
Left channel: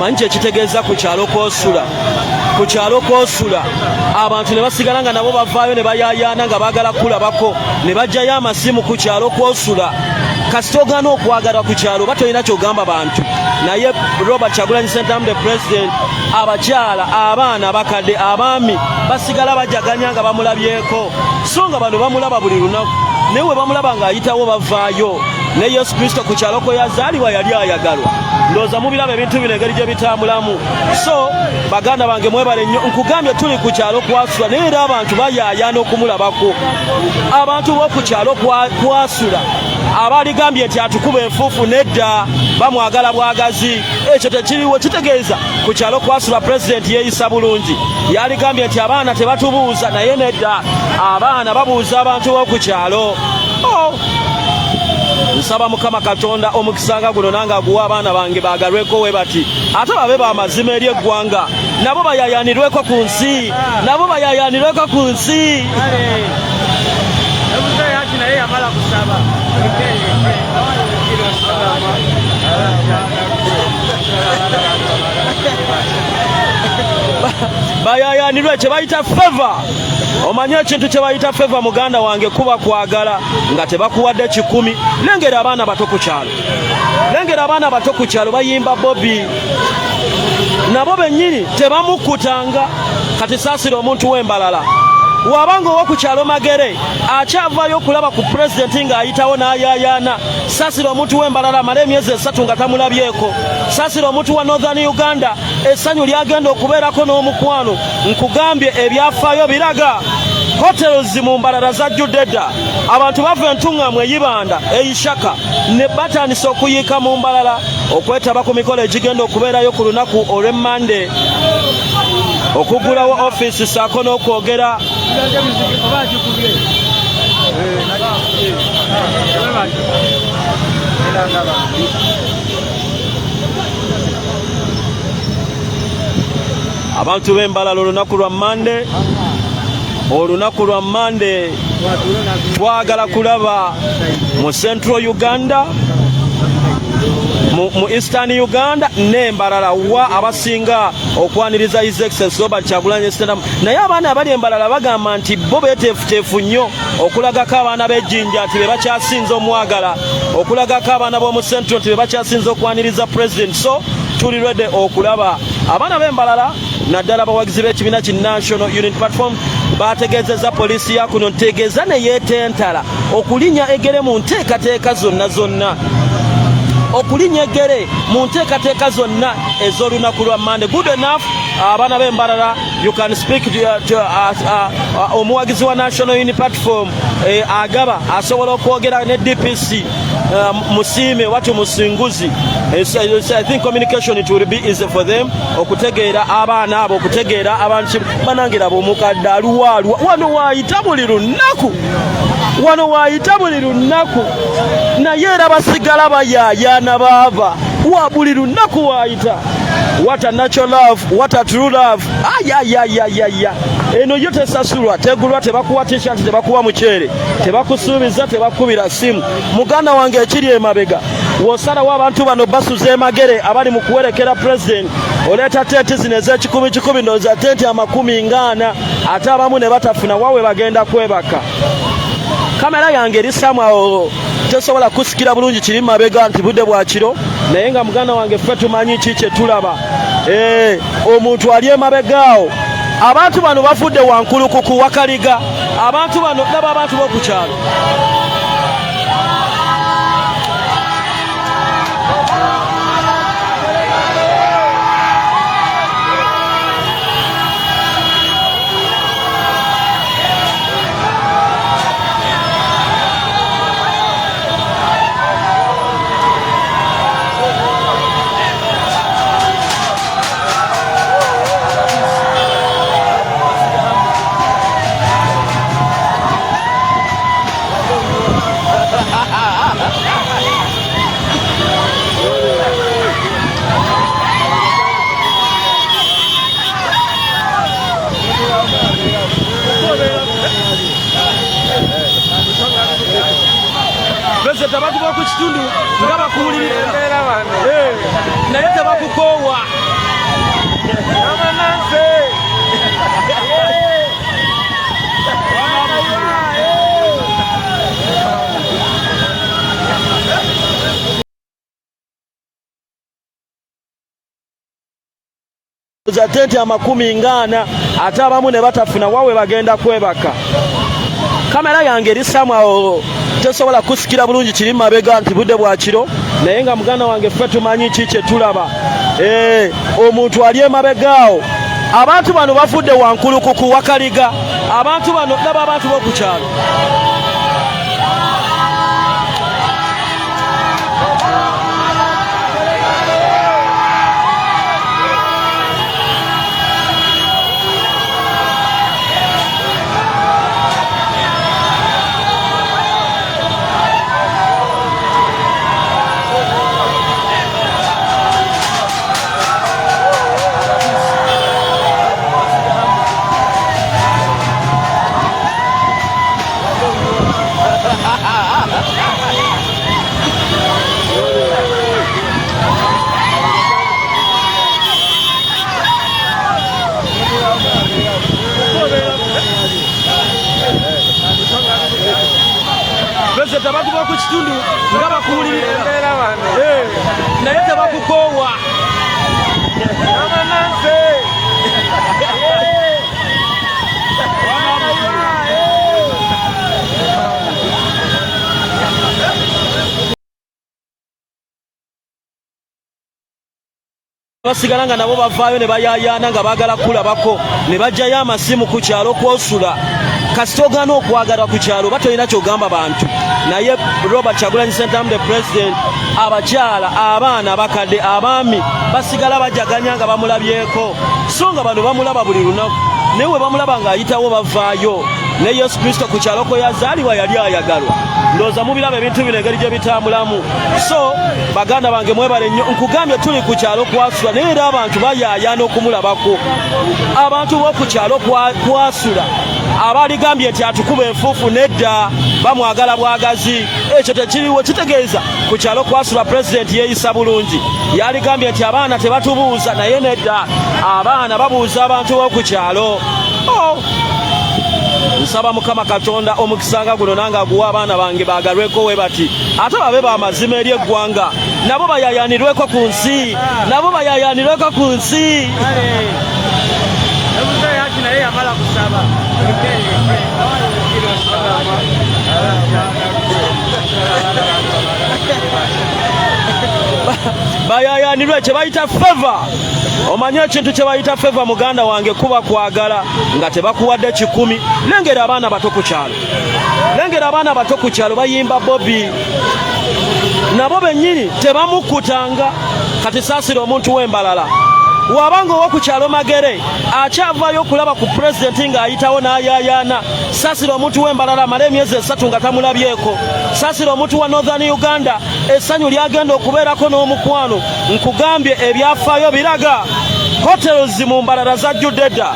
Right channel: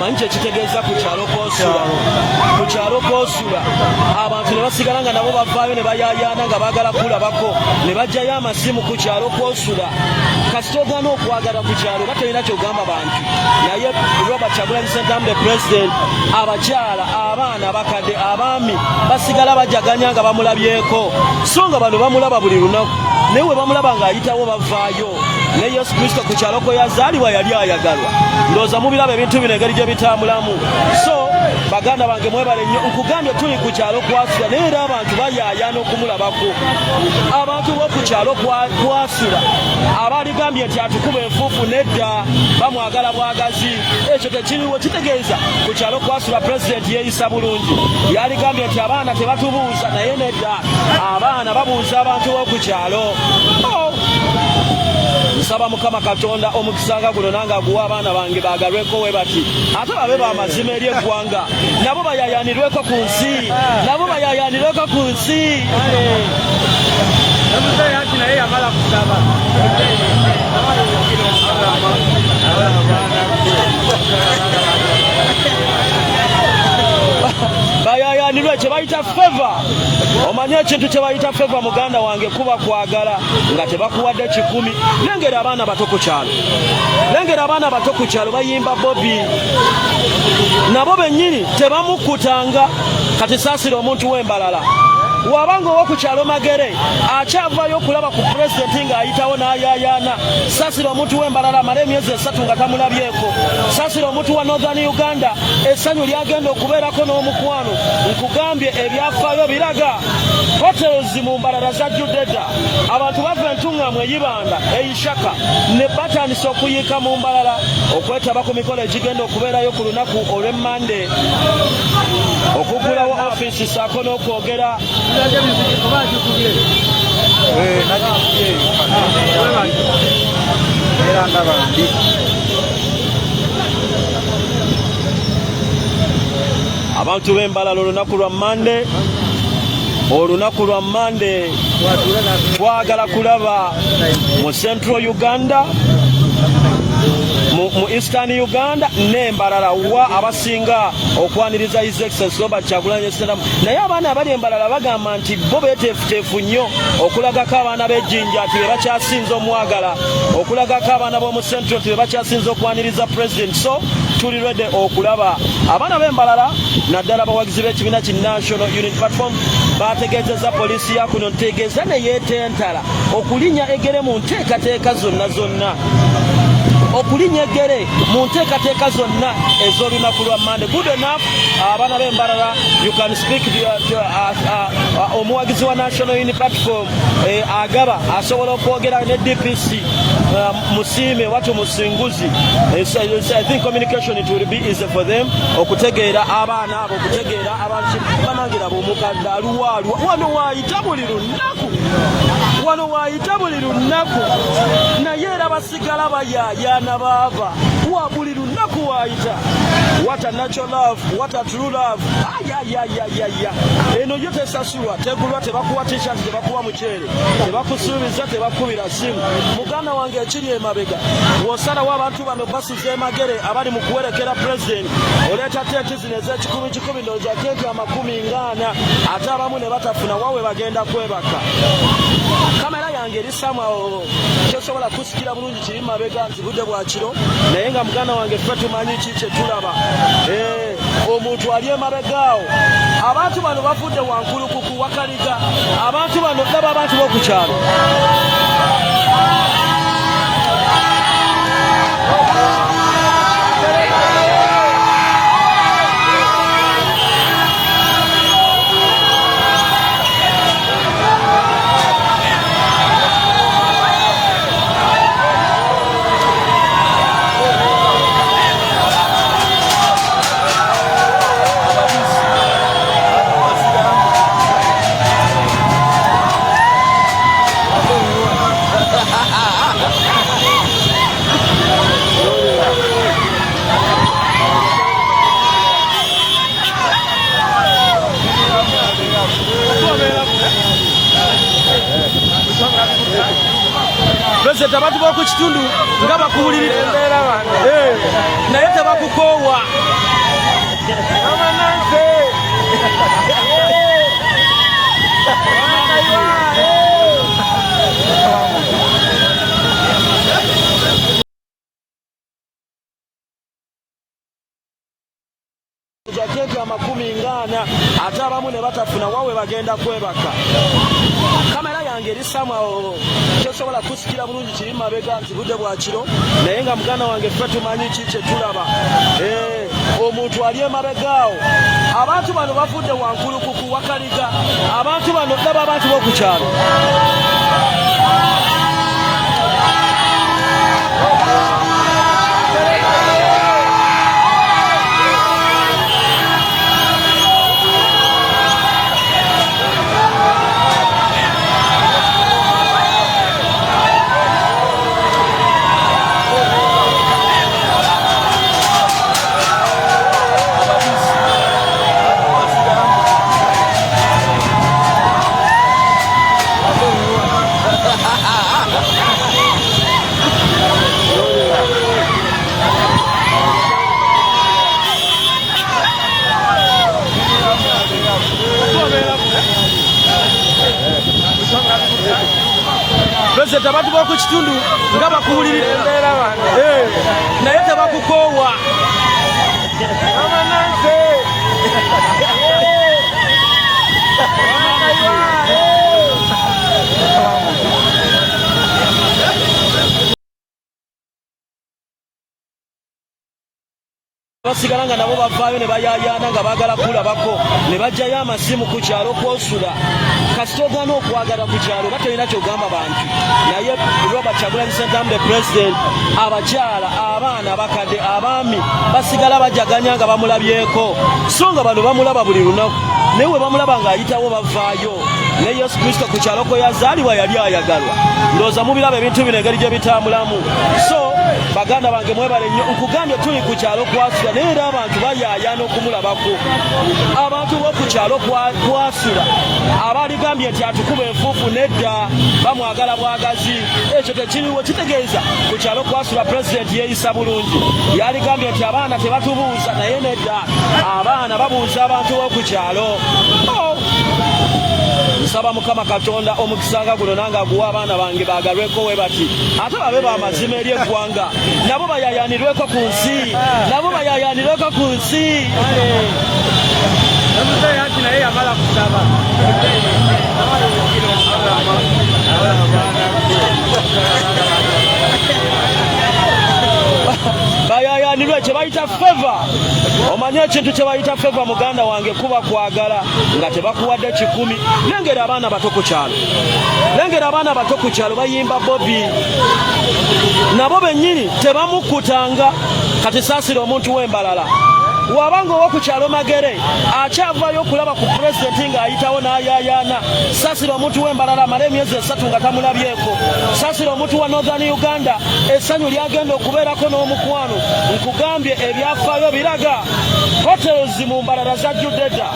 omanyi ekitegeeza ku kyalo kw'osula abantu ne basigala nga nabo bavaayo ne bayaayaana nga baagala kulabako ne bajjayo amasimu ku kyalo kw'osula kasita ogaana okwagalwa ku kyalo oba tolina kyogamba bantu naye Robert Kyagulanyi Ssentamu the president abakyala abaana abakadde abaami basigala bajaganya nga bamulabyeko so nga bano bamulaba buli lunaku naye we bamulaba ng'ayitawo bavaayo ne Yesu Kristo ku kyalo kwe yazaalibwa yali ayagalwa ndowooza mubiraba ebintu bino engeri gye bitambulamu so baganda bange mwebale nnyo nkugambye tuli ku kyalo kwasula naye era abantu bayaayaana okumulabako abantu b'oku kyalo kwasula abaligambye nti atukuba enfuufu nedda bamwagala bwagazi ekyo tekiriwo kitegeeza ku kyalo kwasula pulezidenti yeeyisa bulungi yaligambye nti abaana tebatubuuza naye nedda abaana babuuza abantu b'oku kyalo nsaba Mukama Katonda omukisa guno nange aguwa abaana bange bagalweko we bati ate babe bamazima eri eggwanga nabo bayaayaanirweko ku nsi bayaayaanirwe kye bayita favor omanyi ekintu kye bayita favor muganda wange kuba kwagala nga tebakuwadde 10 lengera abaana bato ku kyalo bayimba Bobi nabo bennyini tebamukutanga kati saasira omuntu w'embalala wabanga owoku kyalo Magere akyavayo okulaba ku pulezidenti ng'ayitawo n'ayaayaana saasira omuntu w'embalala amala emyezi 3 nga tamulabyeko saasira omuntu wa Northern Uganda essanyu lyagenda okubeerako n'omukwano nkugambye ebyafaayo biraga hotels mu Mbarara zajjudde dda abantu bava entuŋŋamu eyibanda eyishaka ne batandise okuyiika mu Mbarara okwetaba ku mikolo egigenda okubeerayo ku lunaku olw'Emmande okuggulawo ofiisi ssaako n'okwogera abantu b'Embarara olunaku lwa Mande twagala kulaba mu Central Uganda mu Eastern Uganda n'Embarara wa abasinga okwaniriza His Excellency Robert Kyagulanyi Ssentamu naye abaana abali Embarara bagamba nti bo beeteefuteefu nnyo okulagako abaana b'ejjinja nti be bakyasinza omwagala okulagako abaana b'omu Central nti be bakyasinza okwaniriza President. So tuli ready okulaba abaana b'Embarara naddala abawagizi b'ekibiina ki National Unity Platform bategeezezza poliisi ya kuno ntegeeza ne yeetentala okulinnya egere mu nteekateeka zonna okulinnya eggere mu nteekateeka zonna ez'olunaku lwa Mande. Good enough abaana b'Embarara you can speak omuwagizi wa National Unity Platform agaba asobola okwogera ne DPC Musiime watu Musinguzi. I think communication it will be easy for them okutegeera abaana abo okutegeera abantu banangira bomukadde aluwaalwa wano waayita buli lunaku naye era basigala bayayaana baava wa buli lunaku waayita. What a natural love, what a true love. Eno yo tesasulwa tegulwa tebakuwa t-shirt tebakuwa muceere tebakusuubiza tebakubira simu. Muganda wange ekiri emabega wosalawo abantu bano basuza emagere abali mu kuwerekera president oleeta tenti zino ez'ekikumi ndowooza tenti 40 ate abamu ne batafuna wawe bagenda kwebaka. Kamera yange eri samwawo tesobola kusikira bulungi kiri mabega nti budde bwa kiro naye nga muganda wange ffe tumanyi ki kye tulaba. Omuntu ali emabegaawo abantu bano bafudde wankulukuku wakaliga abantu bano laba abantu b'oku kyalo President abantu b'oku kitundu nga bakuwulira embeera bano naye tebakukoowa mama Nancy za tenti 40 ate abamu ne batafuna wawe bagenda kwebaka. Kamera yange eri samwawo tesobola kusikira bulungi kiri mabega nti budde bwa kiro naye nga muganda wange ffe tumanyi ki kye tulaba. Omuntu ali emabegaawo abantu bano bafudde wankulukuku wakaliga abantu bano laba abantu b'oku kyalo President abantu b'oku kitundu nga bakuwulira embeera bano naye tebakukoowa mama Nancy basigalanga nabo bavaayo ne bayayana nga baagala kulabako ne bajjayo amasimu ku kyalo kwosula kasita ogaana okwagala ku kyalo oba tolina kyogamba bantu naye Robert Kyagulanyi Ssentamu the president abakyala abaana abakadde abaami basigala bajaganya nga bamulabyeko so nga bano bamulaba buli lunaku naye we bamulaba ng'ayitawo bavaayo ne Yesu Kristo ku kyalo kwe yazaalibwa yali ayagalwa ndowooza mubiraba ebintu bino engeri gye bitambulamu so baganda bange mwebale nnyo nkugambye tuli ku kyalo kwasula naye era abantu bayaayana okumulabako abantu b'oku kyalo kwasula abaligambye nti atukuba enfuufu nedda bamwagala bwagazi ekyo tekiriwo kitegeeza ku kyalo kwasula pulezidenti yeeyisa bulungi yaligambye nti abaana tebatubuuza naye nedda abaana babuuza abantu b'oku kyalo nsaba Mukama Katonda omukisanga guno nange aguwa abaana bange baagalweko we bati ate babe b'amazima eri eggwanga nabo bayayanirweko ku nsi bayayanirwe kye bayita feva omanye ekintu kye bayita feva muganda wange kuba kwagala nga tebakuwadde 10 lengera abaana bato ku kyalo bayimba Bobi nabo bennyini tebamukutanga kati saasira omuntu w'embalala wabanga owo ku kyalo Magere akyavayo okulaba ku pulezidenti ng'ayitawo n'ayaayaana saasira omuntu w'embalala amala emyezi 3 nga tamulabyeko saasira omuntu wa Northern Uganda essanyu lyagenda okubeerako n'omukwano nkugambye ebyafaayo biraga hotels mu mbalala zajjudde dda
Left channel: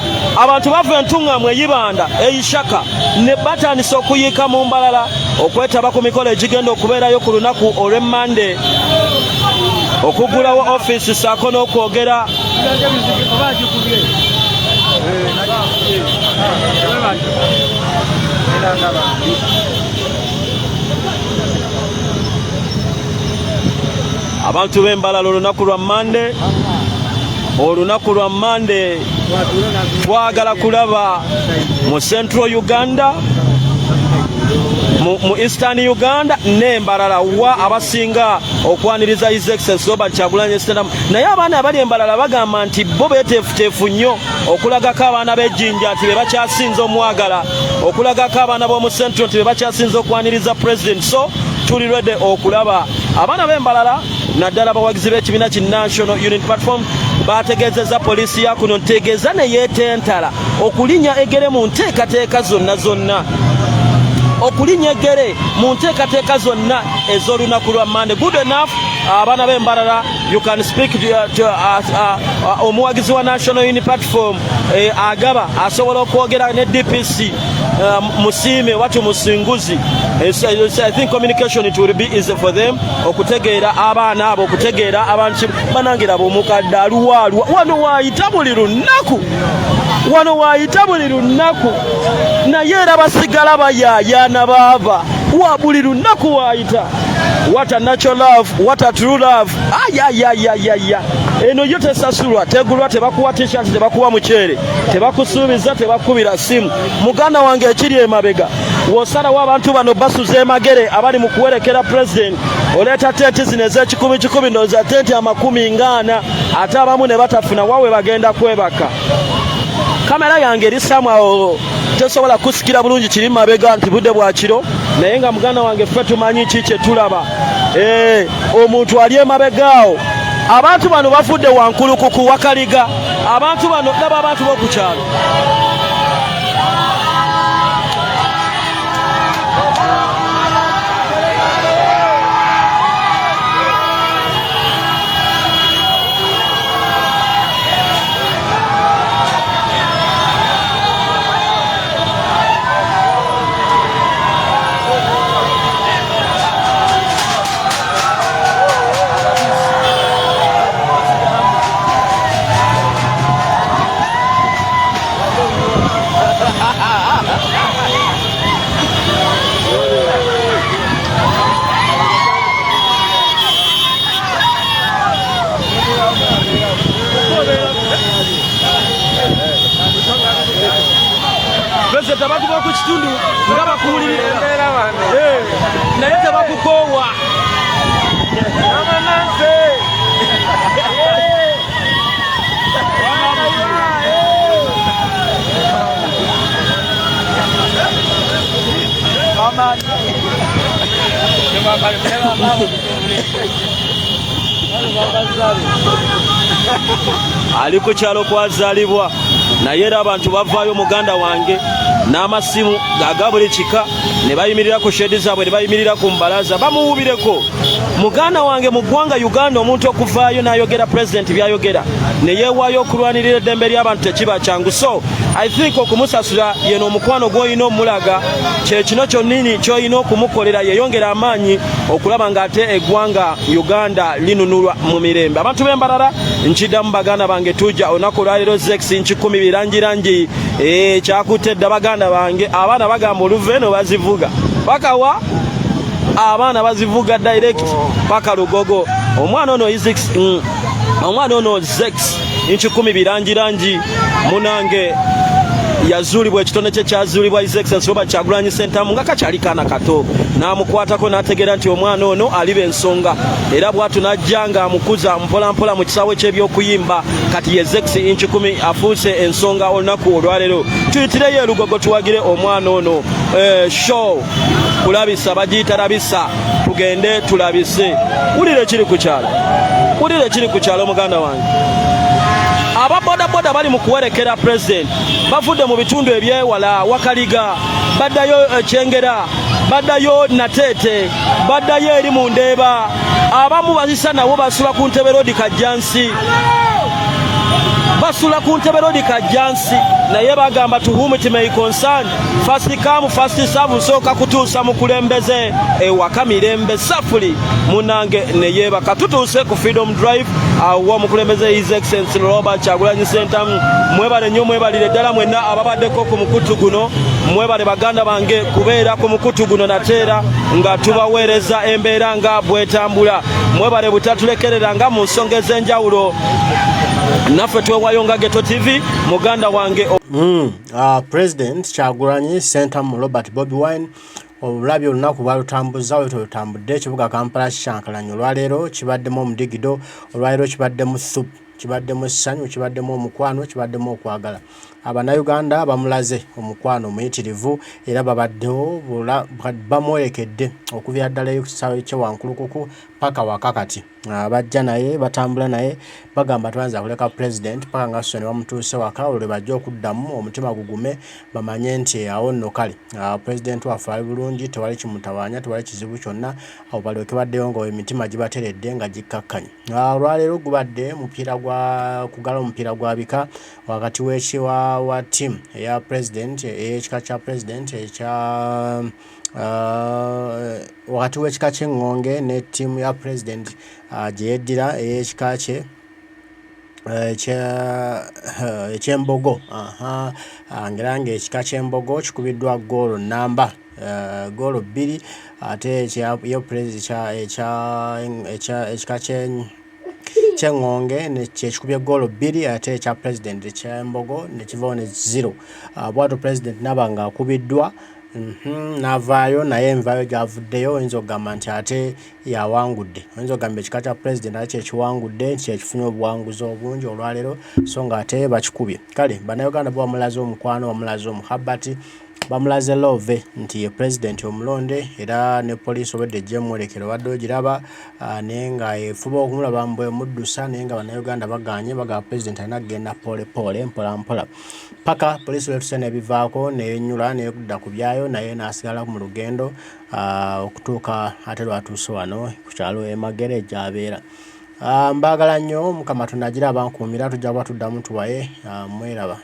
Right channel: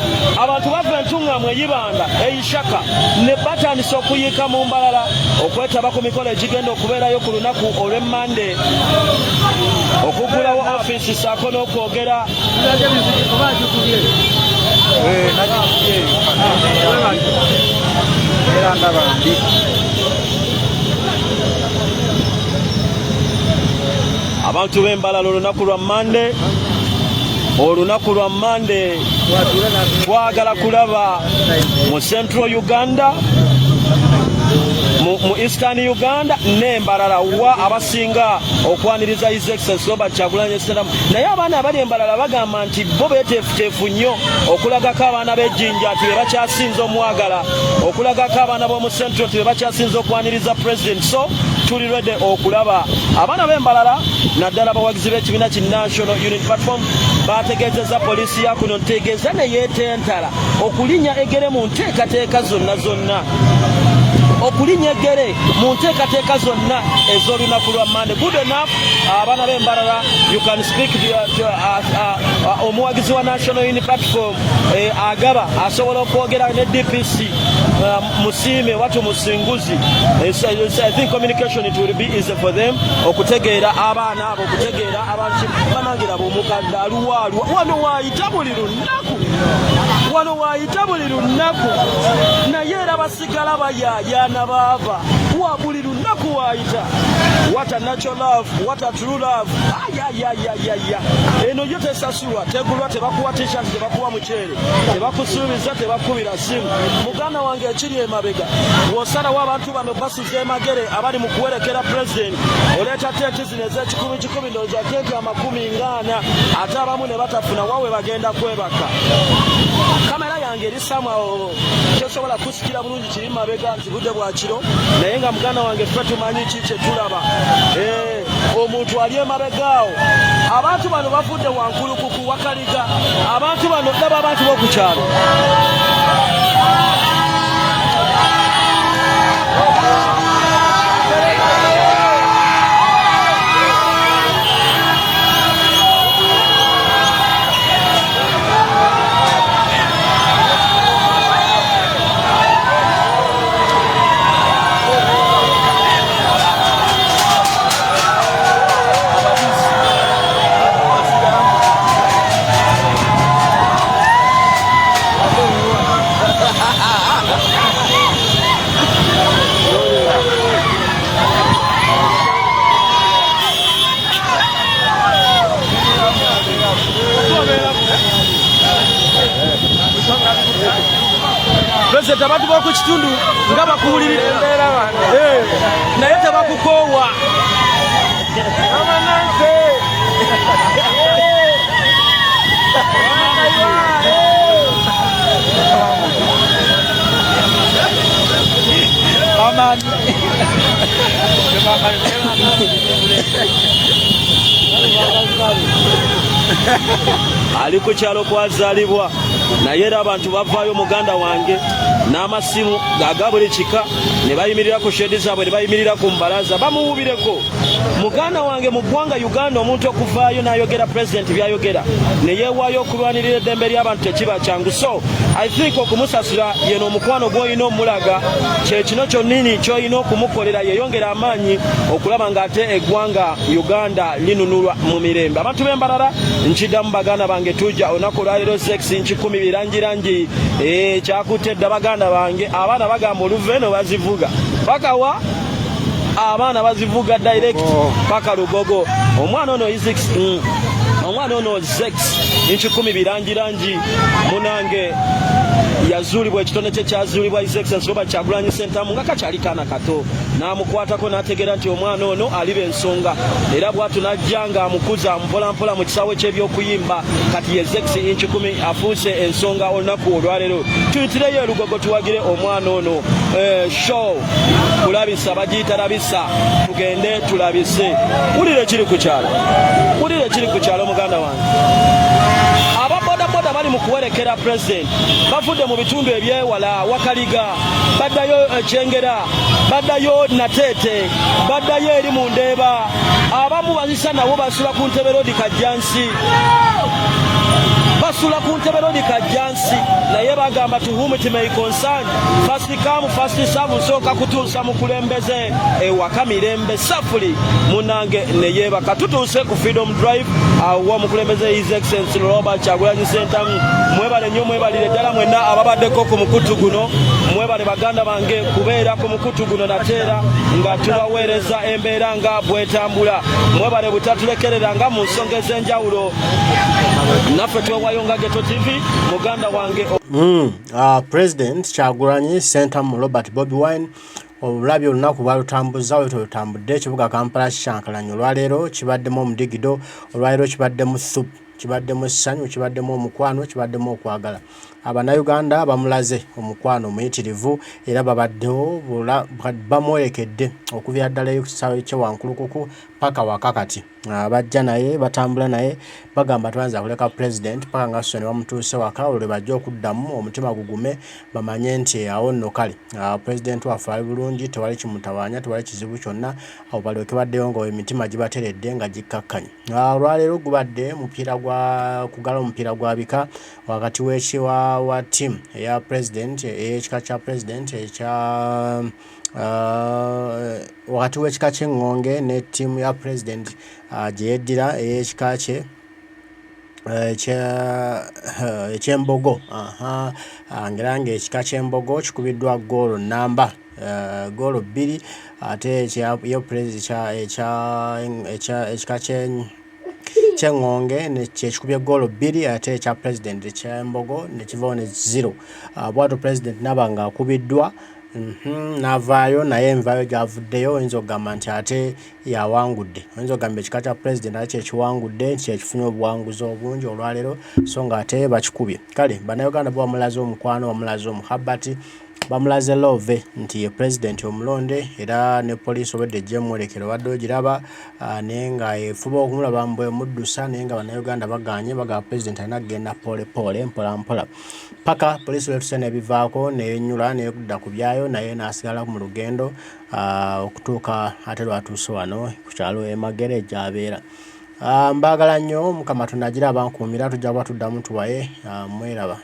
abantu bava entuŋŋamu eyibanda eyishaka ne batandisa okuyiika mu mbalala okwetaba ku mikolo egigenda okubeerayo ku lunaku olw'Emmande okugulawo ofiisi saako n'okwogera abantu b'embalala olunaku lwa Mande twagala kulaba mu Central Uganda mu Eastern Uganda n'embalala wa abasinga okwaniriza His Excellency Robert Kyagulanyi Ssentamu naye abaana abali embalala bagamba nti bo beeteefuteefu nnyo okulagako abaana b'ejjinja nti bebakyasinza omwagala okulagako abaana b'omu Central nti bebakyasinza okwaniriza President so tuli ready okulaba abaana b'embalala naddala abawagizi b'ekibiina ki National Unity Platform bategeezezza poliisi ya kuno ntegeeza ne yeetentala okulinnya egere mu nteekateeka zonna okulinnya eggere mu nteekateeka zonna ez'olunaku lwa Mande. Good enough abaana b'embalala you can speak to omuwagizi wa National Unity Platform agaba asobola okwogera ne DPC Musiime watu Musinguzi. I think communication it will be easy for them okutegeera abaana abo okutegeera abantu banangira bomukadde aluwaalwa wano waayita buli lunaku naye era basigala bayaayana baava wa buli lunaku waayita. What a natural love, what a true love. Eno yo tesasulwa tegulwa tebakuwa t-shirt tebakuwa muceere tebakusuubiza tebakubira simu muganda wange ekiri emabega wosalawo abantu bano basuze Magere abali mu kuwerekera president oleeta tenti zino ez'ekikumi ndowooza tenti 40 ate abamu ne batafuna wawe bagenda kwebaka. Kamera yange eri samwawo tesobola kusikira bulungi kiri mabega nti budde bwa kiro naye nga muganda wange ffe tumanyi ki kye tulaba omuntu ali emabegaawo. Abantu bano bafudde wankulukuku wakaliga abantu bano daba abantu b'oku kyalo President abantu b'oku kitundu nga bakuwulirira embeera bano naye tebakukoowa ali ku kyalo kwazaalibwa naye era abantu bavaayo muganda wange n'amasimu aga buli kika ne bayimirira ku shedi zaabwe ne bayimirira ku mbalaza bamuwubireko muganda wange mu ggwanga Uganda omuntu okuvaayo n'ayogera pulezidenti byayogera ne yeewaayo okulwanirira eddembe ly'abantu tekiba kyangu. So I think okumusasula yeno omukwano gw'olina omulaga kye kino kyonnini ky'olina okumukolera yeyongera amaanyi okulaba ng'ate eggwanga Uganda linunulwa mu mirembe. Abantu b'embalala nkiddamu baganda bange tujja olunaku lwaliro zex nkikumi birangirangi kyakutte dda baganda bange abaana bagamba oluva eno bazivuga pakawa abaana bazivuga direct paka Lugogo omwana ono omwana ono zex nkikumi birangirangi munange yazuulibwa ekitone kye kyazuulibwa His Excellency Robert Kyagulanyi Ssentamu nga kakyali kaana kato n'amukwatako n'ategeera nti omwana ono aliba ensonga era bw'atu n'ajja ng'amukuza mpolampola mu kisaawe ky'ebyokuyimba kati ye zex nkikumi afuuse ensonga olunaku olwaleero tuyitireyo Lugogo tuwagire omwana ono show kulabisa bagiyita labisa tugende tulabise wulire ekiri ku kyalo muganda wange ababodaboda bali mu kuwerekera pulezidenti bavudde mu bitundu ebyewala Wakaliga baddayo Kyengera baddayo Nateete baddayo eri mu Ndeeba abamu bazisa nabo basula ku ntebe road Kajjansi naye bagamba to whom it may concern first come first serve nsooka kutuusa mu kulembeze ewaka mirembe safuli munange neyeebaka tutuuse ku Freedom Drive awo omukulembeze His Excellency Robert Kyagulanyi Ssentamu mwebale nnyo mwebalire ddala mwenna ababaddeko ku mukutu guno mwebale baganda bange kubeera ku mukutu guno nateera nga tubaweereza embeera nga bwetambula mwebale butatulekerera nga mu nsonga ez'enjawulo naffe twewayo nga Geto TV muganda wange President Kyagulanyi Ssentamu Robert Bobi Wine olulabyo olunaku balutambuzza wetulutambudde ekibuga Kampala kikyankalanye olwaleero kibaddemu omudigido olwaleero kibaddemu thup kibaddemu essanyu kibaddemu omukwano kibaddemu okwagala Abanayuganda bamulaze omukwano omuyitirivu era babaddewo bamwerekedde okuvira ddala ekisaawe ky'ewankulukuku paka wakakati bajja naye batambula naye bagamba twanza kuleka president paka nga so ne bamutuuse waka olwe bajja okuddamu omutima gugume bamanye nti awo nno kale president waffe ali bulungi tewali kimutawaanya tewali kizibu kyonna awo balyoke baddeyo nga emitima gibateredde nga gikkakkanye olwaleero gubadde mupiira gwa kugala omupiira gwa bika wakati w'ekiwa wa team eya president ekika kya president ekya wakati w'ekika ky'engonge ne team ya president gye yeddira ekika kye eky'embogo ngera ng'ekika ky'embogo kikubiddwa goolo namba goolo 2 ate ekika ky'engonge nekyekikubye goolo 2 ate ekya president eky'embogo nekivaawo ne 0 bw'ato president naba nga akubiddwa n'avaayo naye envaayo gy'avuddeyo oyinza okugamba nti ate yawangudde oyinza okugamba ekika kya president ate kyekiwangudde kyekifunye obuwanguzi obungi olwaleero so nga ate bakikubye kale bannayuganda bo bamulaze omukwano bamulaze omuhabbati bamulaze love nti ye president omulonde era ne police obedde gyemwolekera obadde ogiraba naye nga efuba okumulaba mbwe muddusa naye nga bannayuganda baganye bagaba president alina kugenda polepole mpolampola paka police wetuse nebivaako neyenyula neyekudda ku byayo naye n'asigala mu lugendo okutuuka ate lwatuuse wano ku kyalo Emagere gy'abeera. Mbagala nnyo Mukama Katonda agira abankuumira tujja kuba tuddamu tuwaye mweraba.